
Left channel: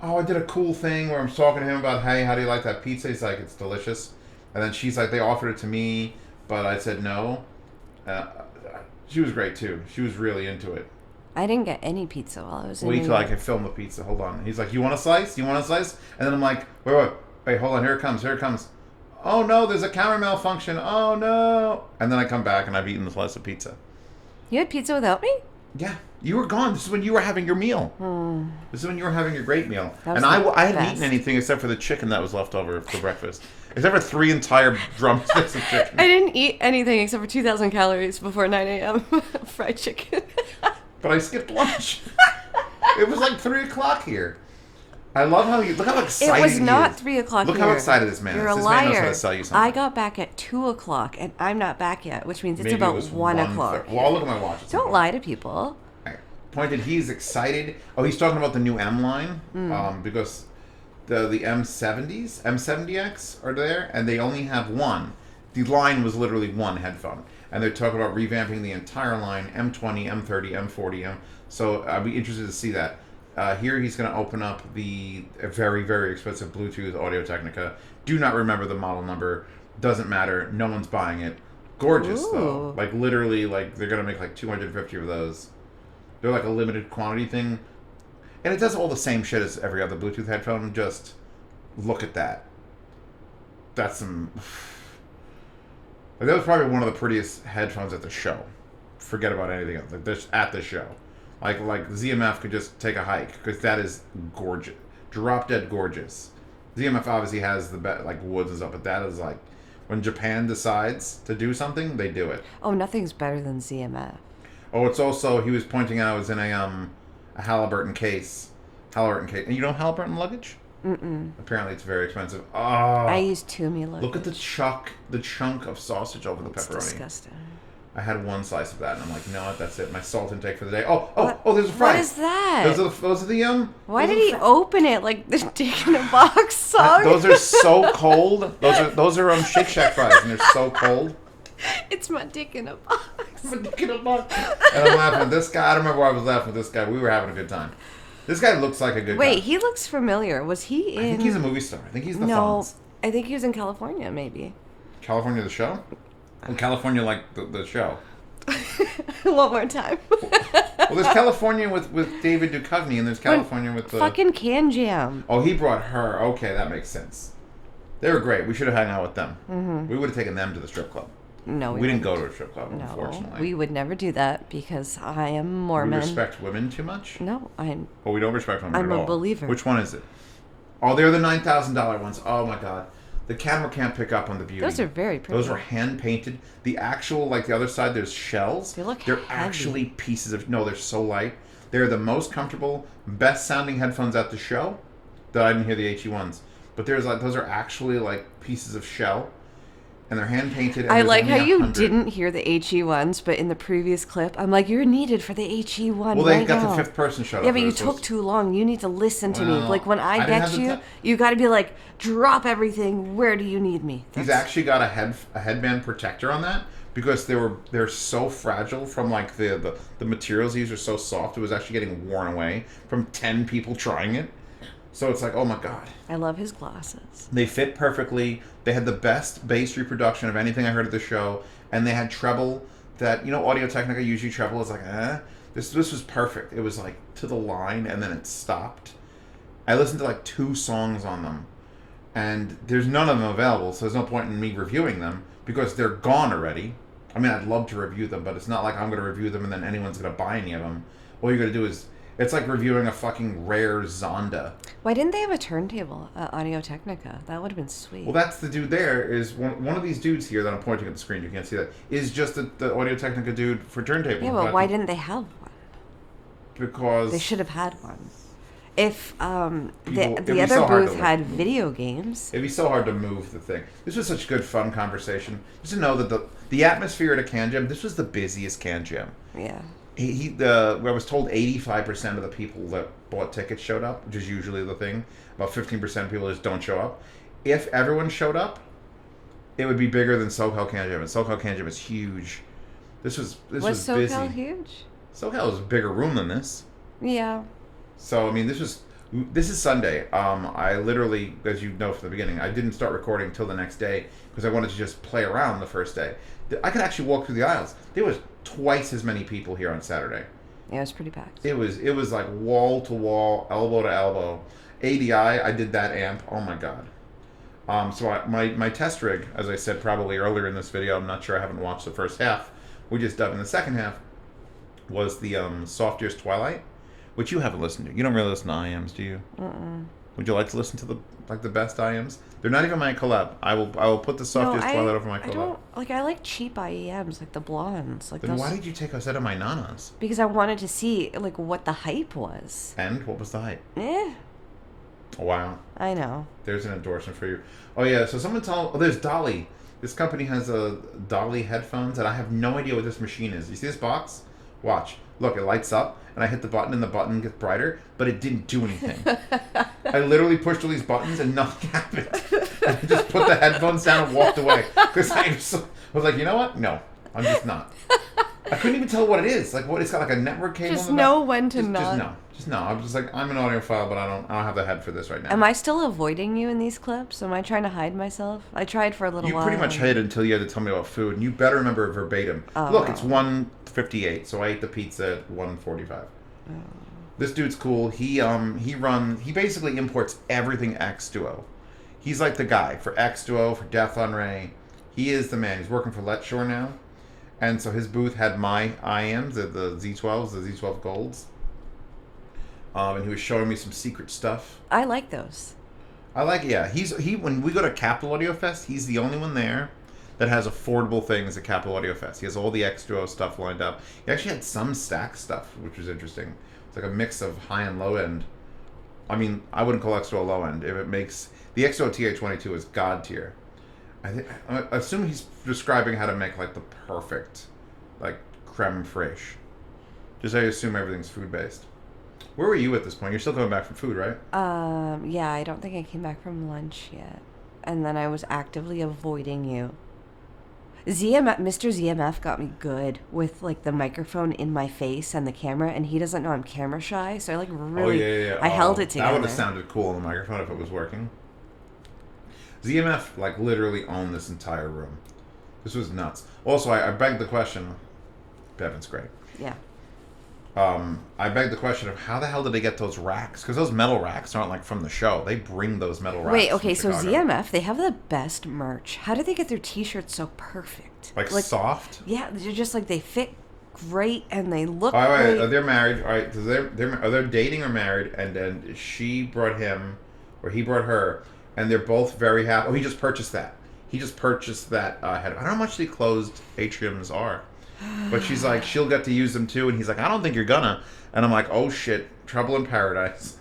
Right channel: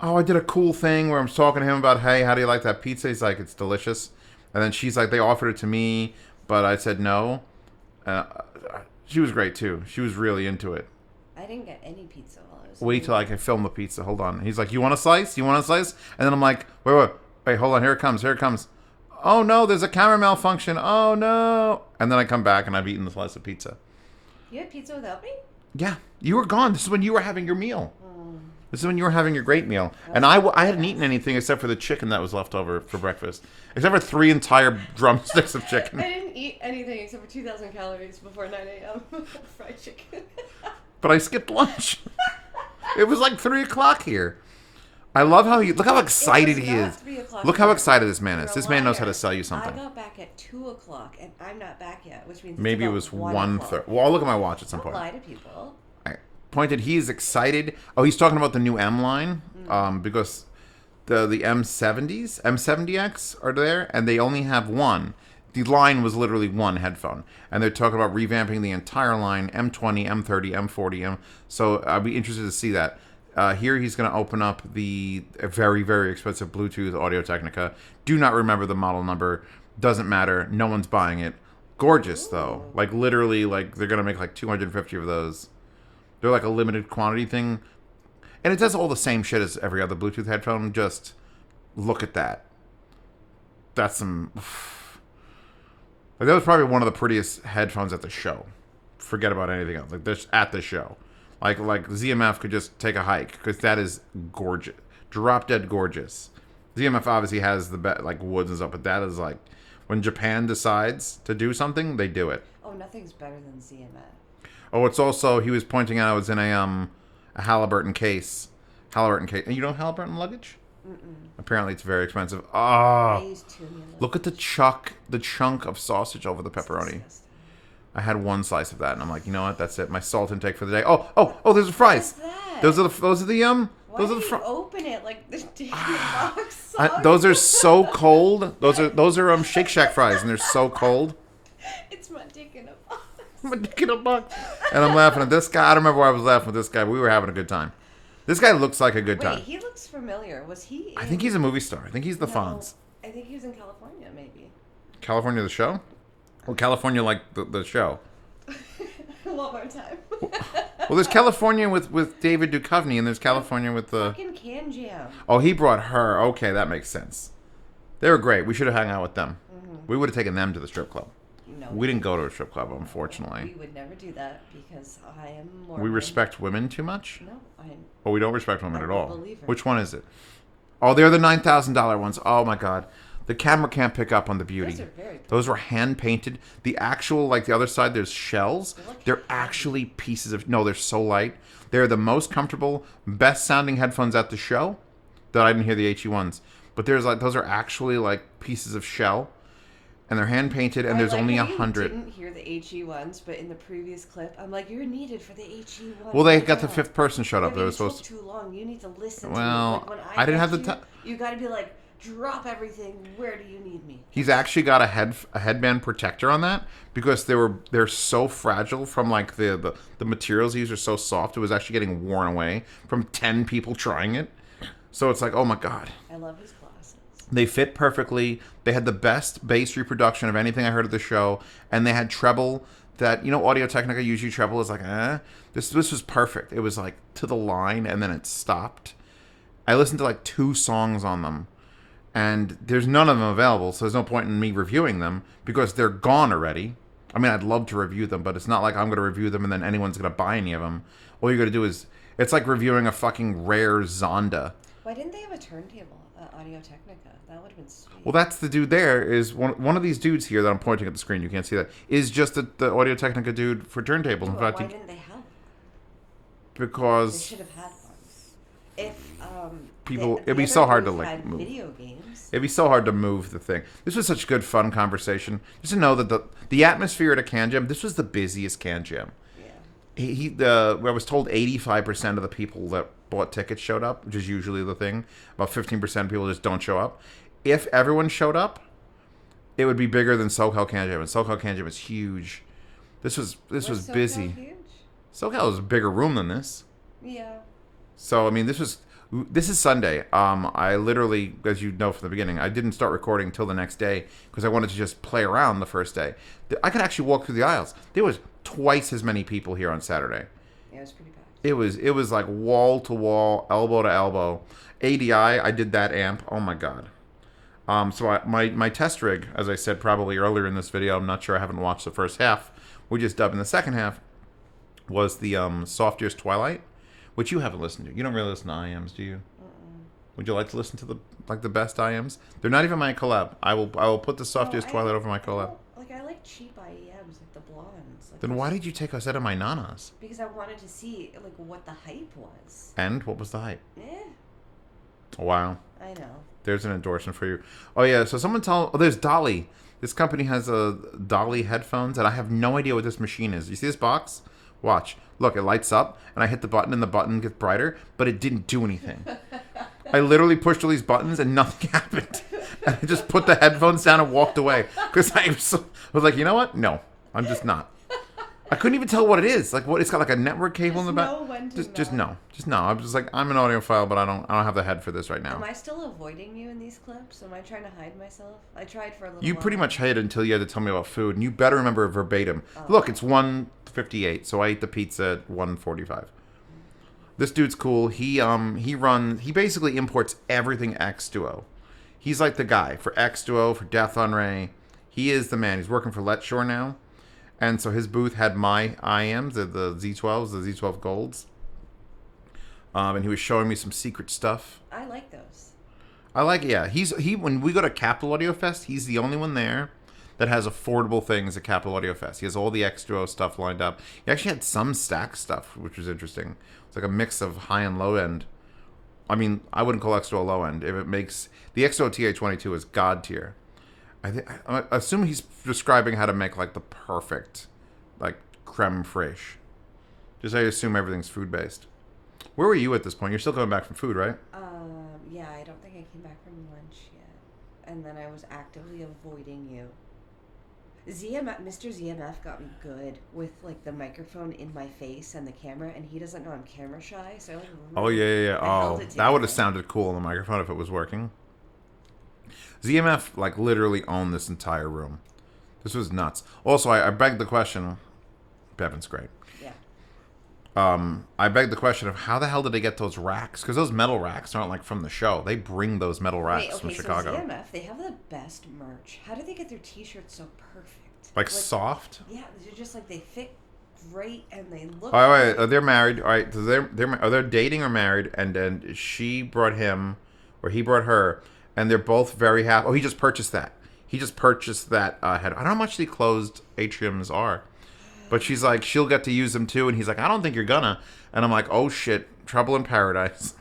Oh, I did a cool thing where I'm talking to him about, hey, how do you like that pizza? He's like, it's delicious. And then she's like, they offered it to me, but I said no. She was great too. She was really into it. I didn't get any pizza while I was. Wait in till I can film the pizza. Hold on. He's like, you want a slice? You want a slice? And then I'm like, wait, hold on. Here it comes. Here it comes. Oh no, there's a camera malfunction. Oh no. And then I come back and I've eaten the slice of pizza. You had pizza without me? Yeah. You were gone. This is when you were having your meal. This is when you were having your great meal. That And was I the hadn't best. eaten anything except for the chicken that was left over for breakfast. Except for 3 entire drumsticks of chicken. I didn't eat anything except for 2,000 calories before 9 a.m. fried chicken. But I skipped lunch. It was like 3 o'clock here. I love how look how excited he is. It was not 3 o'clock. Look how excited this man You're is. a This man knows how liar. to sell you something. I got back at 2 o'clock and I'm not back yet, which means it's Maybe about it was 1 o'clock. Well, I'll look at my watch at some Don't point. lie to people. Pointed, he's excited. Oh, he's talking about the new M line because the M70s, M70X are there, and they only have one. The line was literally one headphone, and they're talking about revamping the entire line: M20, M30, M40. So I'll be interested to see that. Here he's going to open up the very, very expensive Bluetooth Audio-Technica. Do not remember the model number. Doesn't matter. No one's buying it. Gorgeous though. Like literally, like they're going to make like 250 of those. They're like a limited quantity thing. And it does all the same shit as every other Bluetooth headphone. Just look at that. That's some... Like, that was probably one of the prettiest headphones at the show. Forget about anything else. Like, this at the show. Like ZMF could just take a hike. Because that is gorgeous. Drop dead gorgeous. ZMF obviously has the like woods and stuff. But that is like... When Japan decides to do something, they do it. Oh, nothing's better than ZMF. Oh, it's also, he was pointing out, it was in a Halliburton case. And you know Halliburton luggage? Mm-mm. Apparently it's very expensive. Oh, I use Toomey luggage. look at the chunk of sausage over the pepperoni. It's disgusting. I had one slice of that, and I'm like, you know what? That's it. My salt intake for the day. Oh, there's a fries. What is that? Those are the Why did he open it like the dick in a box song? Those are so cold. Those are Shake Shack fries, and they're so cold. It's my dick in a box. My dick in a box. And I'm laughing at this guy. I don't remember why I was laughing at this guy. We were having a good time. This guy looks like a good guy. Wait, he looks familiar. Was he in... I think he's a movie star. I think he's the Fonz. I think he was in California, maybe. California the show? Or California like the show? One more time. Well, there's California with David Duchovny, and there's California with the... Fucking CanJam. Oh, he brought her. Okay, that makes sense. They were great. We should have hung out with them. Mm-hmm. We would have taken them to the strip club. No, we didn't go to a strip club, unfortunately. We would never do that because I am Mormon. We respect women too much? No, I'm... Well, we don't respect women at all. I'm a believer. Which one is it? Oh, they're the $9,000 ones. Oh, my God. The camera can't pick up on the beauty. Those are very pretty. Those were hand-painted. The actual, like the other side, there's shells. They look They're heavy. actually pieces of... No, they're so light. They're the most comfortable, best-sounding headphones at the show that I didn't hear the HE ones. But there's like those are actually like pieces of shell. And they're hand-painted, and I there's like only how you 100. didn't hear the HE ones, but in the previous clip, I'm like, you're needed for the HE one. Well, they right got now. the fifth person shut Yeah, up. but They you were took supposed- too long. You need to listen to me. Well, Like when I I didn't get have the you, ti- you got to be like, drop everything. Where do you need me? He's actually got a headband protector on that because they're so fragile from like the materials he used are so soft. It was actually getting worn away from 10 people trying it. So it's like, oh my God. I love his glasses. They fit perfectly. They had the best bass reproduction of anything I heard at the show, and they had treble that, you know, Audio-Technica usually treble is like, This was perfect. It was like to the line, and then it stopped. I listened to like 2 songs on them, and there's none of them available, so there's no point in me reviewing them because they're gone already. I mean, I'd love to review them, but it's not like I'm going to review them and then anyone's going to buy any of them. All you're going to do is, it's like reviewing a fucking rare Zonda. Why didn't they have a turntable at Audio-Technica? That would have been sweet. Well, that's the dude there, is one of these dudes here that I'm pointing at the screen, you can't see that, is just the Audio-Technica dude for turntable. Yeah, In but fact, why didn't they have one? Because... They should have had one. If People- the it'd be other so hard to, booth like, had move. video games. It'd be so hard to move the thing. This was such good, fun conversation. Just to know that the atmosphere at a CanJam, this was the busiest CanJam. Yeah. I was told 85% of the people that bought tickets showed up, which is usually the thing. About 15% of people just don't show up. If everyone showed up, it would be bigger than SoCal CanJam. And SoCal CanJam is huge. This was SoCal busy. huge? SoCal was a bigger room than this. Yeah. So I mean, this is Sunday. I literally, as you know from the beginning, I didn't start recording until the next day because I wanted to just play around the first day. I could actually walk through the aisles. There was twice as many people here on Saturday. Yeah, it was pretty packed. It was like wall to wall, elbow to elbow. ADI, I did that amp. Oh my god. So my test rig, as I said probably earlier in this video, I'm not sure, I haven't watched the first half. We just dubbed in the second half. Was the Soft Ears Twilight, which you haven't listened to. You don't really listen to IMs, do you? Would you like to listen to the best IMs? They're not even my collab. I will put the Soft Ears Twilight over my collab. I like cheap IEMs, like the blondes. Like Then those, why did you take us out of my nanas? Because I wanted to see like what the hype was. And what was the hype? Eh, Oh, wow. I know. There's an endorsement for you. Oh yeah, so someone there's Dolly. This company has a Dolly headphones, and I have no idea what this machine is. You see this box? Watch. Look, it lights up, and I hit the button, and the button gets brighter, but it didn't do anything. I literally pushed all these buttons, and nothing happened. I just put the headphones down and walked away. Because I was like, you know what? No, I'm just not. I couldn't even tell what it is. Like, what? It's got like a network cable Just in the back. know when to Just not. no. I'm just like, I'm an audiophile, but I don't have the head for this right now. Am I still avoiding you in these clips? Am I trying to hide myself? I tried for a little You while. pretty much hid until you had to tell me about food, and you better remember it verbatim. Oh. Look, it's 1:58, so I ate the pizza at 1:45. This dude's cool. He basically imports everything X Duo. He's like the guy for X Duo, for Death on Ray. He is the man. He's working for Let Shore now. And so his booth had my IMs, the Z12s, the Z12 Golds. And he was showing me some secret stuff. I like those. I like it, yeah. He when we go to Capital Audio Fest, he's the only one there that has affordable things at Capital Audio Fest. He has all the X Duo stuff lined up. He actually had some stack stuff, which was interesting. It's like a mix of high and low end. I mean, I wouldn't call X Duo low end. If it makes the X Duo TA22 is god tier. I assume he's describing how to make like the perfect, like creme fraiche. Just I assume everything's food based. Where were you at this point? You're still coming back from food, right? Yeah, I don't think I came back from lunch yet. And then I was actively avoiding you. Mr. ZMF got me good with like the microphone in my face and the camera, and he doesn't know I'm camera shy, so I like really. Yeah. I held it together. That would have sounded cool on the microphone if it was working. ZMF like literally owned this entire room. This was nuts. Also, I begged the question. Bevan's great. Yeah. I begged the question of how the hell did they get those racks? Because those metal racks aren't like from the show. They bring those metal racks. Wait, okay, from so Chicago. ZMF, they have the best merch. How do they get their t-shirts so perfect? Like soft? Yeah, they're just like they fit great and they look All right, great. they're married. All right, so they're dating or married, and then she brought him, or he brought her, and they're both very happy. Oh, he just purchased that. He just purchased that head. I don't know how much the closed atriums are, but she's like, she'll get to use them too, and he's like, I don't think you're gonna. And I'm like, oh shit, trouble in paradise.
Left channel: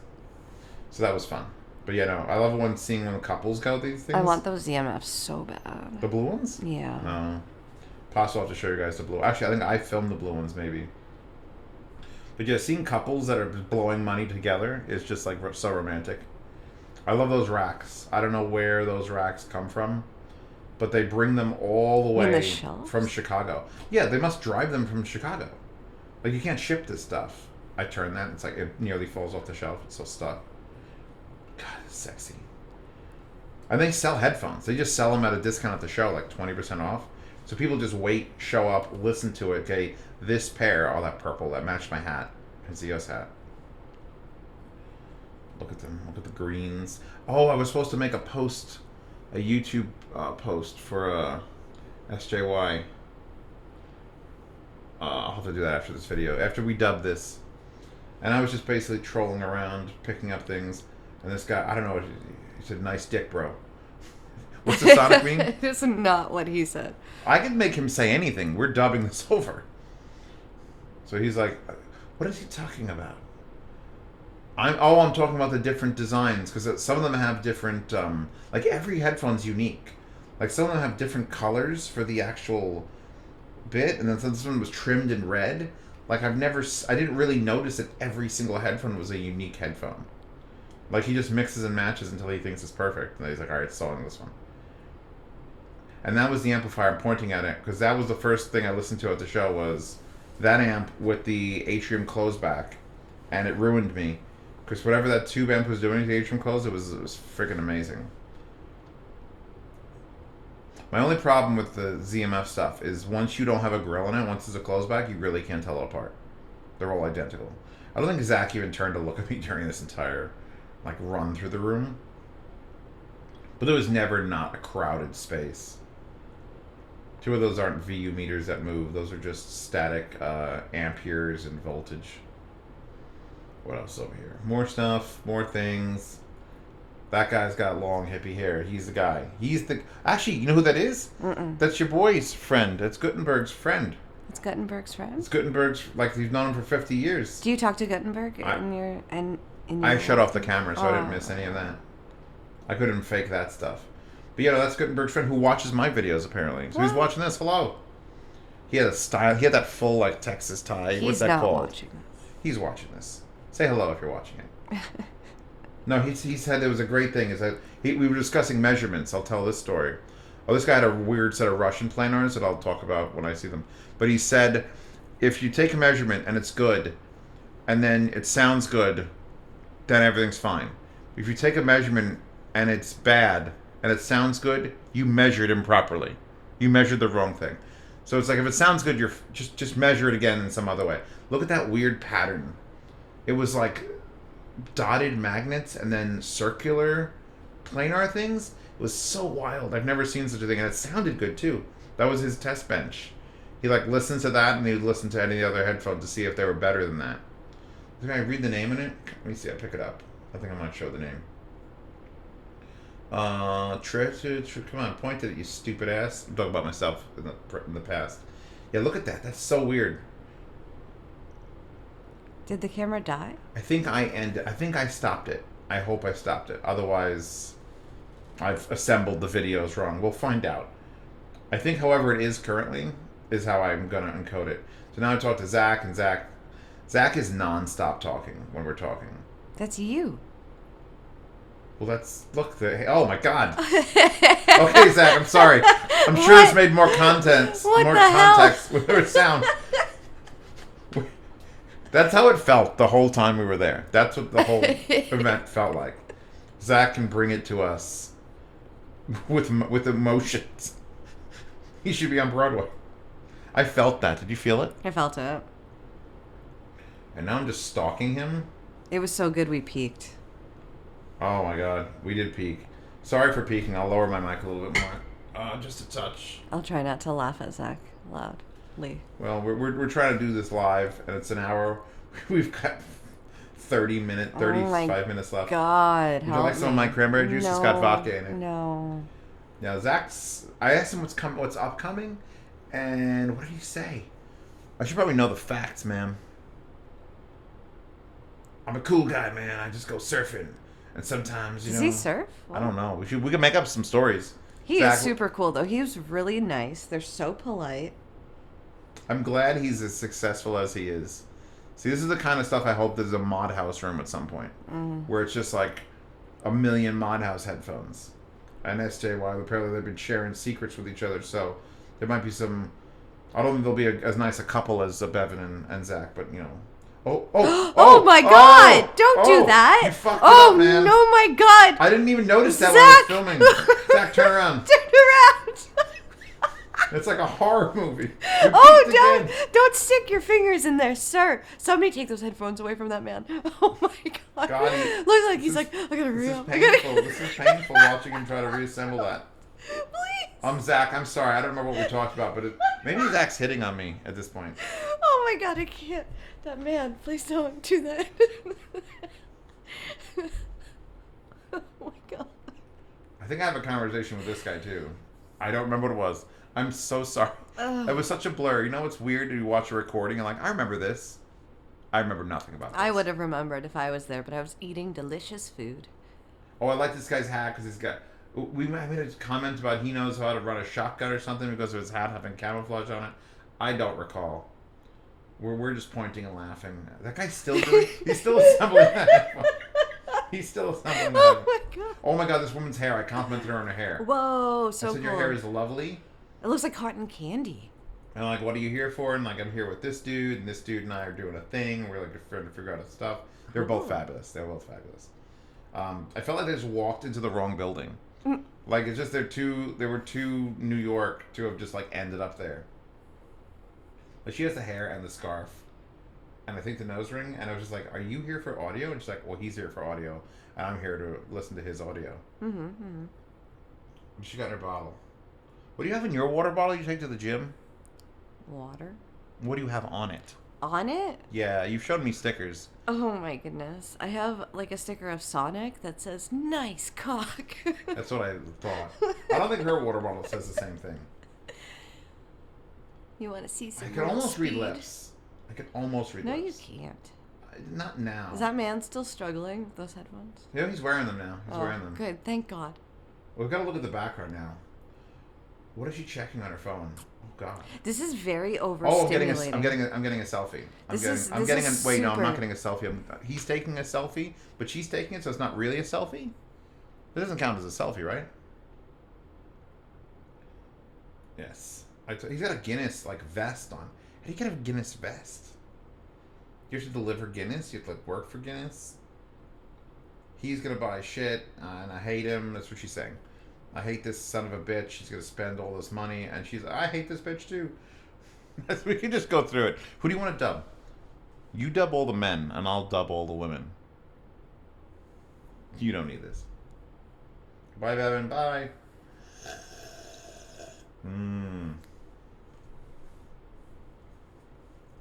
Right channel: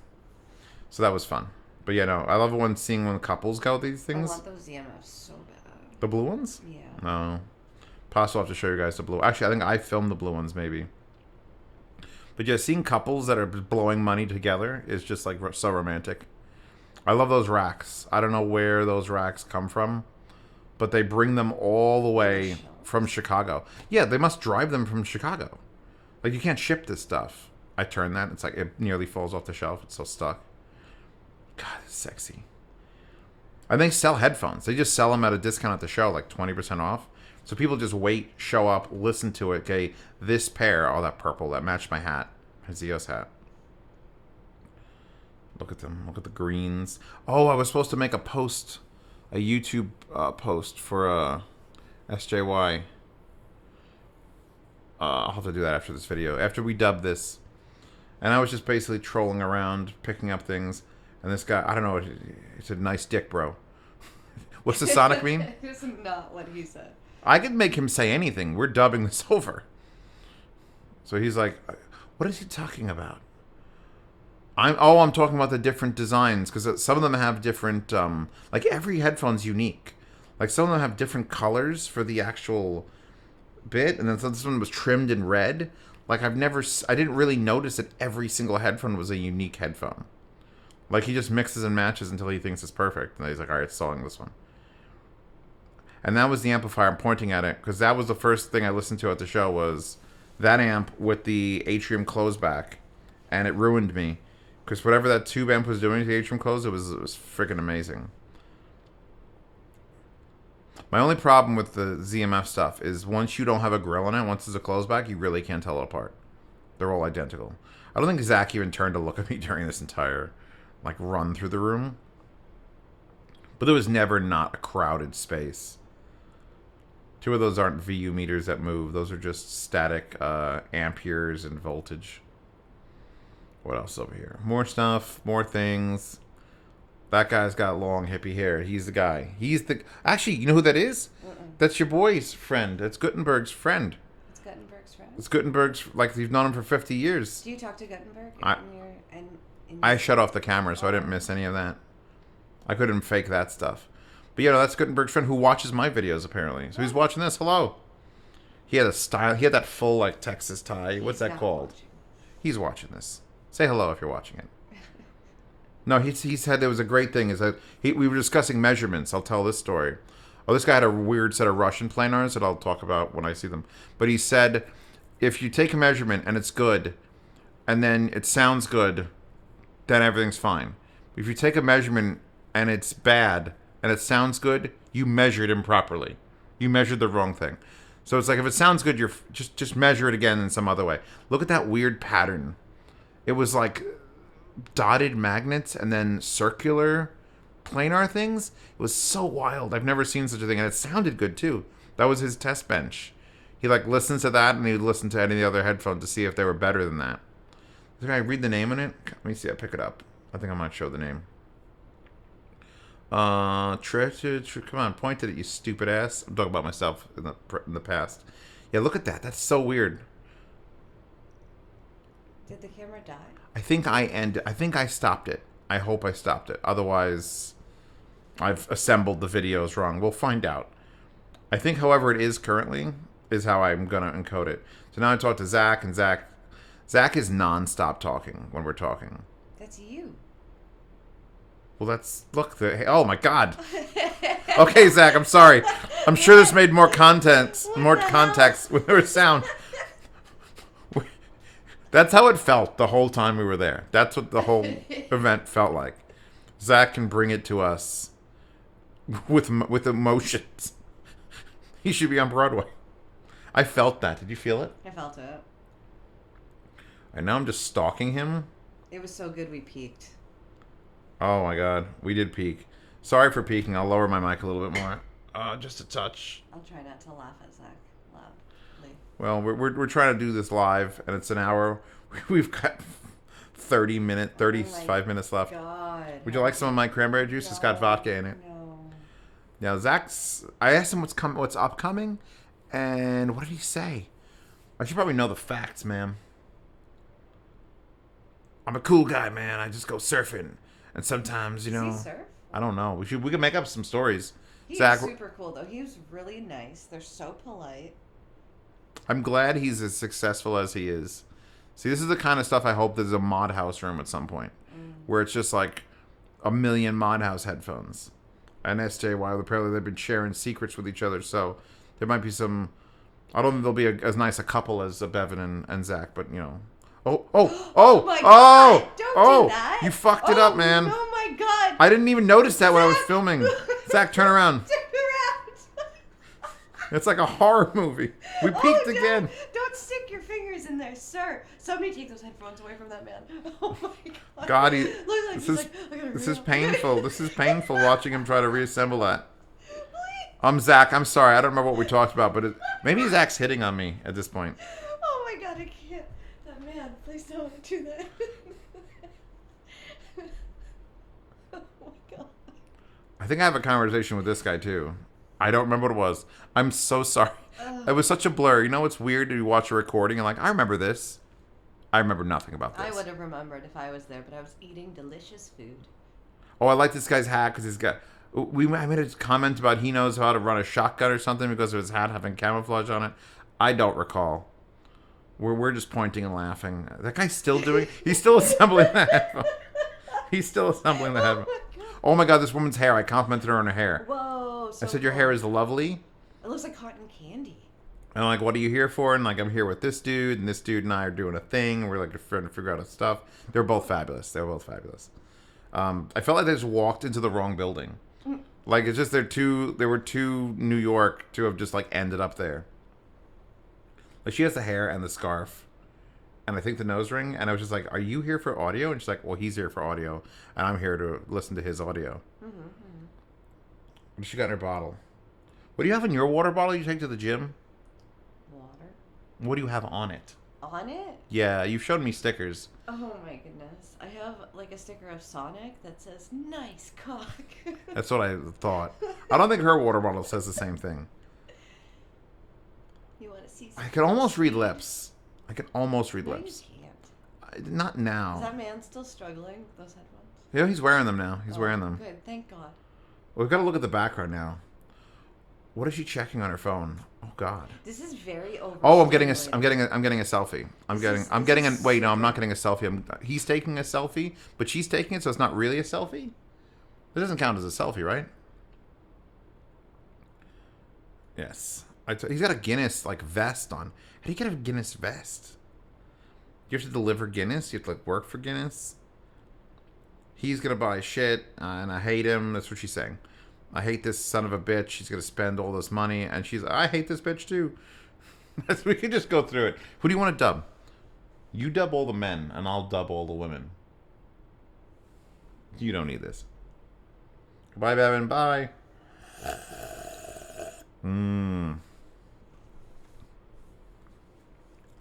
So that was fun. But yeah, no, I love seeing couples go these things. I want those ZMFs so bad. The blue ones? Yeah. No. Possible I have to show you guys the blue. Actually, I think I filmed the blue ones maybe. But yeah, seeing couples that are blowing money together is just like so romantic. I love those racks. I don't know where those racks come from, but they bring them all the way from Chicago. Yeah, they must drive them from Chicago. Like you can't ship this stuff. I turn that, it's like it nearly falls off the shelf. It's so stuck. God, it's sexy. And they sell headphones. They just sell them at a discount at the show, like 20% off. So people just wait, show up, listen to it. Okay, this pair, oh, that purple, that matched my hat, my Zeos hat. Look at them. Look at the greens. Oh, I was supposed to make a post, a YouTube post for SJY. I'll have to do that after this video. After we dub this. And I was just basically trolling around, picking up things. And this guy, I don't know, he said, nice dick, bro. What's the Sonic meme? That's not what he said. I could make him say anything. We're dubbing this over. So he's like, what is he talking about? I'm talking about the different designs, because some of them have different, like every headphone's unique. Like some of them have different colors for the actual bit, and then this one was trimmed in red. Like I didn't really notice that every single headphone was a unique headphone. Like he just mixes and matches until he thinks it's perfect, and then he's like, all right, selling this one. And that was the amplifier. I'm pointing at it because that was the first thing I listened to at the show was that amp with the atrium closeback, and it ruined me. Because whatever that tube amp was doing to the atrium close, it was freaking amazing. My only problem with the ZMF stuff is once you don't have a grill in it, once there's a closeback, you really can't tell it apart. They're all identical. I don't think Zach even turned to look at me during this entire run through the room. But there was never not a crowded space. Two of those aren't VU meters that move. Those are just static amperes and voltage. What else over here? More stuff, more things. That guy's got long hippie hair. He's the guy. Actually, you know who that is? That's your boy's friend. That's Gutenberg's friend. It's Gutenberg's friend? It's Gutenberg's, you've known him for 50 years. Do you talk to Gutenberg I shut off the camera, so I didn't miss any of that. I couldn't fake that stuff. But that's Gutenberg's friend who watches my videos, apparently. So he's watching this. Hello. He had a style. He had that full, Texas tie. What's that called? He's watching this. Say hello if you're watching it. No, he said there was a great thing. Is that we were discussing measurements. I'll tell this story. Oh, this guy had a weird set of Russian planars that I'll talk about when I see them. But he said, if you take a measurement and it's good, and then it sounds good, then everything's fine. If you take a measurement and it's bad and it sounds good, you measured improperly. You measured the wrong thing. So it's like if it sounds good, you're just measure it again in some other way. Look at that weird pattern. It was like dotted magnets and then circular planar things. It was so wild. I've never seen such a thing, and it sounded good too. That was his test bench. He listens to that, and he'd listen to any of the other headphones to see if they were better than that. Can I read the name in it? Let me see. I pick it up. I think I might show the name. Come on, point at it, you stupid ass. I'm talking about myself in the past. Yeah, look at that. That's so weird. Did the camera die? I think I stopped it. I hope I stopped it. Otherwise, I've assembled the videos wrong. We'll find out. I think, however it is currently, is how I'm going to encode it. So now I talk to Zach, and Zach is non-stop talking when we're talking. That's you. Well, oh my God. Okay, Zach, I'm sorry. I'm sure this made more context with her sound. That's how it felt the whole time we were there. That's what the whole event felt like. Zach can bring it to us with emotions. He should be on Broadway. I felt that. Did you feel it? I felt it. And now I'm just stalking him. It was so good we peaked. Oh my God, we did peak. Sorry for peaking. I'll lower my mic a little bit more. Just a touch. I'll try not to laugh at Zach loudly. Well, we're trying to do this live, and it's an hour. We've got 35 minutes left. God. Would you like some of my cranberry juice? No, It's got vodka in it. No. Now, I asked him what's upcoming, and what did he say? I should probably know the facts, ma'am. I'm a cool guy, man. I just go surfing. And sometimes, Does he surf? I don't know. We can make up some stories. He is super cool, though. He was really nice. They're so polite. I'm glad he's as successful as he is. See, this is the kind of stuff I hope there's a mod house room at some point. Where it's just like a million mod house headphones. And SJY, apparently they've been sharing secrets with each other. So there might be some... I don't think they'll be as nice a couple as Bevan and Zach, but, Oh my God! Don't do that! You fucked it up, man. Oh my God! I didn't even notice that when I was filming. Zach, turn around. Turn around! It's like a horror movie. Again. Don't stick your fingers in there, sir. Somebody take those headphones away from that man. Oh my God! Look like he's like, I gotta reel. This is painful. This is painful watching him try to reassemble that. Please. Zach. I'm sorry. I don't remember what we talked about, but maybe Zach's hitting on me at this point. Oh my God! I can't. That man, please don't do that. Oh my God. I think I have a conversation with this guy too. I don't remember what it was. I'm so sorry. It was such a blur. You know what's weird? You watch a recording and I remember this. I remember nothing about this. I would have remembered if I was there, but I was eating delicious food. Oh, I like this guy's hat because he's got. I made a comment about he knows how to run a shotgun or something because of his hat having camouflage on it. I don't recall. We're just pointing and laughing. That guy's still doing. He's still assembling the headphones. He's still assembling the headphones. Oh my god, this woman's hair! I complimented her on her hair. Whoa, so I said your cool. hair is lovely. It looks like cotton candy. And I'm like, what are you here for? And like, I'm here with this dude, and this dude and I are doing a thing. We're like trying to figure out stuff. They're both fabulous. They're both fabulous. I felt like they just walked into the wrong building. Like it's just there were two New York to have just like ended up there. Like she has the hair and the scarf, and I think the nose ring. And I was just like, "Are you here for audio?" And she's like, "Well, he's here for audio, and I'm here to listen to his audio." What she got in her bottle? What do you have in your water bottle you take to the gym? Water. What do you have on it? On it? Yeah, you've showed me stickers. Oh my goodness. I have like a sticker of Sonic that says, "Nice cock." That's what I thought. I don't think her water bottle says the same thing. You want to see some I could almost read speed? lips. I could almost read No, lips. you can't. Not now. Is that man still struggling with those headphones? Yeah, he's wearing them now. He's Oh, wearing them. Good, thank God. We've got to look at the background now. What is she checking on her phone? Oh God. This is very overstimulating. Oh, I'm getting a selfie. I'm This getting is wait, no, I'm not super- getting a selfie. He's taking a selfie, but she's taking it, so it's not really a selfie. It doesn't count as a selfie, right? Yes. He's got a Guinness like vest on. How do you get a Guinness vest? You have to deliver Guinness. You have to like work for Guinness. He's gonna buy shit, and I hate him. That's what she's saying. I hate this son of a bitch. He's gonna spend all this money, and she's like, I hate this bitch too. We could just go through it. Who do you want to dub? You dub all the men, and I'll dub all the women. You don't need this. Bye, Bevan. Bye.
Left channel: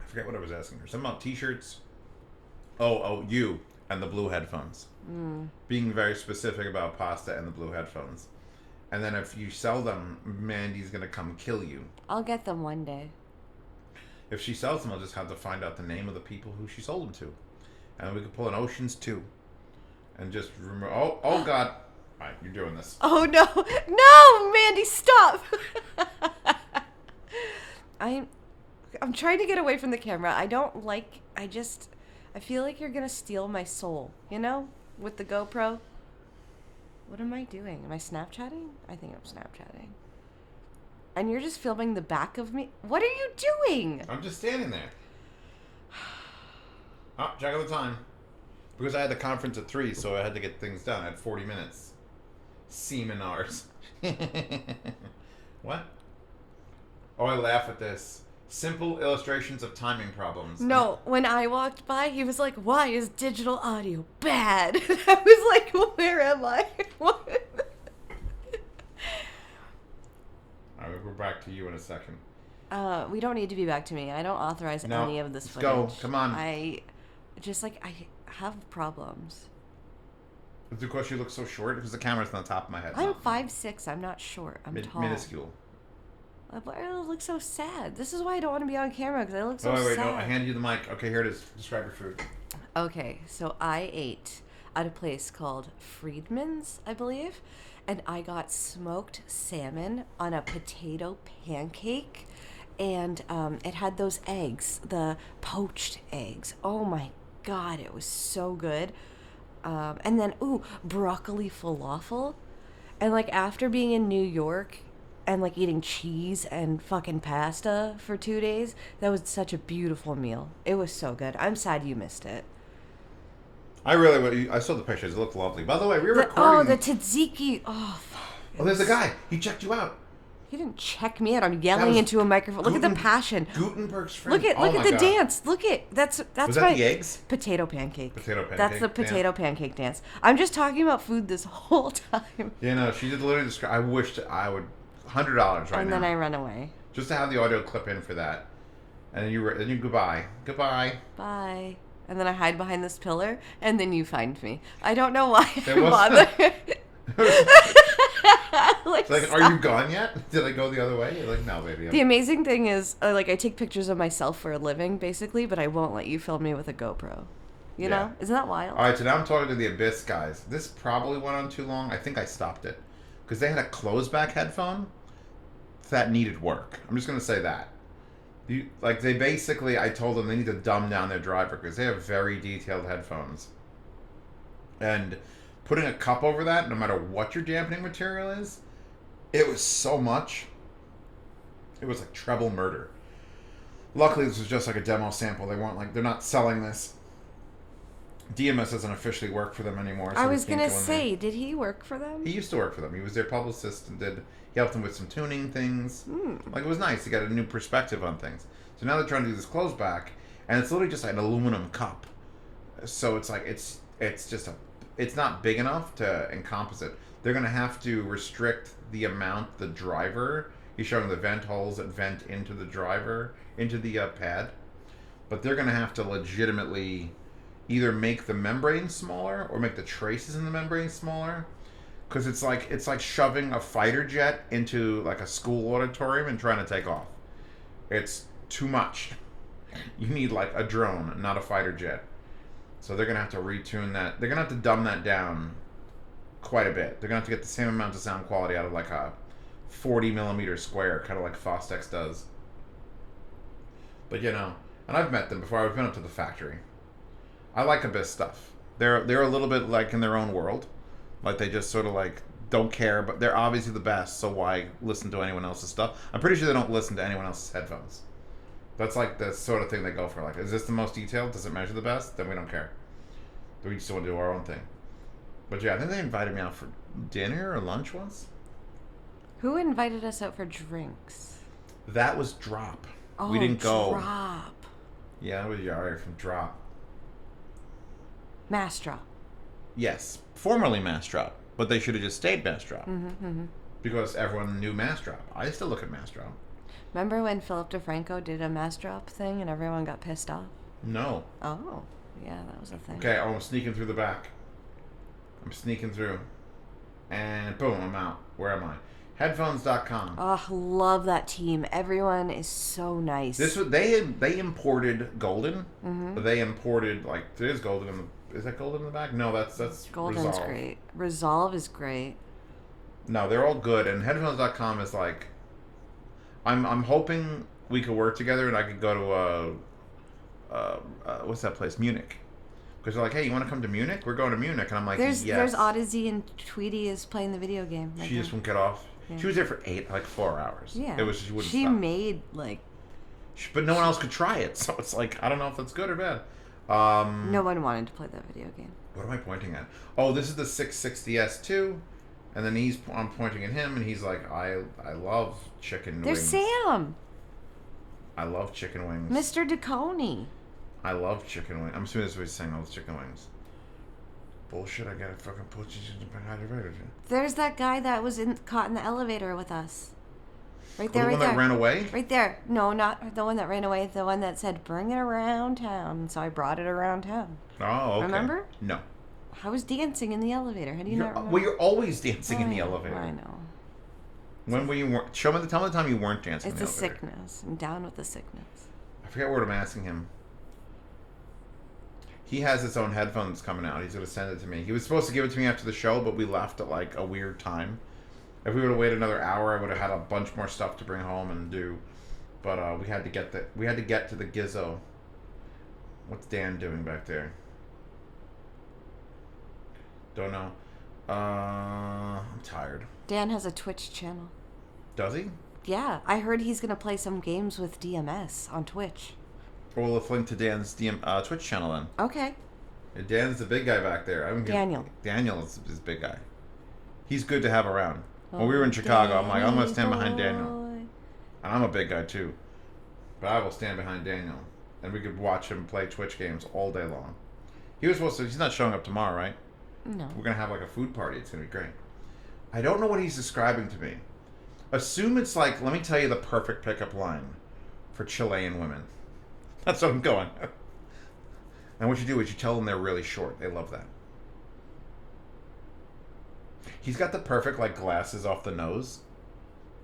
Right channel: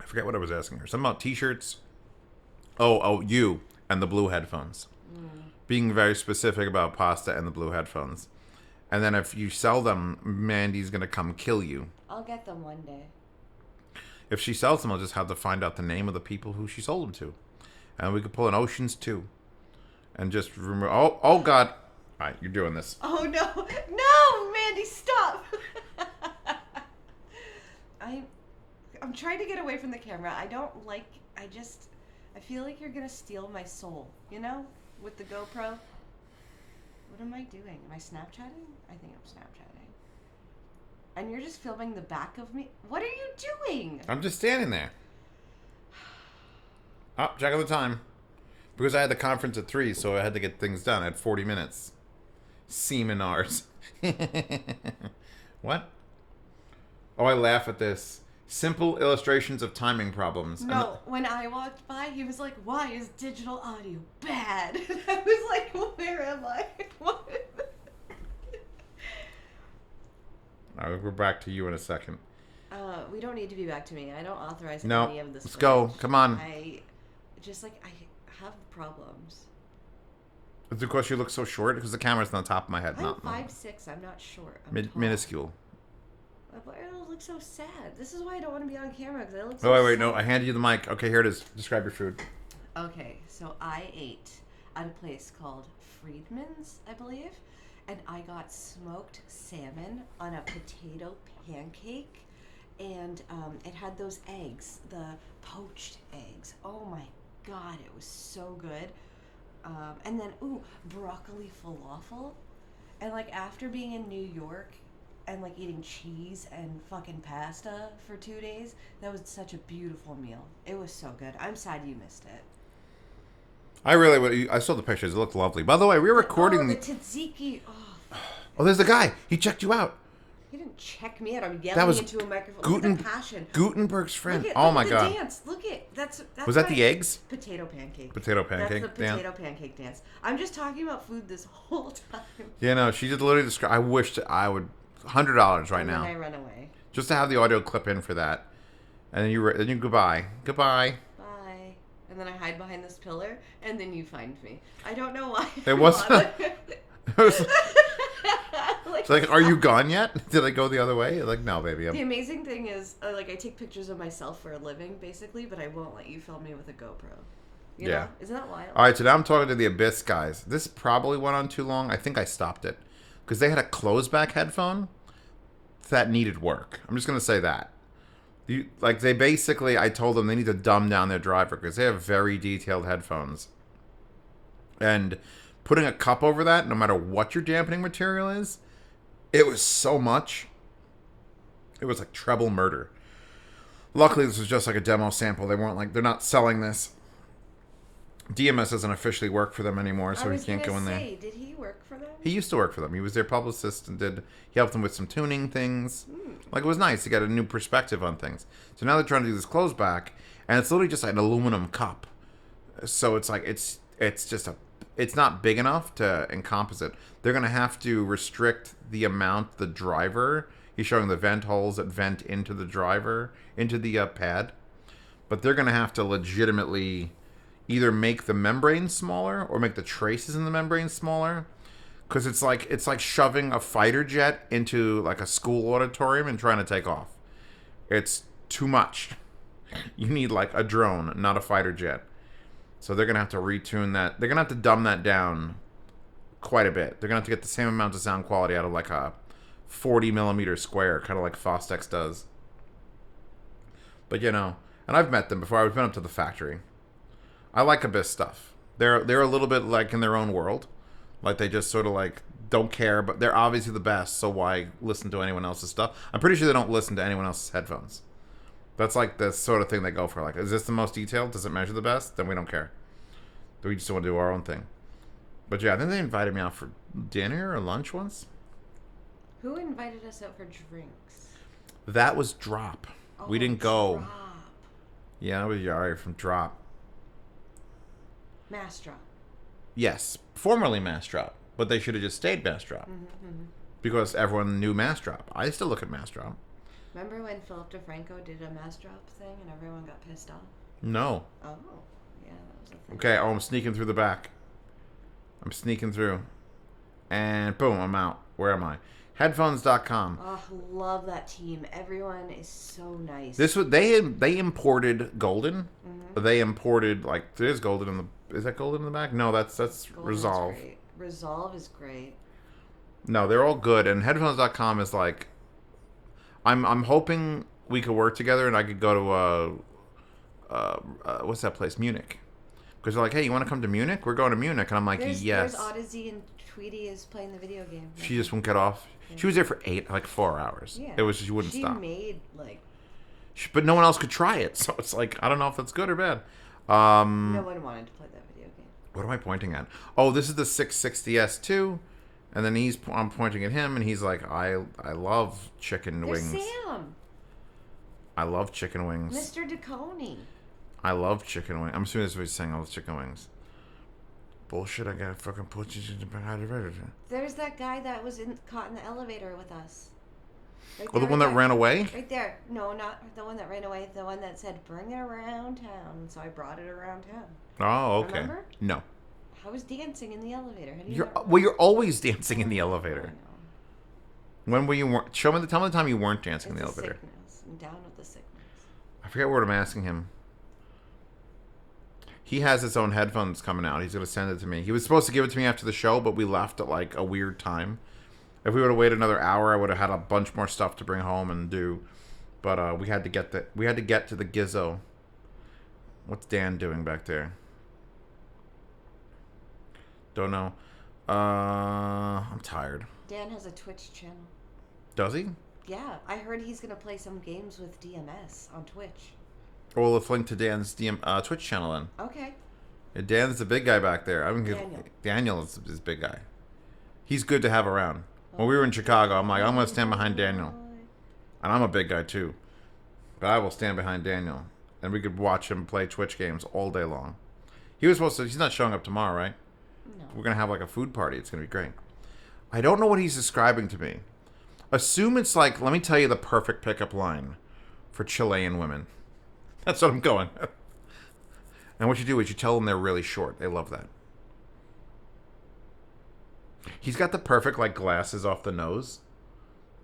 I forget what I was asking her. Something about t-shirts. Oh, you and the blue headphones. Being very specific about pasta and the blue headphones. And then if you sell them, Mandy's going to come kill you. I'll get them one day. If she sells them, I'll just have to find out the name of the people who she sold them to. And we could pull an Oceans 2. And just remember... Oh, God. All right, you're doing this. Oh, no. No, Mandy, stop. I'm trying to get away from the camera. I feel like you're going to steal my soul, you know? With the GoPro. What am I doing? Am I Snapchatting? I think I'm Snapchatting. And you're just filming the back of me? What are you doing? I'm just standing there. Oh, check out the time. Because I had the conference at 3, so I had to get things done. I had 40 minutes. Seminars. What? Oh, I laugh at this. Simple illustrations of timing problems. No, when I walked by, he was like, "Why is digital audio bad?" I was like, "Where am I?" What? All right, we're back to you in a second. We don't need to be back to me. I don't authorize No, any of this let's footage. go. Come on. I have problems. It's because you look so short, because the camera's on the top of my head. I'm not 5'6". I'm not short. I'm tall. minuscule. I look so sad. This is why I don't want to be on camera, because I look so Oh, sad. wait, no. I handed you the mic. Okay, here it is. Describe your food. Okay, so I ate at a place called Friedman's, I believe, and I got smoked salmon on a potato pancake, and it had those eggs, the poached eggs. Oh my God, it was so good. And then, broccoli falafel. And like after being in New York and like eating cheese and fucking pasta for 2 days, that was such a beautiful meal. It was so good. I'm sad you missed it. I saw the pictures. It looked lovely. By the way, we were recording. The tzatziki. Oh, there's a guy. He checked you out. he didn't check me out. I'm yelling into a microphone. Look at the passion. Gutenberg's friend. Look Oh my at the God. dance. Look at that's Was that the eggs? Potato pancake. Potato pancake That's the potato pancake dance. I'm just talking about food this whole time. Yeah, no, she just literally described. I wished I would $100 right now. And then I run away. Just to have the audio clip in for that, and then you goodbye. Bye. And then I hide behind this pillar, and then you find me. I don't know why. There was. It's like, are you gone yet? Did I go the other way? You're like, no, baby. The amazing thing is, like, I take pictures of myself for a living, basically, but I won't let you film me with a GoPro. You know? Isn't that wild? All right, so now I'm talking to the Abyss guys. This probably went on too long. I think I stopped it. Because they had a close-back headphone that needed work. I'm just going to say that. They basically, I told them they need to dumb down their driver because they have very detailed headphones. And putting a cup over that, no matter what your dampening material is, it was so much. It was like treble murder. Luckily, this was just like a demo sample. They're not selling this. DMS doesn't officially work for them anymore, so I was we can't gonna go in there. say, did he work for them? He used to work for them. He was their publicist and he helped them with some tuning things. Like, it was nice. He got a new perspective on things. So now they're trying to do this close back, and it's literally just like an aluminum cup. So it's like it's not big enough to encompass it. They're gonna have to restrict the amount the driver. He's showing the vent holes that vent into the driver, into the pad. But they're gonna have to legitimately either make the membrane smaller or make the traces in the membrane smaller, because it's like shoving a fighter jet into like a school auditorium and trying to take off. It's too much. You need like a drone, not a fighter jet. So they're gonna have to retune that. They're gonna have to dumb that down quite a bit. They're gonna have to get the same amount of sound quality out of like a 40 millimeter square, kind of like Fostex does. But and I've met them before. I've been up to the factory. I like Abyss stuff. They're a little bit like in their own world. Like they just sort of like don't care, but they're obviously the best, so why listen to anyone else's stuff? I'm pretty sure they don't listen to anyone else's headphones. That's like the sort of thing they go for. Like, is this the most detailed? Does it measure the best? Then we don't care. We just want to do our own thing. But yeah, I think they invited me out for dinner or lunch once. Who invited us out for drinks? That was Drop. Oh, We didn't go. Drop. Yeah, it was Yari from Drop. Mass Drop. Yes, formerly Mass Drop, but they should have just stayed Mass Drop because everyone knew Mass Drop. I still look at Mass Drop. Remember when Philip DeFranco did a Mass Drop thing and everyone got pissed off? No. Oh, yeah, that was a thing. Okay, I'm sneaking through the back. I'm sneaking through, and boom, I'm out. Where am I? Headphones.com. Oh, love that team. Everyone is so nice. This was they imported Golden. Mhm. They imported there's Golden in the. Is that Golden in the back? No, that's Golden's Resolve. great. Resolve is great. No, they're all good, and Headphones.com is like. I'm hoping we could work together, and I could go to what's that place? Munich. Because they're like, hey, you want to come to Munich? We're going to Munich, and I'm like, yes. There's Odyssey and Tweety is playing the video game. Right She just won't get off. Yeah. She was there for 4 hours. Yeah. It was she wouldn't She stop. made like. But no one else could try it, so it's like I don't know if that's good or bad. No one wanted to play that video game. What am I pointing at? Oh, this is the 660S2, and then I'm pointing at him, and he's like, I love chicken There's wings. Sam. I love chicken wings. Mr. Dekoni. I love chicken wings. I'm assuming that's what he's saying. I love chicken wings. Bullshit! I gotta fucking put you behind the register. There's that guy that was caught in the elevator with us. Right Oh, there. the one that ran away? Right there. No, not the one that ran away. The one that said, "Bring it around town." So I brought it around town. Oh, okay. Remember? No. I was dancing in the elevator. How do you not remember? Well, you're always dancing in the elevator. I know. When were you? Tell me the time you weren't dancing It's in a the elevator. sickness. I'm down with the sickness. I forget what I'm asking him. He has his own headphones coming out. He's gonna send it to me. He was supposed to give it to me after the show, but we left at like a weird time. If we would have waited another hour, I would have had a bunch more stuff to bring home and do. But we had to get to the Gizzo. What's Dan doing back there? Don't know. I'm tired. Dan has a Twitch channel. Does he? Yeah, I heard he's gonna play some games with DMS on Twitch. Well, let's link to Dan's Twitch channel then. Okay. Yeah, Dan's the big guy back there. Daniel. Daniel is big guy. He's good to have around. When we were in Chicago, I'm like, I'm going to stand behind Daniel. And I'm a big guy too. But I will stand behind Daniel. And we could watch him play Twitch games all day long. He's not showing up tomorrow, right? No. We're going to have like a food party. It's going to be great. I don't know what he's describing to me. Assume it's like, let me tell you the perfect pickup line for Chilean women. That's what I'm going. And what you do is you tell them they're really short. They love that. He's got the perfect like glasses off the nose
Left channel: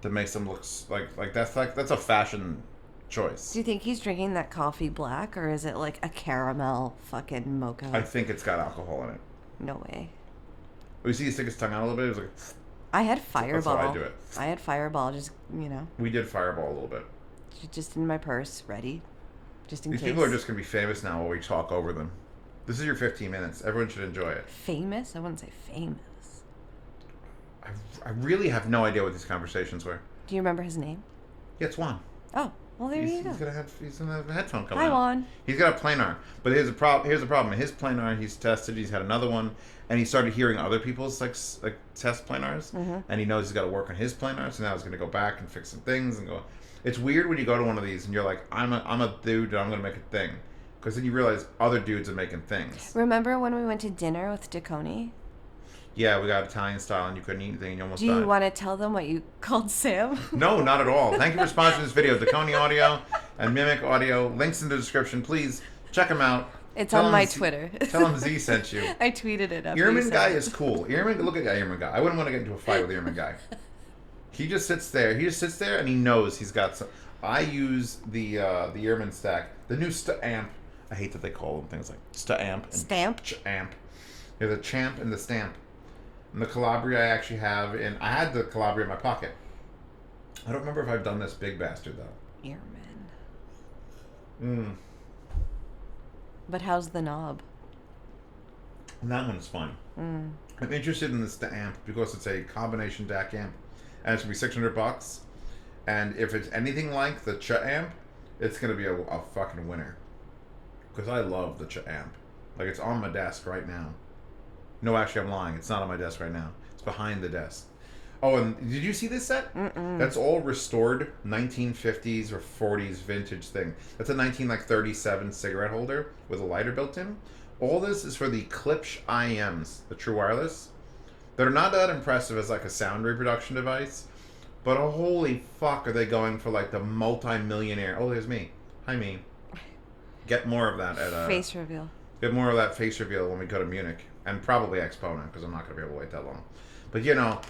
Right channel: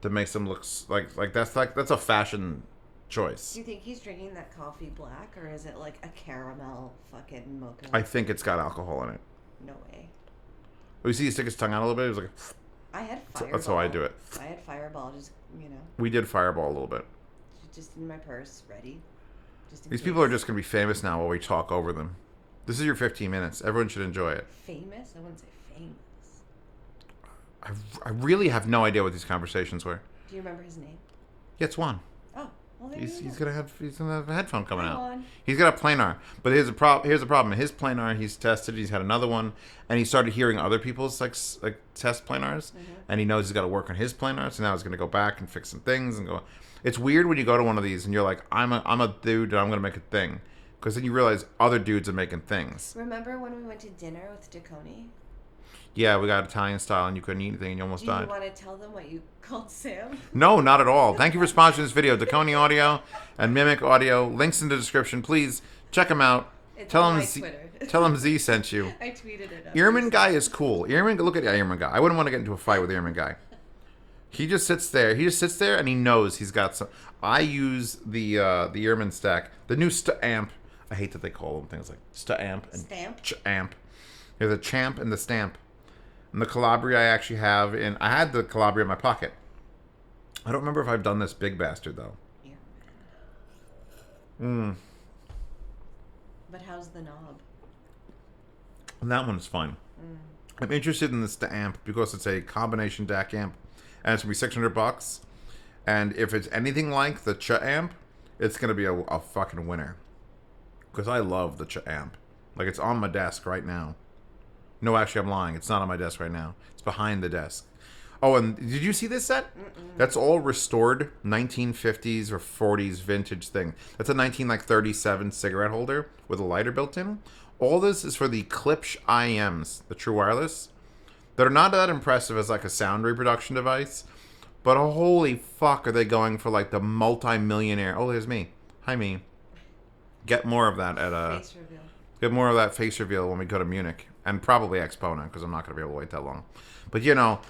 that makes him look like that's a fashion choice. Do you think he's drinking that coffee black, or is it like a caramel fucking mocha? I think it's got alcohol in it. No way. Oh, you see he stick his tongue out a little bit? He was like, I had Fireball. That's how I do it. I had Fireball, just, you know. We did Fireball a little bit. Just in my purse, ready. Just in These case. people are just going to be famous now while we talk over them. This is your 15 minutes. Everyone should enjoy it. Famous? I wouldn't say famous. I really have no idea what these conversations were. Do you remember his name? Yeah, it's Juan. Oh, well, there you go. He's gonna have a headphone coming Hi, out. Juan. He's got a planar, but here's the problem. His planar, he's tested. He's had another one, and he started hearing other people's like test planars, and he knows he's got to work on his planar. So now he's gonna go back and fix some things and go. It's weird when you go to one of these and you're like, I'm a dude and I'm gonna make a thing, because then you realize other dudes are making things. Remember when we went to dinner with Dekoni? Yeah, we got Italian style and you couldn't eat anything and you almost Do died. you want to tell them what you called Sam? No, not at all. Thank you for sponsoring this video. Dekoni Audio and Mimic Audio. Links in the description. Please check them out. It's Tell on them my Z- Twitter. Tell them Z sent you. I tweeted it up. Earman guy is cool. Earman, look at Earman guy. I wouldn't want to get into a fight with Earman guy. He just sits there. He just sits there and he knows he's got some. I use the Earman stack, the new amp. I hate that they call them things like amp and Stamp. Amp. There's a champ and the stamp. And the Calabria I actually have I had the Calabria in my pocket. I don't remember if I've done this big bastard though. Earman. But how's the knob? And that one's fine. I'm interested in this amp because it's a combination DAC amp, and it's gonna be $600. And if it's anything like the amp, it's gonna be a fucking winner. Because I love the amp. Like, it's on my desk right now. No, actually, I'm lying. It's not on my desk right now. It's behind the desk. Oh, and did you see this set? That's all restored 1950s or 40s vintage thing. That's a 1937 cigarette holder with a lighter built in. All this is for the Klipsch IMs, the true wireless. That are not that impressive as like a sound reproduction device, but holy fuck are they going for like the multi-millionaire. Oh, there's me. Hi, me. Get more of that at face reveal. Get more of that face reveal when we go to Munich. And probably EXPO now, because I'm not going to be able to wait that long. But, you know,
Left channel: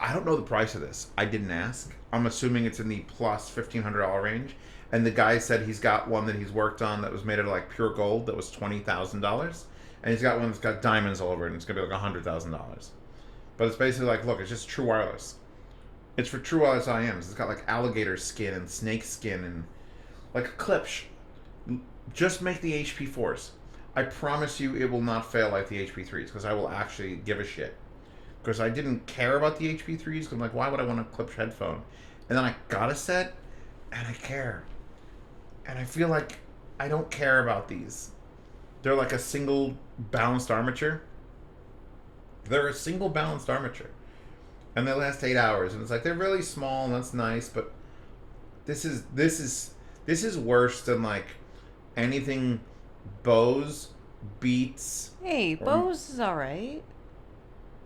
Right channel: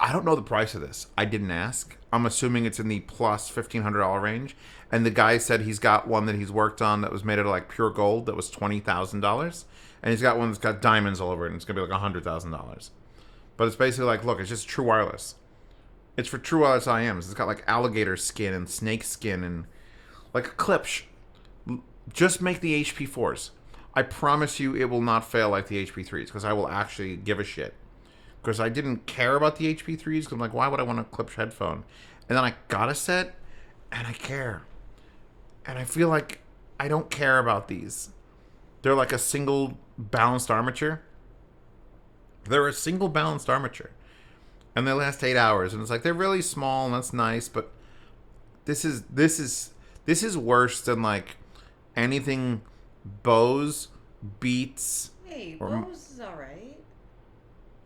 I don't know the price of this. I didn't ask. I'm assuming it's in the plus $1,500 range. And the guy said he's got one that he's worked on that was made out of, like, pure gold that was $20,000. And he's got one that's got diamonds all over it, and it's going to be like $100,000. But it's basically like, look, it's just true wireless. It's for true wireless IMs. It's got, like, alligator skin and snake skin and, like, a Klipsch. Just make the HP4s. I promise you it will not fail like the HP3s, because I will actually give a shit. Because I didn't care about the HP3s, because I'm like, why would I want a Klipsch headphone? And then I got a set, and I care. And I feel like I don't care about these. They're like a single balanced armature. They're a single balanced armature. And they last 8 hours, and it's like, they're really small, and that's nice, but this is worse than like anything Bose, Beats. Hey, Bose is alright.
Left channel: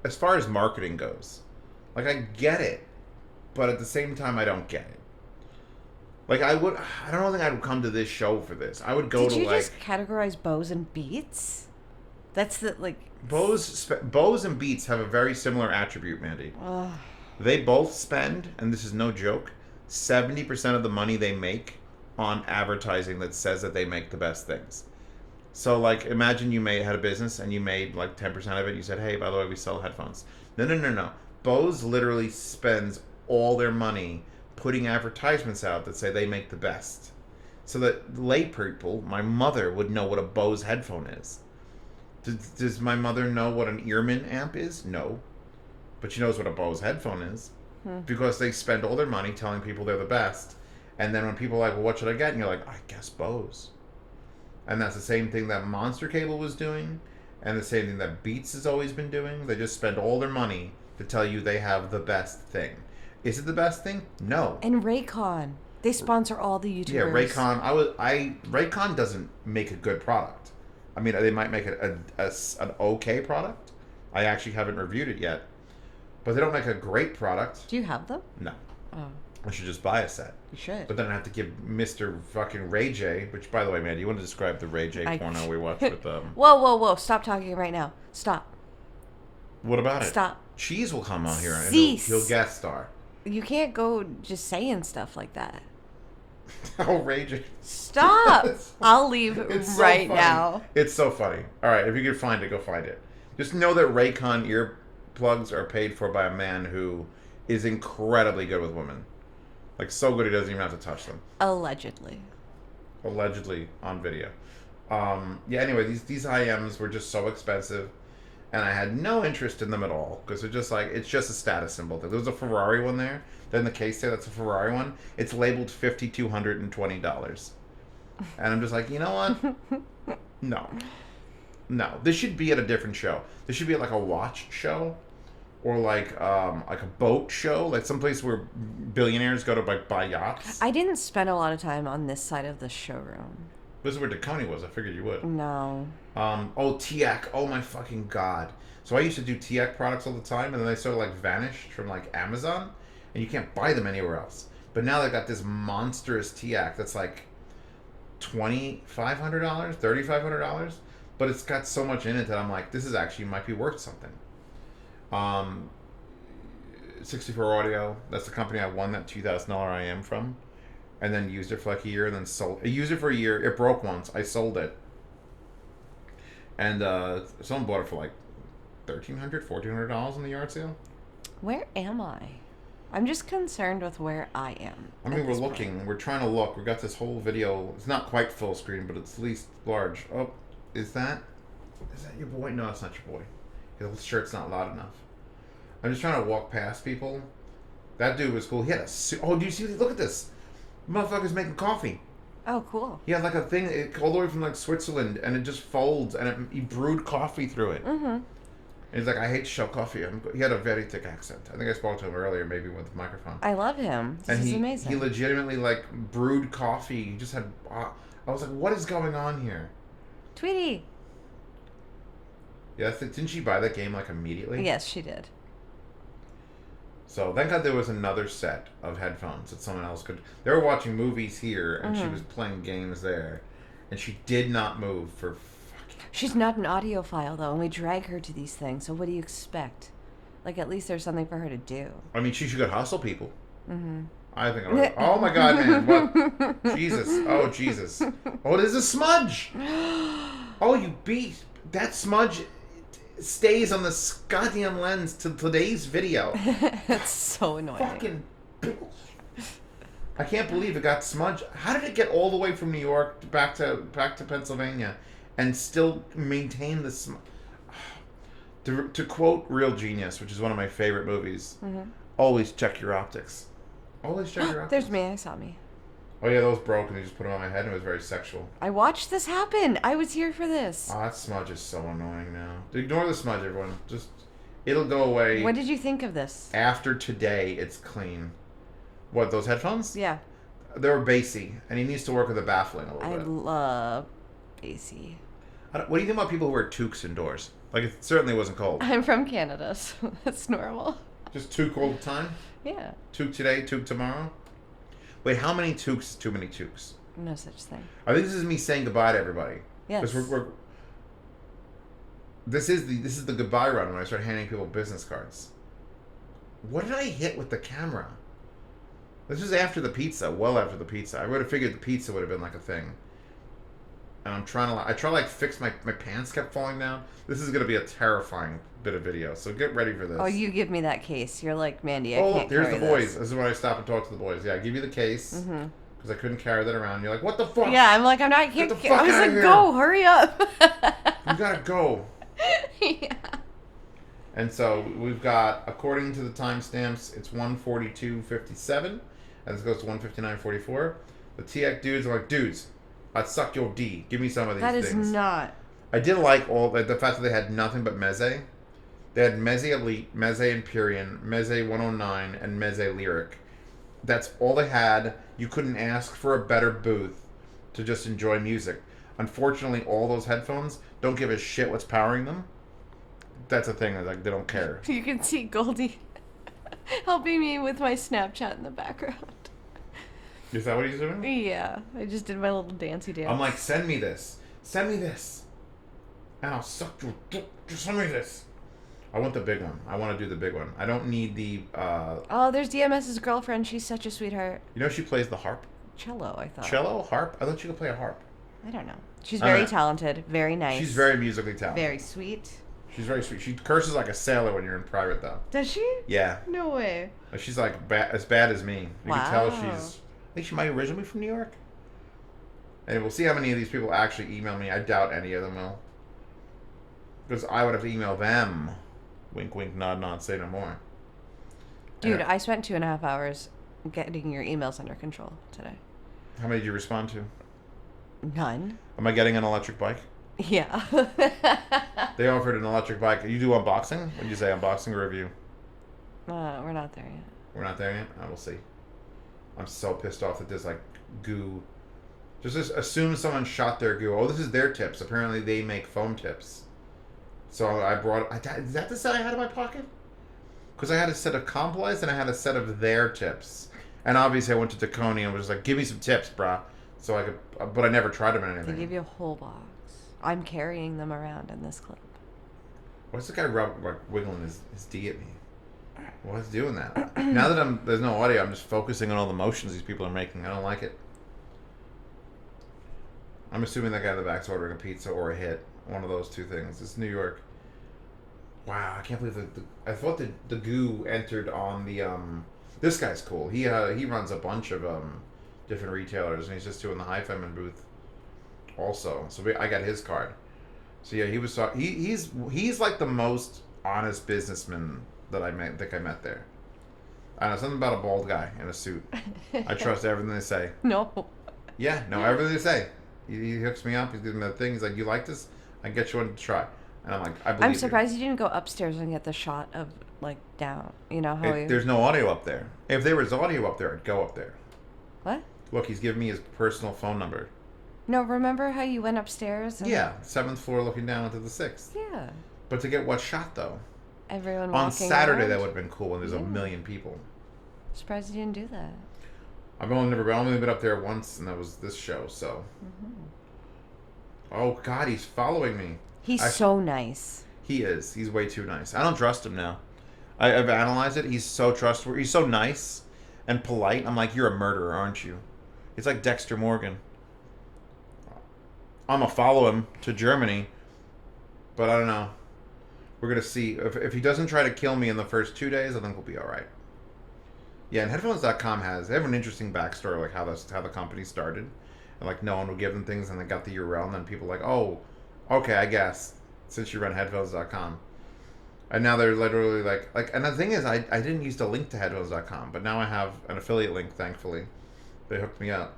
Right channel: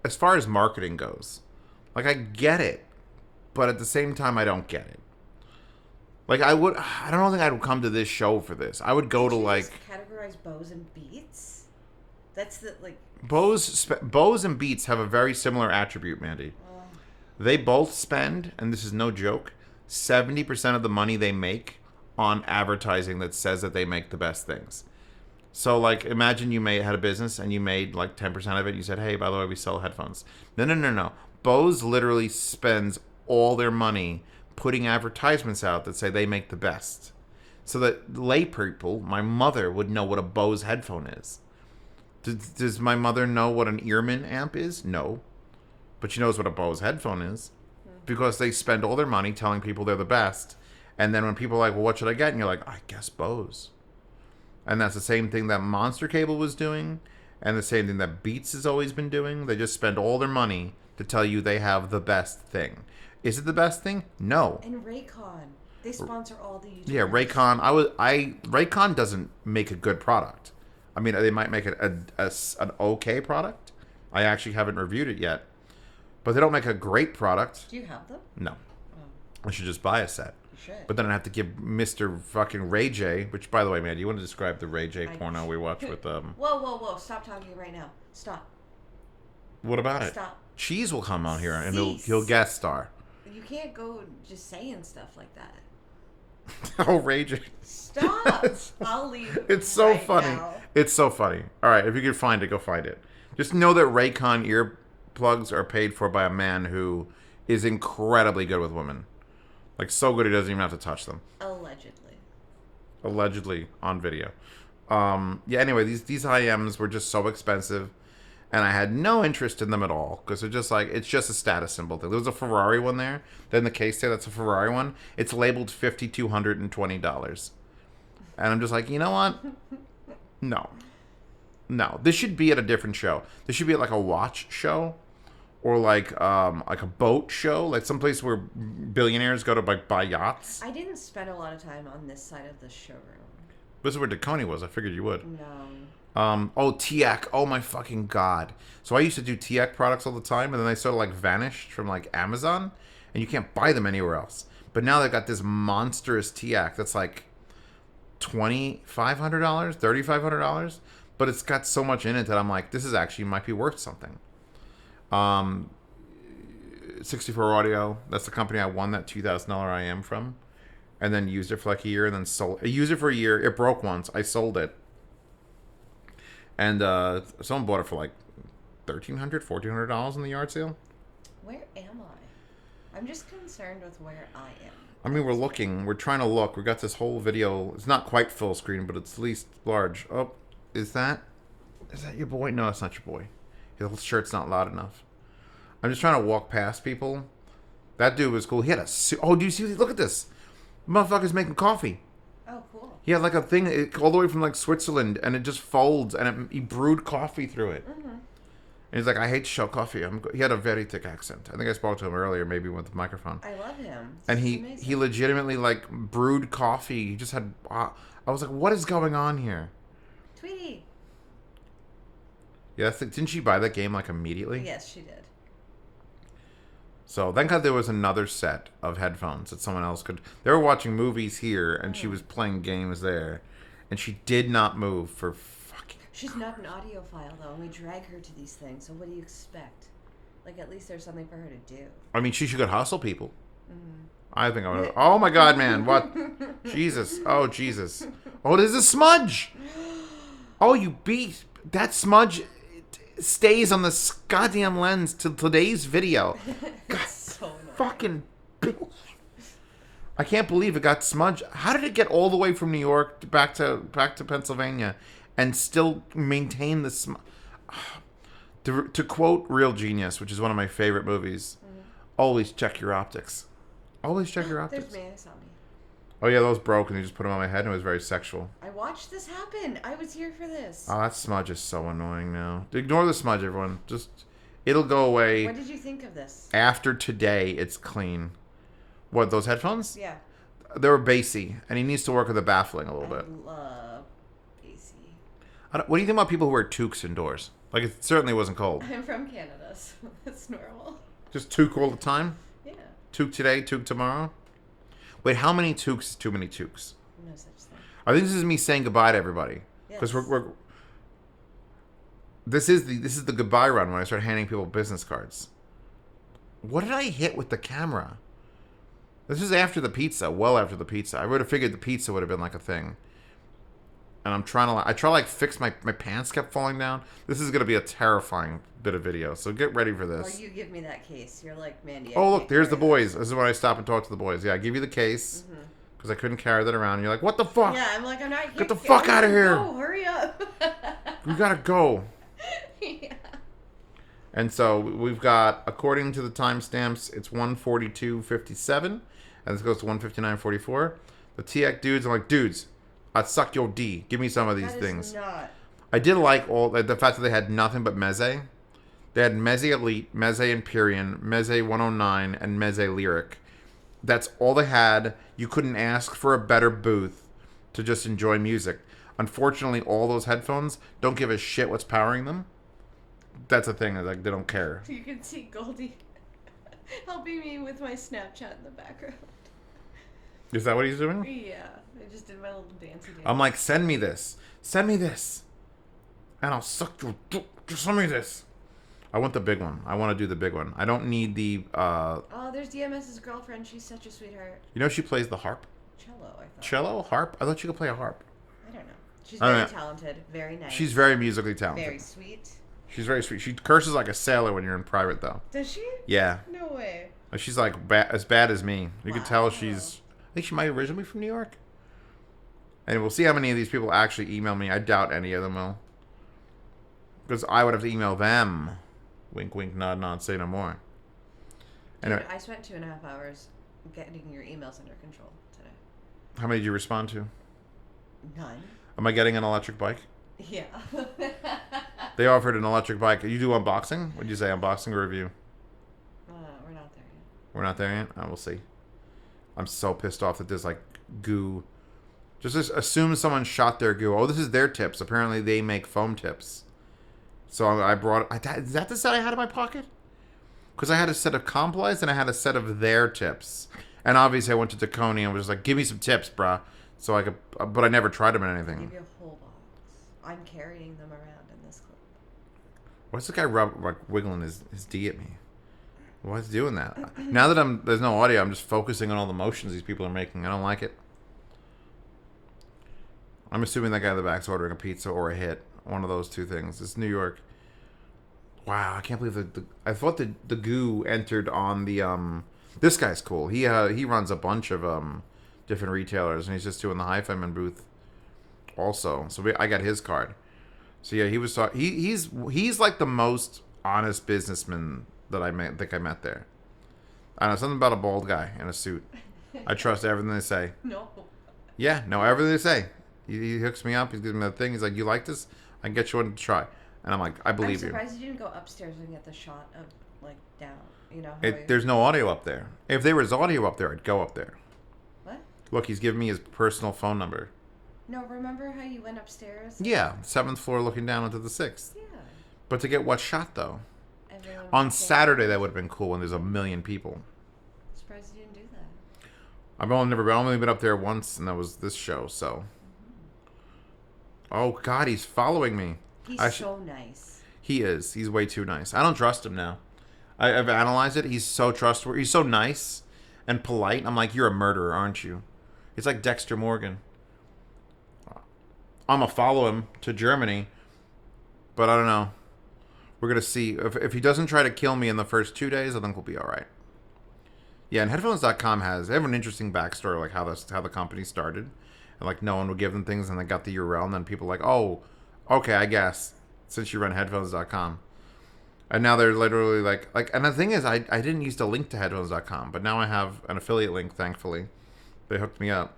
As far as marketing goes, like, I get it, but at the same time, I don't get it. Like, I don't think I would come to this show for this. I would go Did to you like just categorize Bose and Beats? That's the like. Bose and Beats have a very similar attribute, Mandy. Ugh. They both spend, and this is no joke, 70% of the money they make on advertising that says that they make the best things. So, like, imagine you had a business and you made like 10% of it. You said, hey, by the way, we sell headphones. No. Bose literally spends all their money putting advertisements out that say they make the best. So that lay people, my mother, would know what a Bose headphone is. Does my mother know what an Earman amp is? No. But she knows what a Bose headphone is. Because they spend all their money telling people they're the best. And then when people are like, well, what should I get? And you're like, I guess Bose. And that's the same thing that Monster Cable was doing, and the same thing that Beats has always been doing. They just spend all their money to tell you they have the best thing. Is it the best thing? No. And Raycon. They sponsor all the YouTubers. Yeah, Raycon. Raycon doesn't make a good product. I mean, they might make an okay product. I actually haven't reviewed it yet. But they don't make a great product. Do you have them? No. Oh. I should just buy a set. You should. But then I have to give Mr. fucking Ray J, which, by the way, man, do you want to describe the Ray J porno we watched with Whoa! Stop talking right now. Stop. What about it? Stop. Cheese will come on here and Cease. he'll guest star. You can't go just saying stuff like that. Outrageous. Stop! I'll leave It's so right funny. now. It's so funny. All right, if you can find it, go find it. Just know that Raycon earplugs are paid for by a man who is incredibly good with women. Like, so good he doesn't even have to touch them. Allegedly. Allegedly on video. Yeah, anyway, these IMs were just so expensive, and I had no interest in them at all, because they're just like, it's just a status symbol thing. There was a Ferrari one there. Then the case there, that's a Ferrari one. It's labeled $5,220. And I'm just like, you know what? No. This should be at a different show. This should be at like a watch show, or like a boat show, like someplace where billionaires go to like buy yachts. I didn't spend a lot of time on this side of the showroom. This is where Dekoni was. I figured you would. No. Teac. Oh my fucking god. So I used to do Teac products all the time, and then they sort of like vanished from like Amazon, and you can't buy them anywhere else. But now they've got this monstrous Teac that's like $2,500, $3,500, but it's got so much in it that I'm like, this is actually might be worth something. 64 Audio. That's the company I won that $2,000 IM from, and then used it for like a year, and then sold. I used it for a year. It broke once. I sold it, and someone bought it for like $1,300, $1,400 in the yard sale. Where am I? I'm just concerned with where I am. I mean, we're looking. We're trying to look. We got this whole video. It's not quite full screen, but it's at least large. Oh, is that your boy? No, it's not your boy. His shirt's not loud enough. I'm just trying to walk past people. That dude was cool. He had a suit. Oh, do you see? Look at this. Motherfucker's making coffee. Oh, cool. He had like a thing all the way from like Switzerland, and it just folds, and he brewed coffee through it. Mm-hmm. And he's like, I hate to show coffee. He had a very thick accent. I think I spoke to him earlier, maybe with the microphone. I love him. And This is amazing. he legitimately like brewed coffee. He just had. I was like, what is going on here? Tweety. Yeah, didn't she buy that game like immediately? Yes, she did. So thank God there was another set of headphones that someone else could. They were watching movies here, and she was playing games there, and she did not move for fucking. She's not an audiophile though, and we drag her to these things. So what do you expect? Like, at least there's something for her to do. I mean, she could hustle people. Mm-hmm. I think I would. Oh my God, man! What? Jesus! Oh Jesus! Oh, there's a smudge. Oh, you beast! That smudge stays on the goddamn lens to today's video. That's so annoying. Fucking bitch. I can't believe it got smudged. How did it get all the way from New York back to Pennsylvania and still maintain the smudge? To quote Real Genius, which is one of my favorite movies, always check your optics. Always check your optics. There's me. I saw me. Oh yeah, those broke and you just put them on my head and it was very sexual. I watched this happen. I was here for this. Oh, that smudge is so annoying now. Ignore the smudge, everyone. Just, it'll go away. What did you think of this? After today, it's clean. What, those headphones? Yeah. They were bassy, and he needs to work with the baffling a little I bit. love bassy. What do you think about people who wear toques indoors? Like, it certainly wasn't cold. I'm from Canada, so that's normal. Just toque all the time? Yeah. Toque today, toque tomorrow? Wait, how many toques is too many toques? No such thing. I think this is me saying goodbye to everybody. Yes. Because this is the goodbye run when I start handing people business cards. What did I hit with the camera? This is after the pizza, well after the pizza. I would have figured the pizza would have been like a thing. And I'm trying to fix my pants kept falling down. This is going to be a terrifying bit of video, so get ready for this. Oh, you give me that case. You're like, Mandy, I Oh, can't look, there's the carry boys. This is when I stop and talk to the boys. Yeah, I give you the case because I couldn't carry that around. And you're like, what the fuck? Yeah, I'm like, I'm not here. Get the fuck out of here. Go, hurry up. You gotta go. Yeah. And so we've got, according to the timestamps, it's 1:42:57, and this goes to 1:59:44. The Teac dudes are like, dudes, I'd suck your D. Give me some of these things. That is not. I did like the fact that they had nothing but Meze. They had Meze Elite, Meze Empyrean, Meze 109, and Meze Lyric. That's all they had. You couldn't ask for a better booth to just enjoy music. Unfortunately, all those headphones don't give a shit what's powering them. That's a thing. Like, they don't care. You can see Goldie helping me with my Snapchat in the background. Is that what he's doing? Yeah, I just did my little dancey dance. I'm like, send me this. Send me this. And I'll suck your dick. Just send me this. I want the big one. I want to do the big one. I don't need the. Oh, there's DMS's girlfriend. She's such a sweetheart. You know she plays the harp. Cello, I thought. Cello, harp. I thought you could play a harp. I don't know. She's very talented. Very nice. She's very musically talented. Very sweet. She's very sweet. She curses like a sailor when you're in private, though. Does she? Yeah. No way. She's like as bad as me. You can tell she's. I think she might originally be from New York. And we'll see how many of these people actually email me. I doubt any of them will. Because I would have to email them. Wink, wink, nod, nod, say no more. Dude, I spent 2.5 hours getting your emails under control today. How many did you respond to? None. Am I getting an electric bike? Yeah. They offered an electric bike. You do unboxing? What did you say, unboxing or review? We're not there yet. We're not there yet? Oh, we'll see. I'm so pissed off that there's like goo. Just assume someone shot their goo. Oh, this is their tips. Apparently they make foam tips. So I brought... Is that the set I had in my pocket? Because I had a set of Complies and I had a set of their tips. And obviously I went to Dekoni and was like, give me some tips, brah. So I could... But I never tried them in anything. They give you a whole box. I'm carrying them around in this clip. What's the guy wiggling his D at me? Why is he doing that? Now that there's no audio, I'm just focusing on all the motions these people are making. I don't like it. I'm assuming that guy in the back's ordering a pizza or a hit. One of those two things. It's New York. Wow, I can't believe I thought the goo entered on the this guy's cool. He runs a bunch of different retailers and he's just doing the Hi-Fi-Man booth also. So I got his card. So yeah, he was he's like the most honest businessman that I met there. I don't know, something about a bald guy in a suit. I trust everything they say. No. Yeah, no, everything they say. He hooks me up. He gives me the thing. He's like, "You like this? I can get you one to try." And I'm like, "I believe you." I'm surprised you didn't go upstairs and get the shot of like down. You know how there's no audio up there. If there was audio up there, I'd go up there. What? Look, he's giving me his personal phone number. No, remember how you went upstairs? Yeah, 7th floor, looking down into the 6th. Yeah. But to get what shot though? Everyone on Saturday around? That would have been cool when there's a million people. Surprised you didn't do that. I've only been up there once, and that was this show. So. Oh God, he's following me. He's so nice. He is. He's way too nice. I don't trust him now. I've analyzed it. He's so trustworthy. He's so nice and polite. I'm like, you're a murderer, aren't you? It's like Dexter Morgan. I'm gonna follow him to Germany, but I don't know. We're gonna see if he doesn't try to kill me in the first 2 days. I think we'll be all right. Yeah, and Headphones.com they have an interesting backstory, like how the company started. And like no one would give them things, and they got the URL, and then people were like, oh, okay, I guess since you run Headphones.com, and now they're literally like, and the thing is, I didn't used to link to Headphones.com, but now I have an affiliate link. Thankfully, they hooked me up,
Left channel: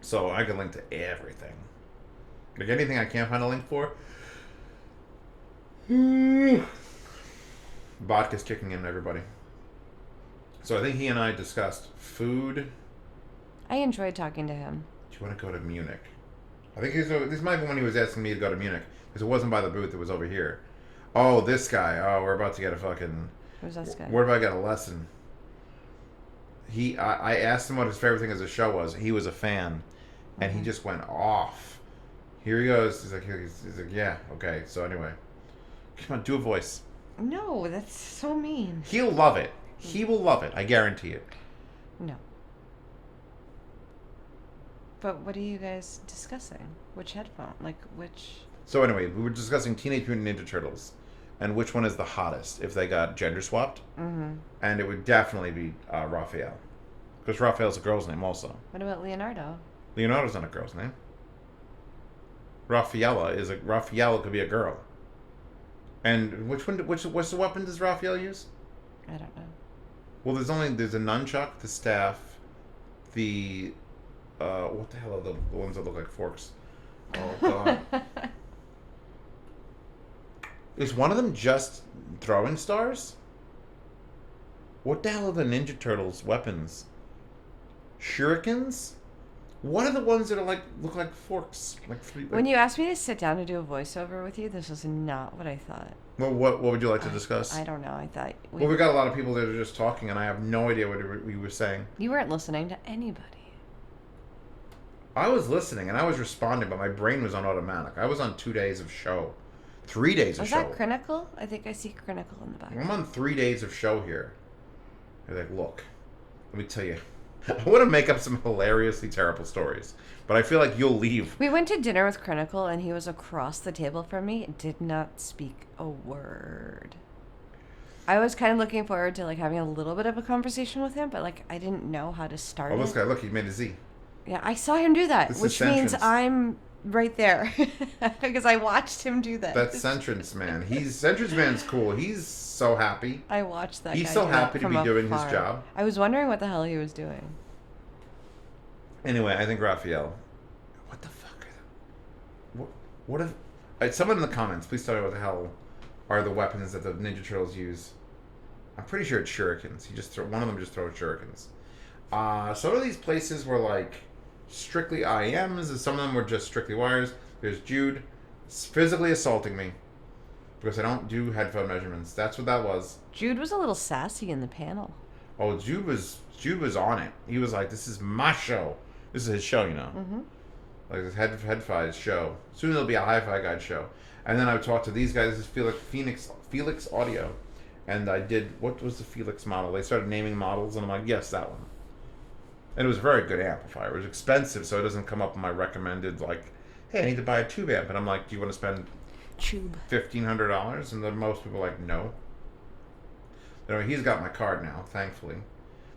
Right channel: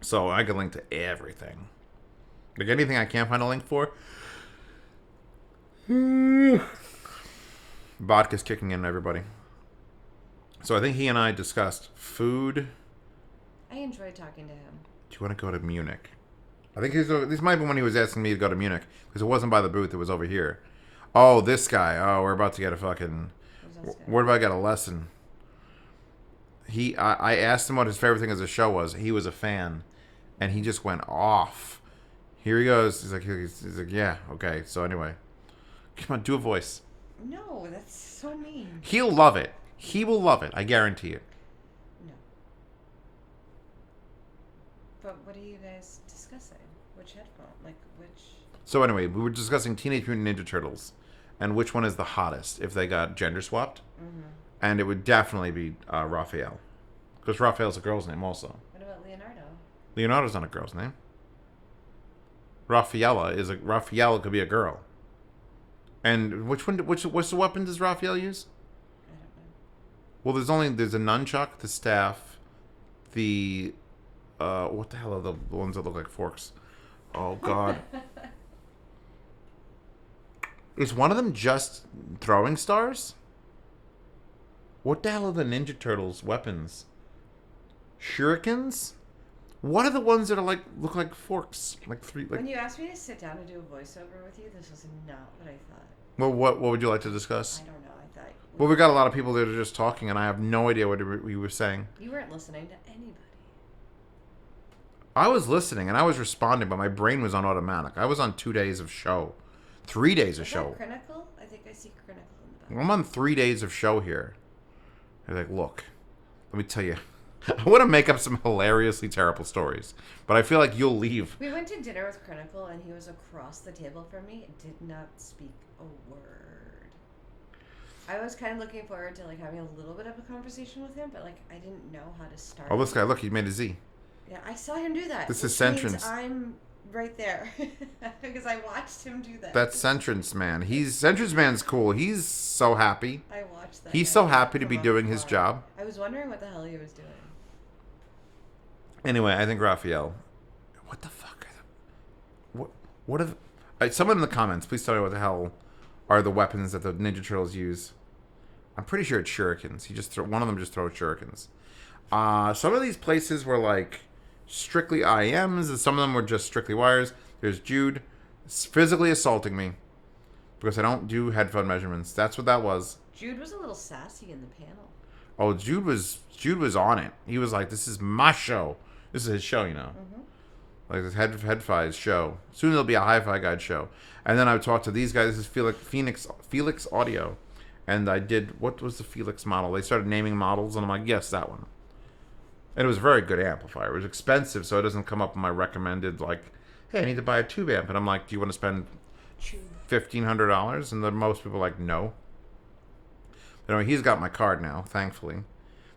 so I can link to everything. Like anything I can't find a link for. Vodka's kicking in, everybody. So I think he and I discussed food. I enjoyed talking to him. Do you want to go to Munich? I think this might be when he was asking me to go to Munich, because it wasn't by the booth, it was over here. Oh, this guy. Oh, we're about to get a fucking... Who's this guy? Where do I get a lesson? I asked him what his favorite thing as a show was. He was a fan, and he just went off. Here he goes. He's like, yeah, okay. So anyway, come on, do a voice. No, that's so mean. He'll love it. He will love it. I guarantee it. No. But what are you guys discussing? Which headphone? Like, which... So anyway, we were discussing Teenage Mutant Ninja Turtles and which one is the hottest if they got gender swapped. Mm-hmm. And it would definitely be Raphael. Because Raphael's a girl's name also. What about Leonardo? Leonardo's not a girl's name. Raphael could be a girl. And what's the weapon does Raphael use? I don't know. Well, there's a nunchuck, the staff, the what the hell are the ones that look like forks? Oh God. Is one of them just throwing stars? What the hell are the Ninja Turtles' weapons? Shurikens? What are the ones that are look like forks? When you asked me to sit down and do a voiceover with you, this was not what I thought. Well, what would you like to discuss? I don't know. I thought... Well, we got a lot of people that are just talking, and I have no idea what we were saying. You weren't listening to anybody. I was listening, and I was responding, but my brain was on automatic. I was on 2 days of show. 3 days of Is show. that Critical? I think I see Critical in the back. I'm on 3 days of show here. They're like, look, let me tell you. I want to make up some hilariously terrible stories, but I feel like you'll leave. We went to dinner with Critical, and he was across the table from me and did not speak a word. I was kind of looking forward to like having a little bit of a conversation with him, but like I didn't know how to start. Oh, this it. guy, look, he made a Z. Yeah, I saw him do that, This which is means Centrance. I'm right there because I watched him do that. That's Centrance Man. Centrance Man's cool. He's so happy. I watched that. He's guy so do it happy to be from doing his afar. job. I was wondering what the hell he was doing. Anyway, I think Raphael. What the fuck are they? What if? Someone in the comments, please tell me what the hell are the weapons that the Ninja Turtles use. I'm pretty sure it's shurikens. One of them just throws shurikens. Some of these places were like strictly IMs, and some of them were just strictly wires. There's Jude physically assaulting me because I don't do headphone measurements. That's what that was. Jude was a little sassy in the panel. Oh, Jude was on it. He was like, "This is my show. This is his show, you know." Mm-hmm. Like this Head-Fi's show. Soon there'll be a Hi-Fi Guide show. And then I talked to these guys. This is Felix Audio. And I did, what was the Felix model? They started naming models, and I'm like, yes, that one. And it was a very good amplifier. It was expensive, so it doesn't come up in my recommended, like, hey, I need to buy a tube amp. And I'm like, do you want to spend $1,500? And then most people are like, no. You know, he's got my card now, thankfully.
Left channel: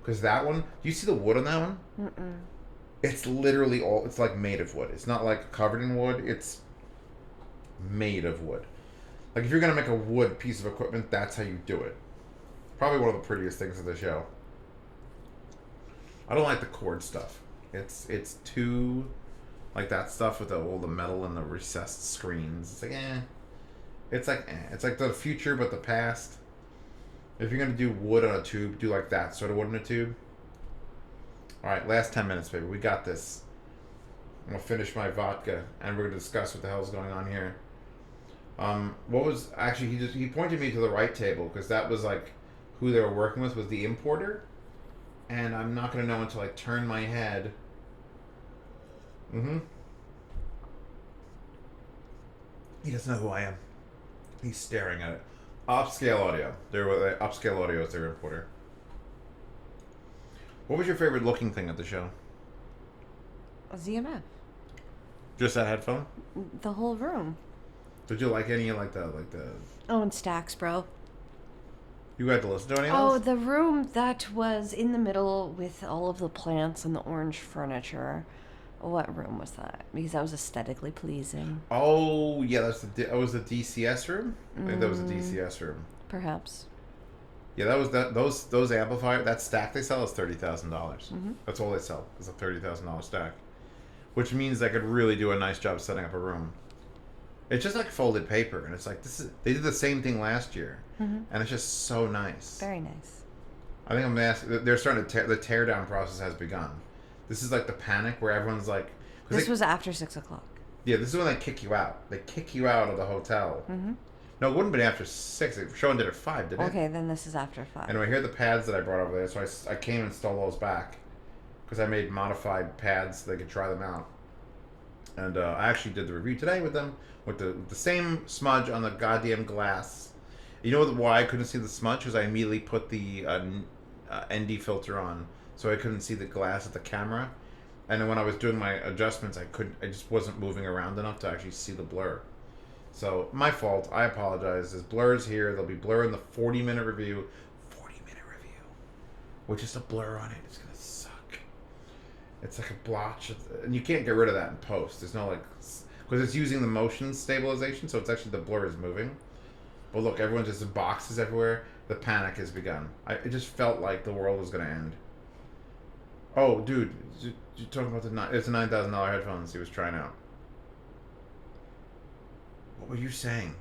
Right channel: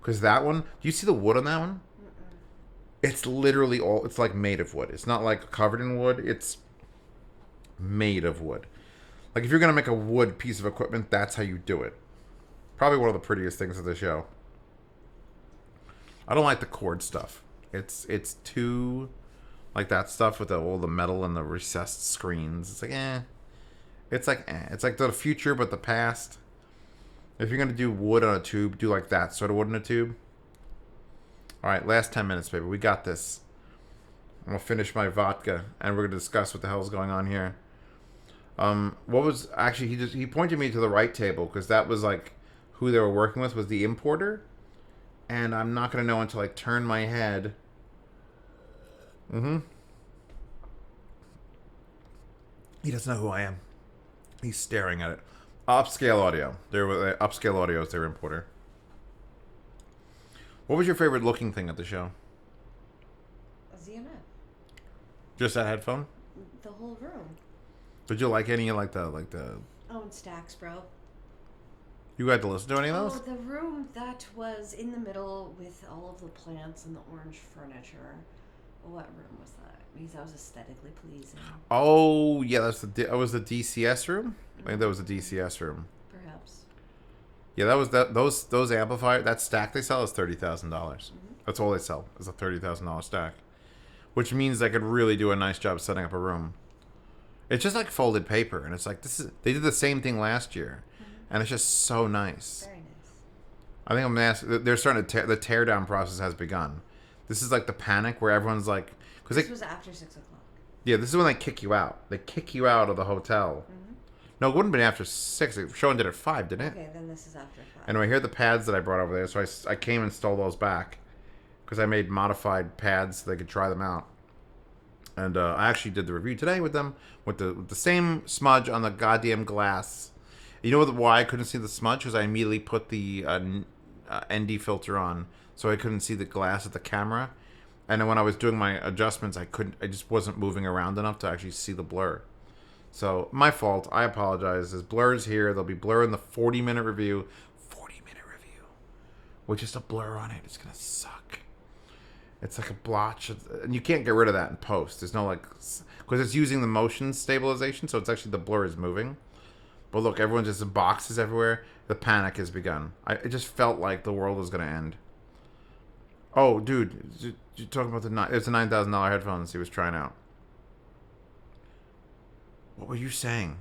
Because that one, do you see the wood on that one? Mm-mm. It's literally it's like made of wood. It's not like covered in wood. It's made of wood. Like if you're going to make a wood piece of equipment, that's how you do it. Probably one of the prettiest things of the show. I don't like the cord stuff. It's too like that stuff with all the metal and the recessed screens. It's like It's like the future but the past. If you're going to do wood on a tube, do like that sort of wood in a tube. All right, last 10 minutes, baby. We got this. I'm going to finish my vodka, and we're going to discuss what the hell is going on here. What was... Actually, he pointed me to the right table, because that was, like, who they were working with was the importer. And I'm not going to know until I turn my head. Mm-hmm. He doesn't know who I am. He's staring at it. Upscale Audio. Upscale Audio is their importer. What was your favorite looking thing at the show? ZMF. Just that headphone? The whole room. Did you like any like the? Oh, and Stacks, bro. You had to listen to any of Oh, those? the room that was in the middle with all of the plants and the orange furniture. What room was that? Because that was aesthetically pleasing. Oh yeah, that was the DCS room. I think that was the DCS room. Perhaps. Yeah, that was those amplifiers. That stack they sell is $30,000. Mhm. That's all they sell is a $30,000 stack, which means they could really do a nice job setting up a room. It's just like folded paper, and it's like they did the same thing last year, Mhm. and it's just so nice. Very nice. I think they're starting to the tear down process has begun. This is like the panic where everyone's like, This was after 6 o'clock. yeah, this is when they kick you out. They kick you out of the hotel. Mhm. No, it wouldn't have been after 6. The show ended at 5, didn't it? Okay, then this is after 5. Anyway, here are the pads that I brought over there. So I came and stole those back because I made modified pads so they could try them out. And I actually did the review today with them with the same smudge on the goddamn glass. You know why I couldn't see the smudge? Because I immediately put the ND filter on, so I couldn't see the glass at the camera. And then when I was doing my adjustments, I just wasn't moving around enough to actually see the blur. So, my fault. I apologize. There's blurs here. There'll be blur in the 40-minute review. 40-minute review. With just a blur on it. It's going to suck. It's like a blotch. And you can't get rid of that in post. There's no, like... Because it's using the motion stabilization, so it's actually the blur is moving. But look, everyone's just in boxes everywhere. The panic has begun. It just felt like the world was going to end. Oh, dude. You're talking about it's a $9,000 headphones he was trying out. What were you saying?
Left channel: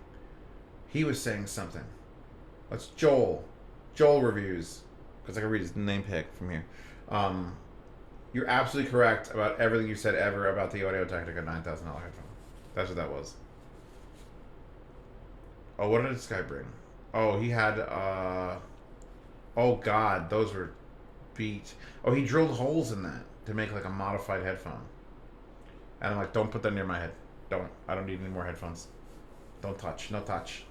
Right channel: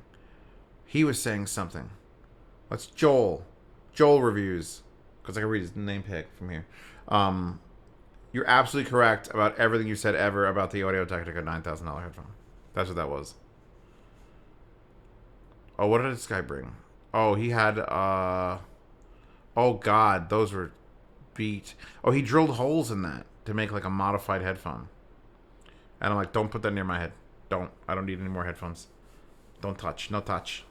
He was saying something. That's Joel. Joel reviews. Because I can read his name pick from here. You're absolutely correct about everything you said ever about the Audio-Technica $9,000 headphone. That's what that was. Oh, what did this guy bring? Oh, he had, oh God, those were beat. Oh, he drilled holes in that to make like a modified headphone. And I'm like, don't put that near my head. Don't. I don't need any more headphones. Don't touch. No touch.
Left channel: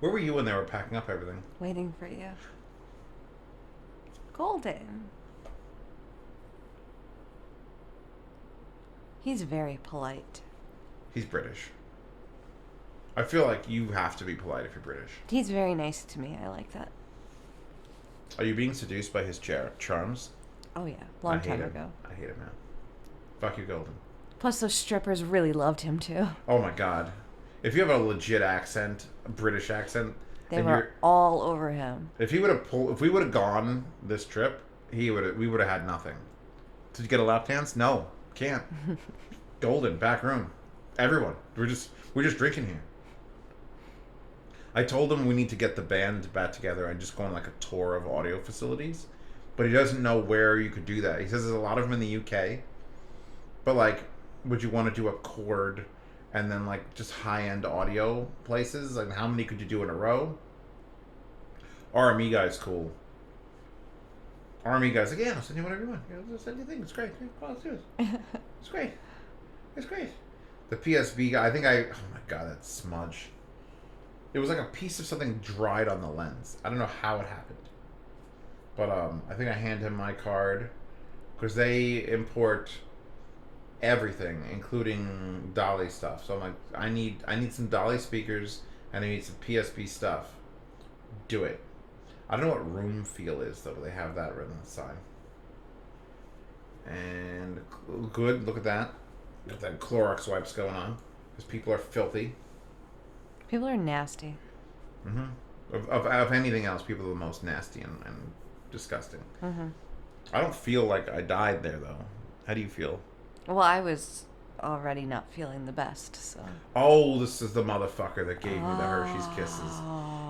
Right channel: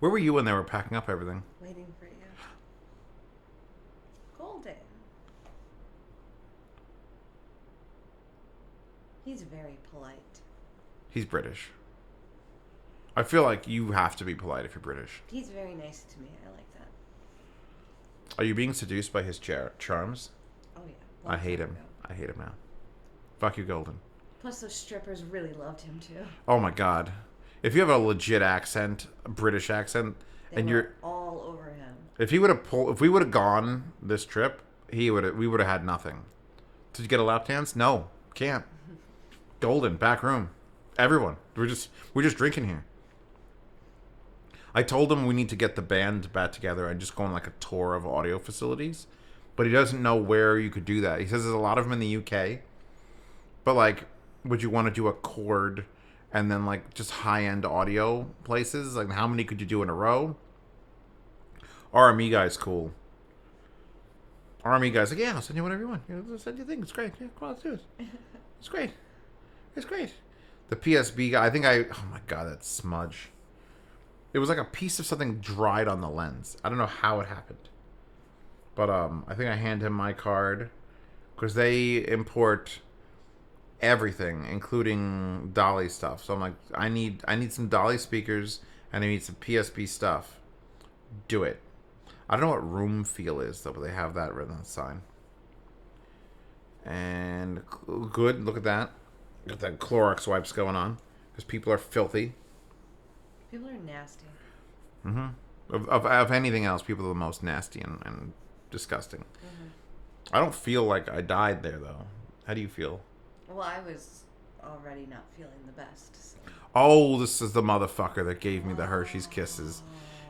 Where were you when they were packing up everything? Waiting for you. Golden. He's very polite. He's British. I feel like you have to be polite if you're British. He's very nice to me. I like that. Are you being seduced by his charms? Oh yeah, long I hate time him. ago. I hate him, man. Fuck you, Golden. Plus, those strippers really loved him too. Oh my god. If you have a legit accent, a British accent, They and were you're all over him. if we would have gone this trip, we would have had nothing. Did you get a lap dance? No, can't. Golden, back room. Everyone. We're just drinking here. I told him we need to get the band back together and just go on like a tour of audio facilities. But he doesn't know where you could do that. He says there's a lot of them in the UK. But like, would you want to do a chord and then like just high-end audio places? Like how many could you do in a row? RME guy's cool. RME guy's like, yeah, I'll send you whatever you want. Yeah, I'll send you things. It's great. Yeah, come on, let's do it. It's great. It's great. The PSB guy, oh my god, that smudge. It was like a piece of something dried on the lens. I don't know how it happened. But I think I hand him my card because they import everything, including Dolly stuff. So I'm like, I need some Dolly speakers and I need some PSB stuff. Do it. I don't know what room feel is though, but they have that written on the sign. And good, look at that. Got that Clorox wipes going on because people are filthy. People are nasty. Mm-hmm. Of anything else, people are the most nasty and disgusting. Mm-hmm. I don't feel like I died there though. How do you feel? Well, I was already not feeling the best, so. Oh, this is the motherfucker that gave me the Hershey's Kisses.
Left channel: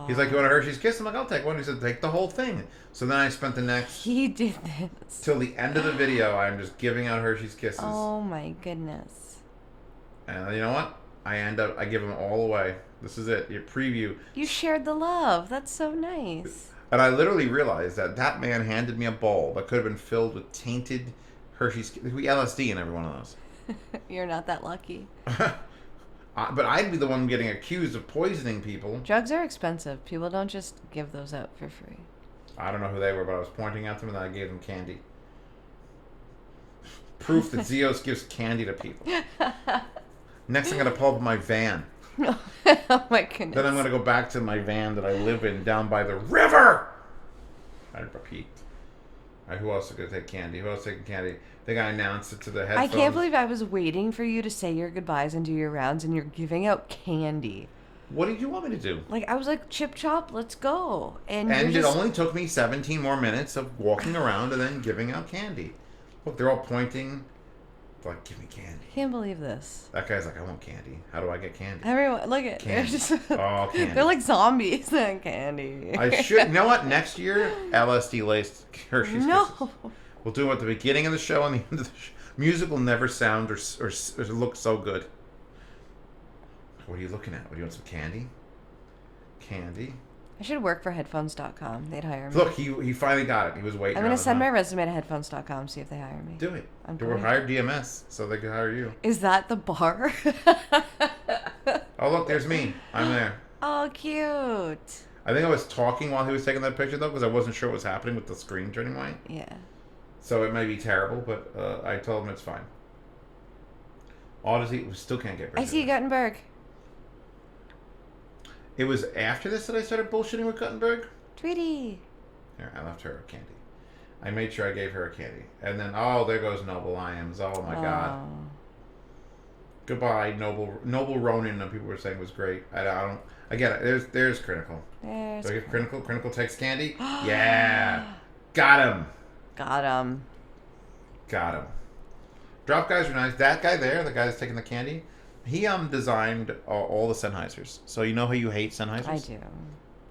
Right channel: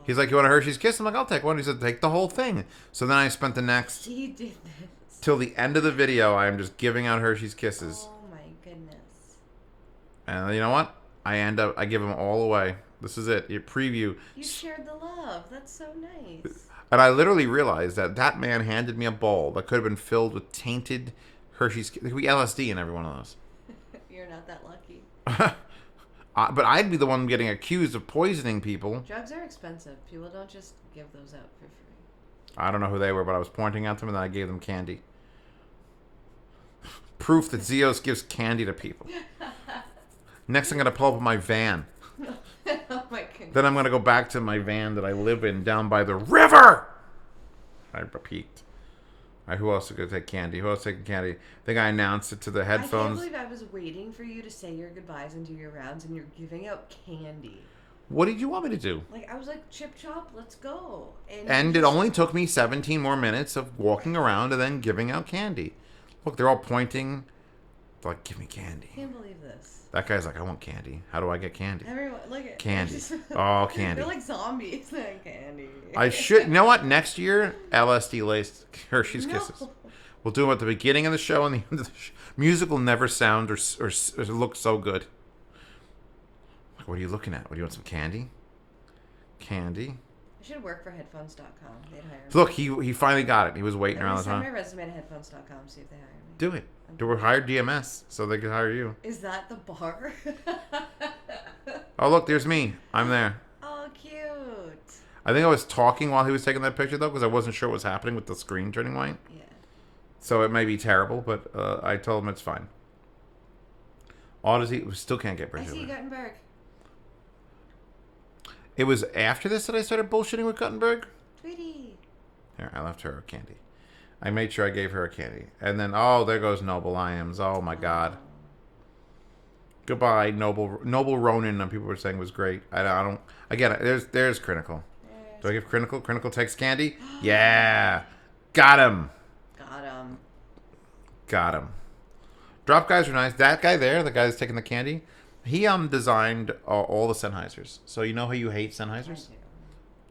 He's like, you want a Hershey's Kiss? I'm like, I'll take one. He said, take the whole thing. So then I spent the next... He did this. Till the end of the video, I'm just giving out Hershey's Kisses. Oh my goodness. And you know what? I give them all away. This is it. Your preview. You shared the love. That's so nice. And I literally realized that man handed me a bowl that could have been filled with tainted Hershey's... There could be LSD in every one of those. You're not that lucky. But I'd be the one getting accused of poisoning people. Drugs are expensive. People don't just give those out for free. I don't know who they were, but I was pointing at them and then I gave them candy. Proof that Zeos gives candy to people. Next, I'm going to pull up my van. Oh my goodness. Then I'm going to go back to my van that I live in down by the river. I peeked. All right, who else is going to take candy? Who else is taking candy? I think I announced it to the headphones. I can't believe I was waiting for you to say your goodbyes and do your rounds, and you're giving out candy. What did you want me to do? Like, I was like, Chip Chop, let's go. And it only took me 17 more minutes of walking around and then giving out candy. Look, they're all pointing. They're like, give me candy. Can't believe this. That guy's like, I want candy. How do I get candy? Everyone, look at candy. Oh, candy. They're like zombies. candy. I should. You know what? Next year, LSD laced Hershey's Kisses. We'll do them at the beginning of the show and the end of the show. Music will never sound or look so good. What are you looking at? What do you want? Some candy? Candy? I should work for headphones.com. They'd hire me. Look, he finally got it. He was waiting. I'm going to send my resume to headphones.com, see if they hire me. Do it. We'll hire DMS so they can hire you. Is that the bar? Oh, look, there's me. I'm there. Oh, cute. I think I was talking while he was taking that picture, though, because I wasn't sure what was happening with the screen turning white. Yeah. So it may be terrible, but I told him it's fine. Odyssey, we still can't get Brazil. I see Gutenberg. It was after this that I started bullshitting with Gutenberg? Tweety. Here, I left her a candy. I made sure I gave her a candy. And then, oh, there goes Noble Iams. Oh, my God. Goodbye, Noble Ronin, people were saying was great. I don't... I get it. There's Critical. Do I give Critical? Critical takes candy? Yeah. Got him. Got him. Got him. Drop guys are nice. That guy there, the guy that's taking the candy, he designed all the Sennheisers. So you know how you hate Sennheisers? I do.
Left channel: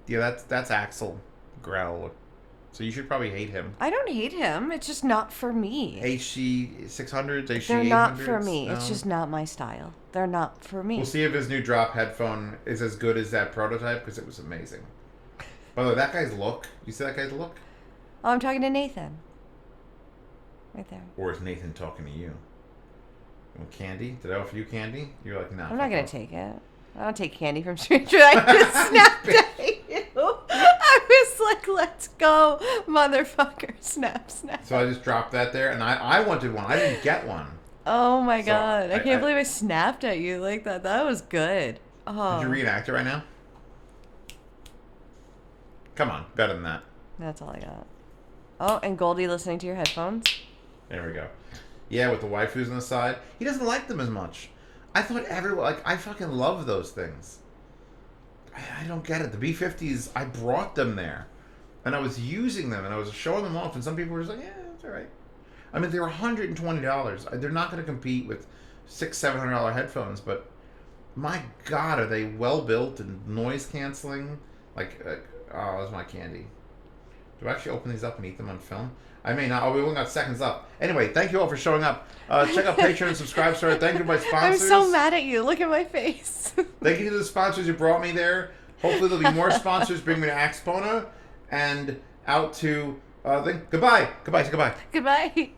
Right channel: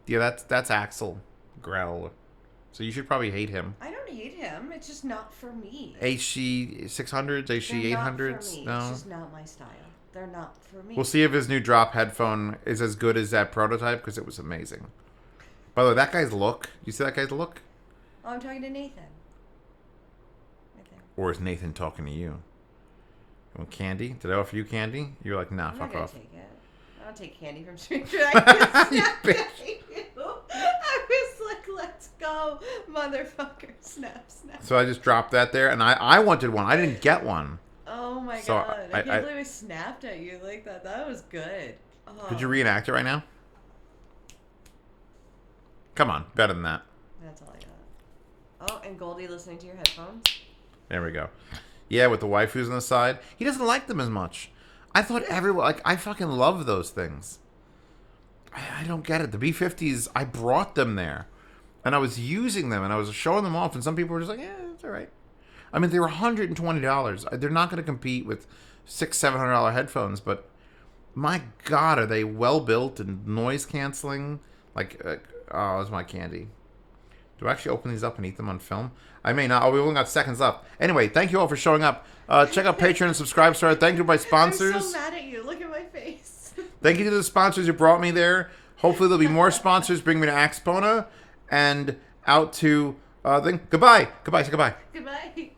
Yeah, that's Axel Grell. So you should probably hate him. I don't hate him. It's just not for me. HC 600s, HC 800s. They're not for me. No. It's just not my style. They're not for me. We'll see if his new drop headphone is as good as that prototype because it was amazing. By the way, that guy's look. You see that guy's look? Oh, I'm talking to Nathan. Right there. Or is Nathan talking to you? Want candy? Did I offer you candy? You're like, nah. I'm fuck not gonna off. take it. I don't take candy from strangers. I just snapped at you. I was like, let's go, motherfucker. Snap, snap. So I just dropped that there, and I wanted one. I didn't get one. Oh my So god. I can't I- believe I snapped at you like that. That was good. Oh. Could you reenact it right now? Come on, better than that. That's all I got. Oh, and Goldie listening to your headphones. There we go. Yeah, with the waifus on the side. He doesn't like them as much. I thought everyone, like, I fucking love those things. I don't get it. The B50s, I brought them there. And I was using them, and I was showing them off, and some people were just like, yeah, it's all right. I mean, they were $120. They're not going to compete with $600-700 headphones, but my God, are they well-built and noise-canceling? Like, oh, that's my candy. Do I actually open these up and eat them on film? I may not. Oh, we only got seconds left. Anyway, thank you all for showing up. Check out Patreon and subscribe. Sorry, thank you to my sponsors. I'm so mad at you. Look at my face. Thank you to the sponsors who brought me there. Hopefully there'll be more sponsors. Bring me to Axpona and out to... Goodbye. Goodbye. Say goodbye. Goodbye.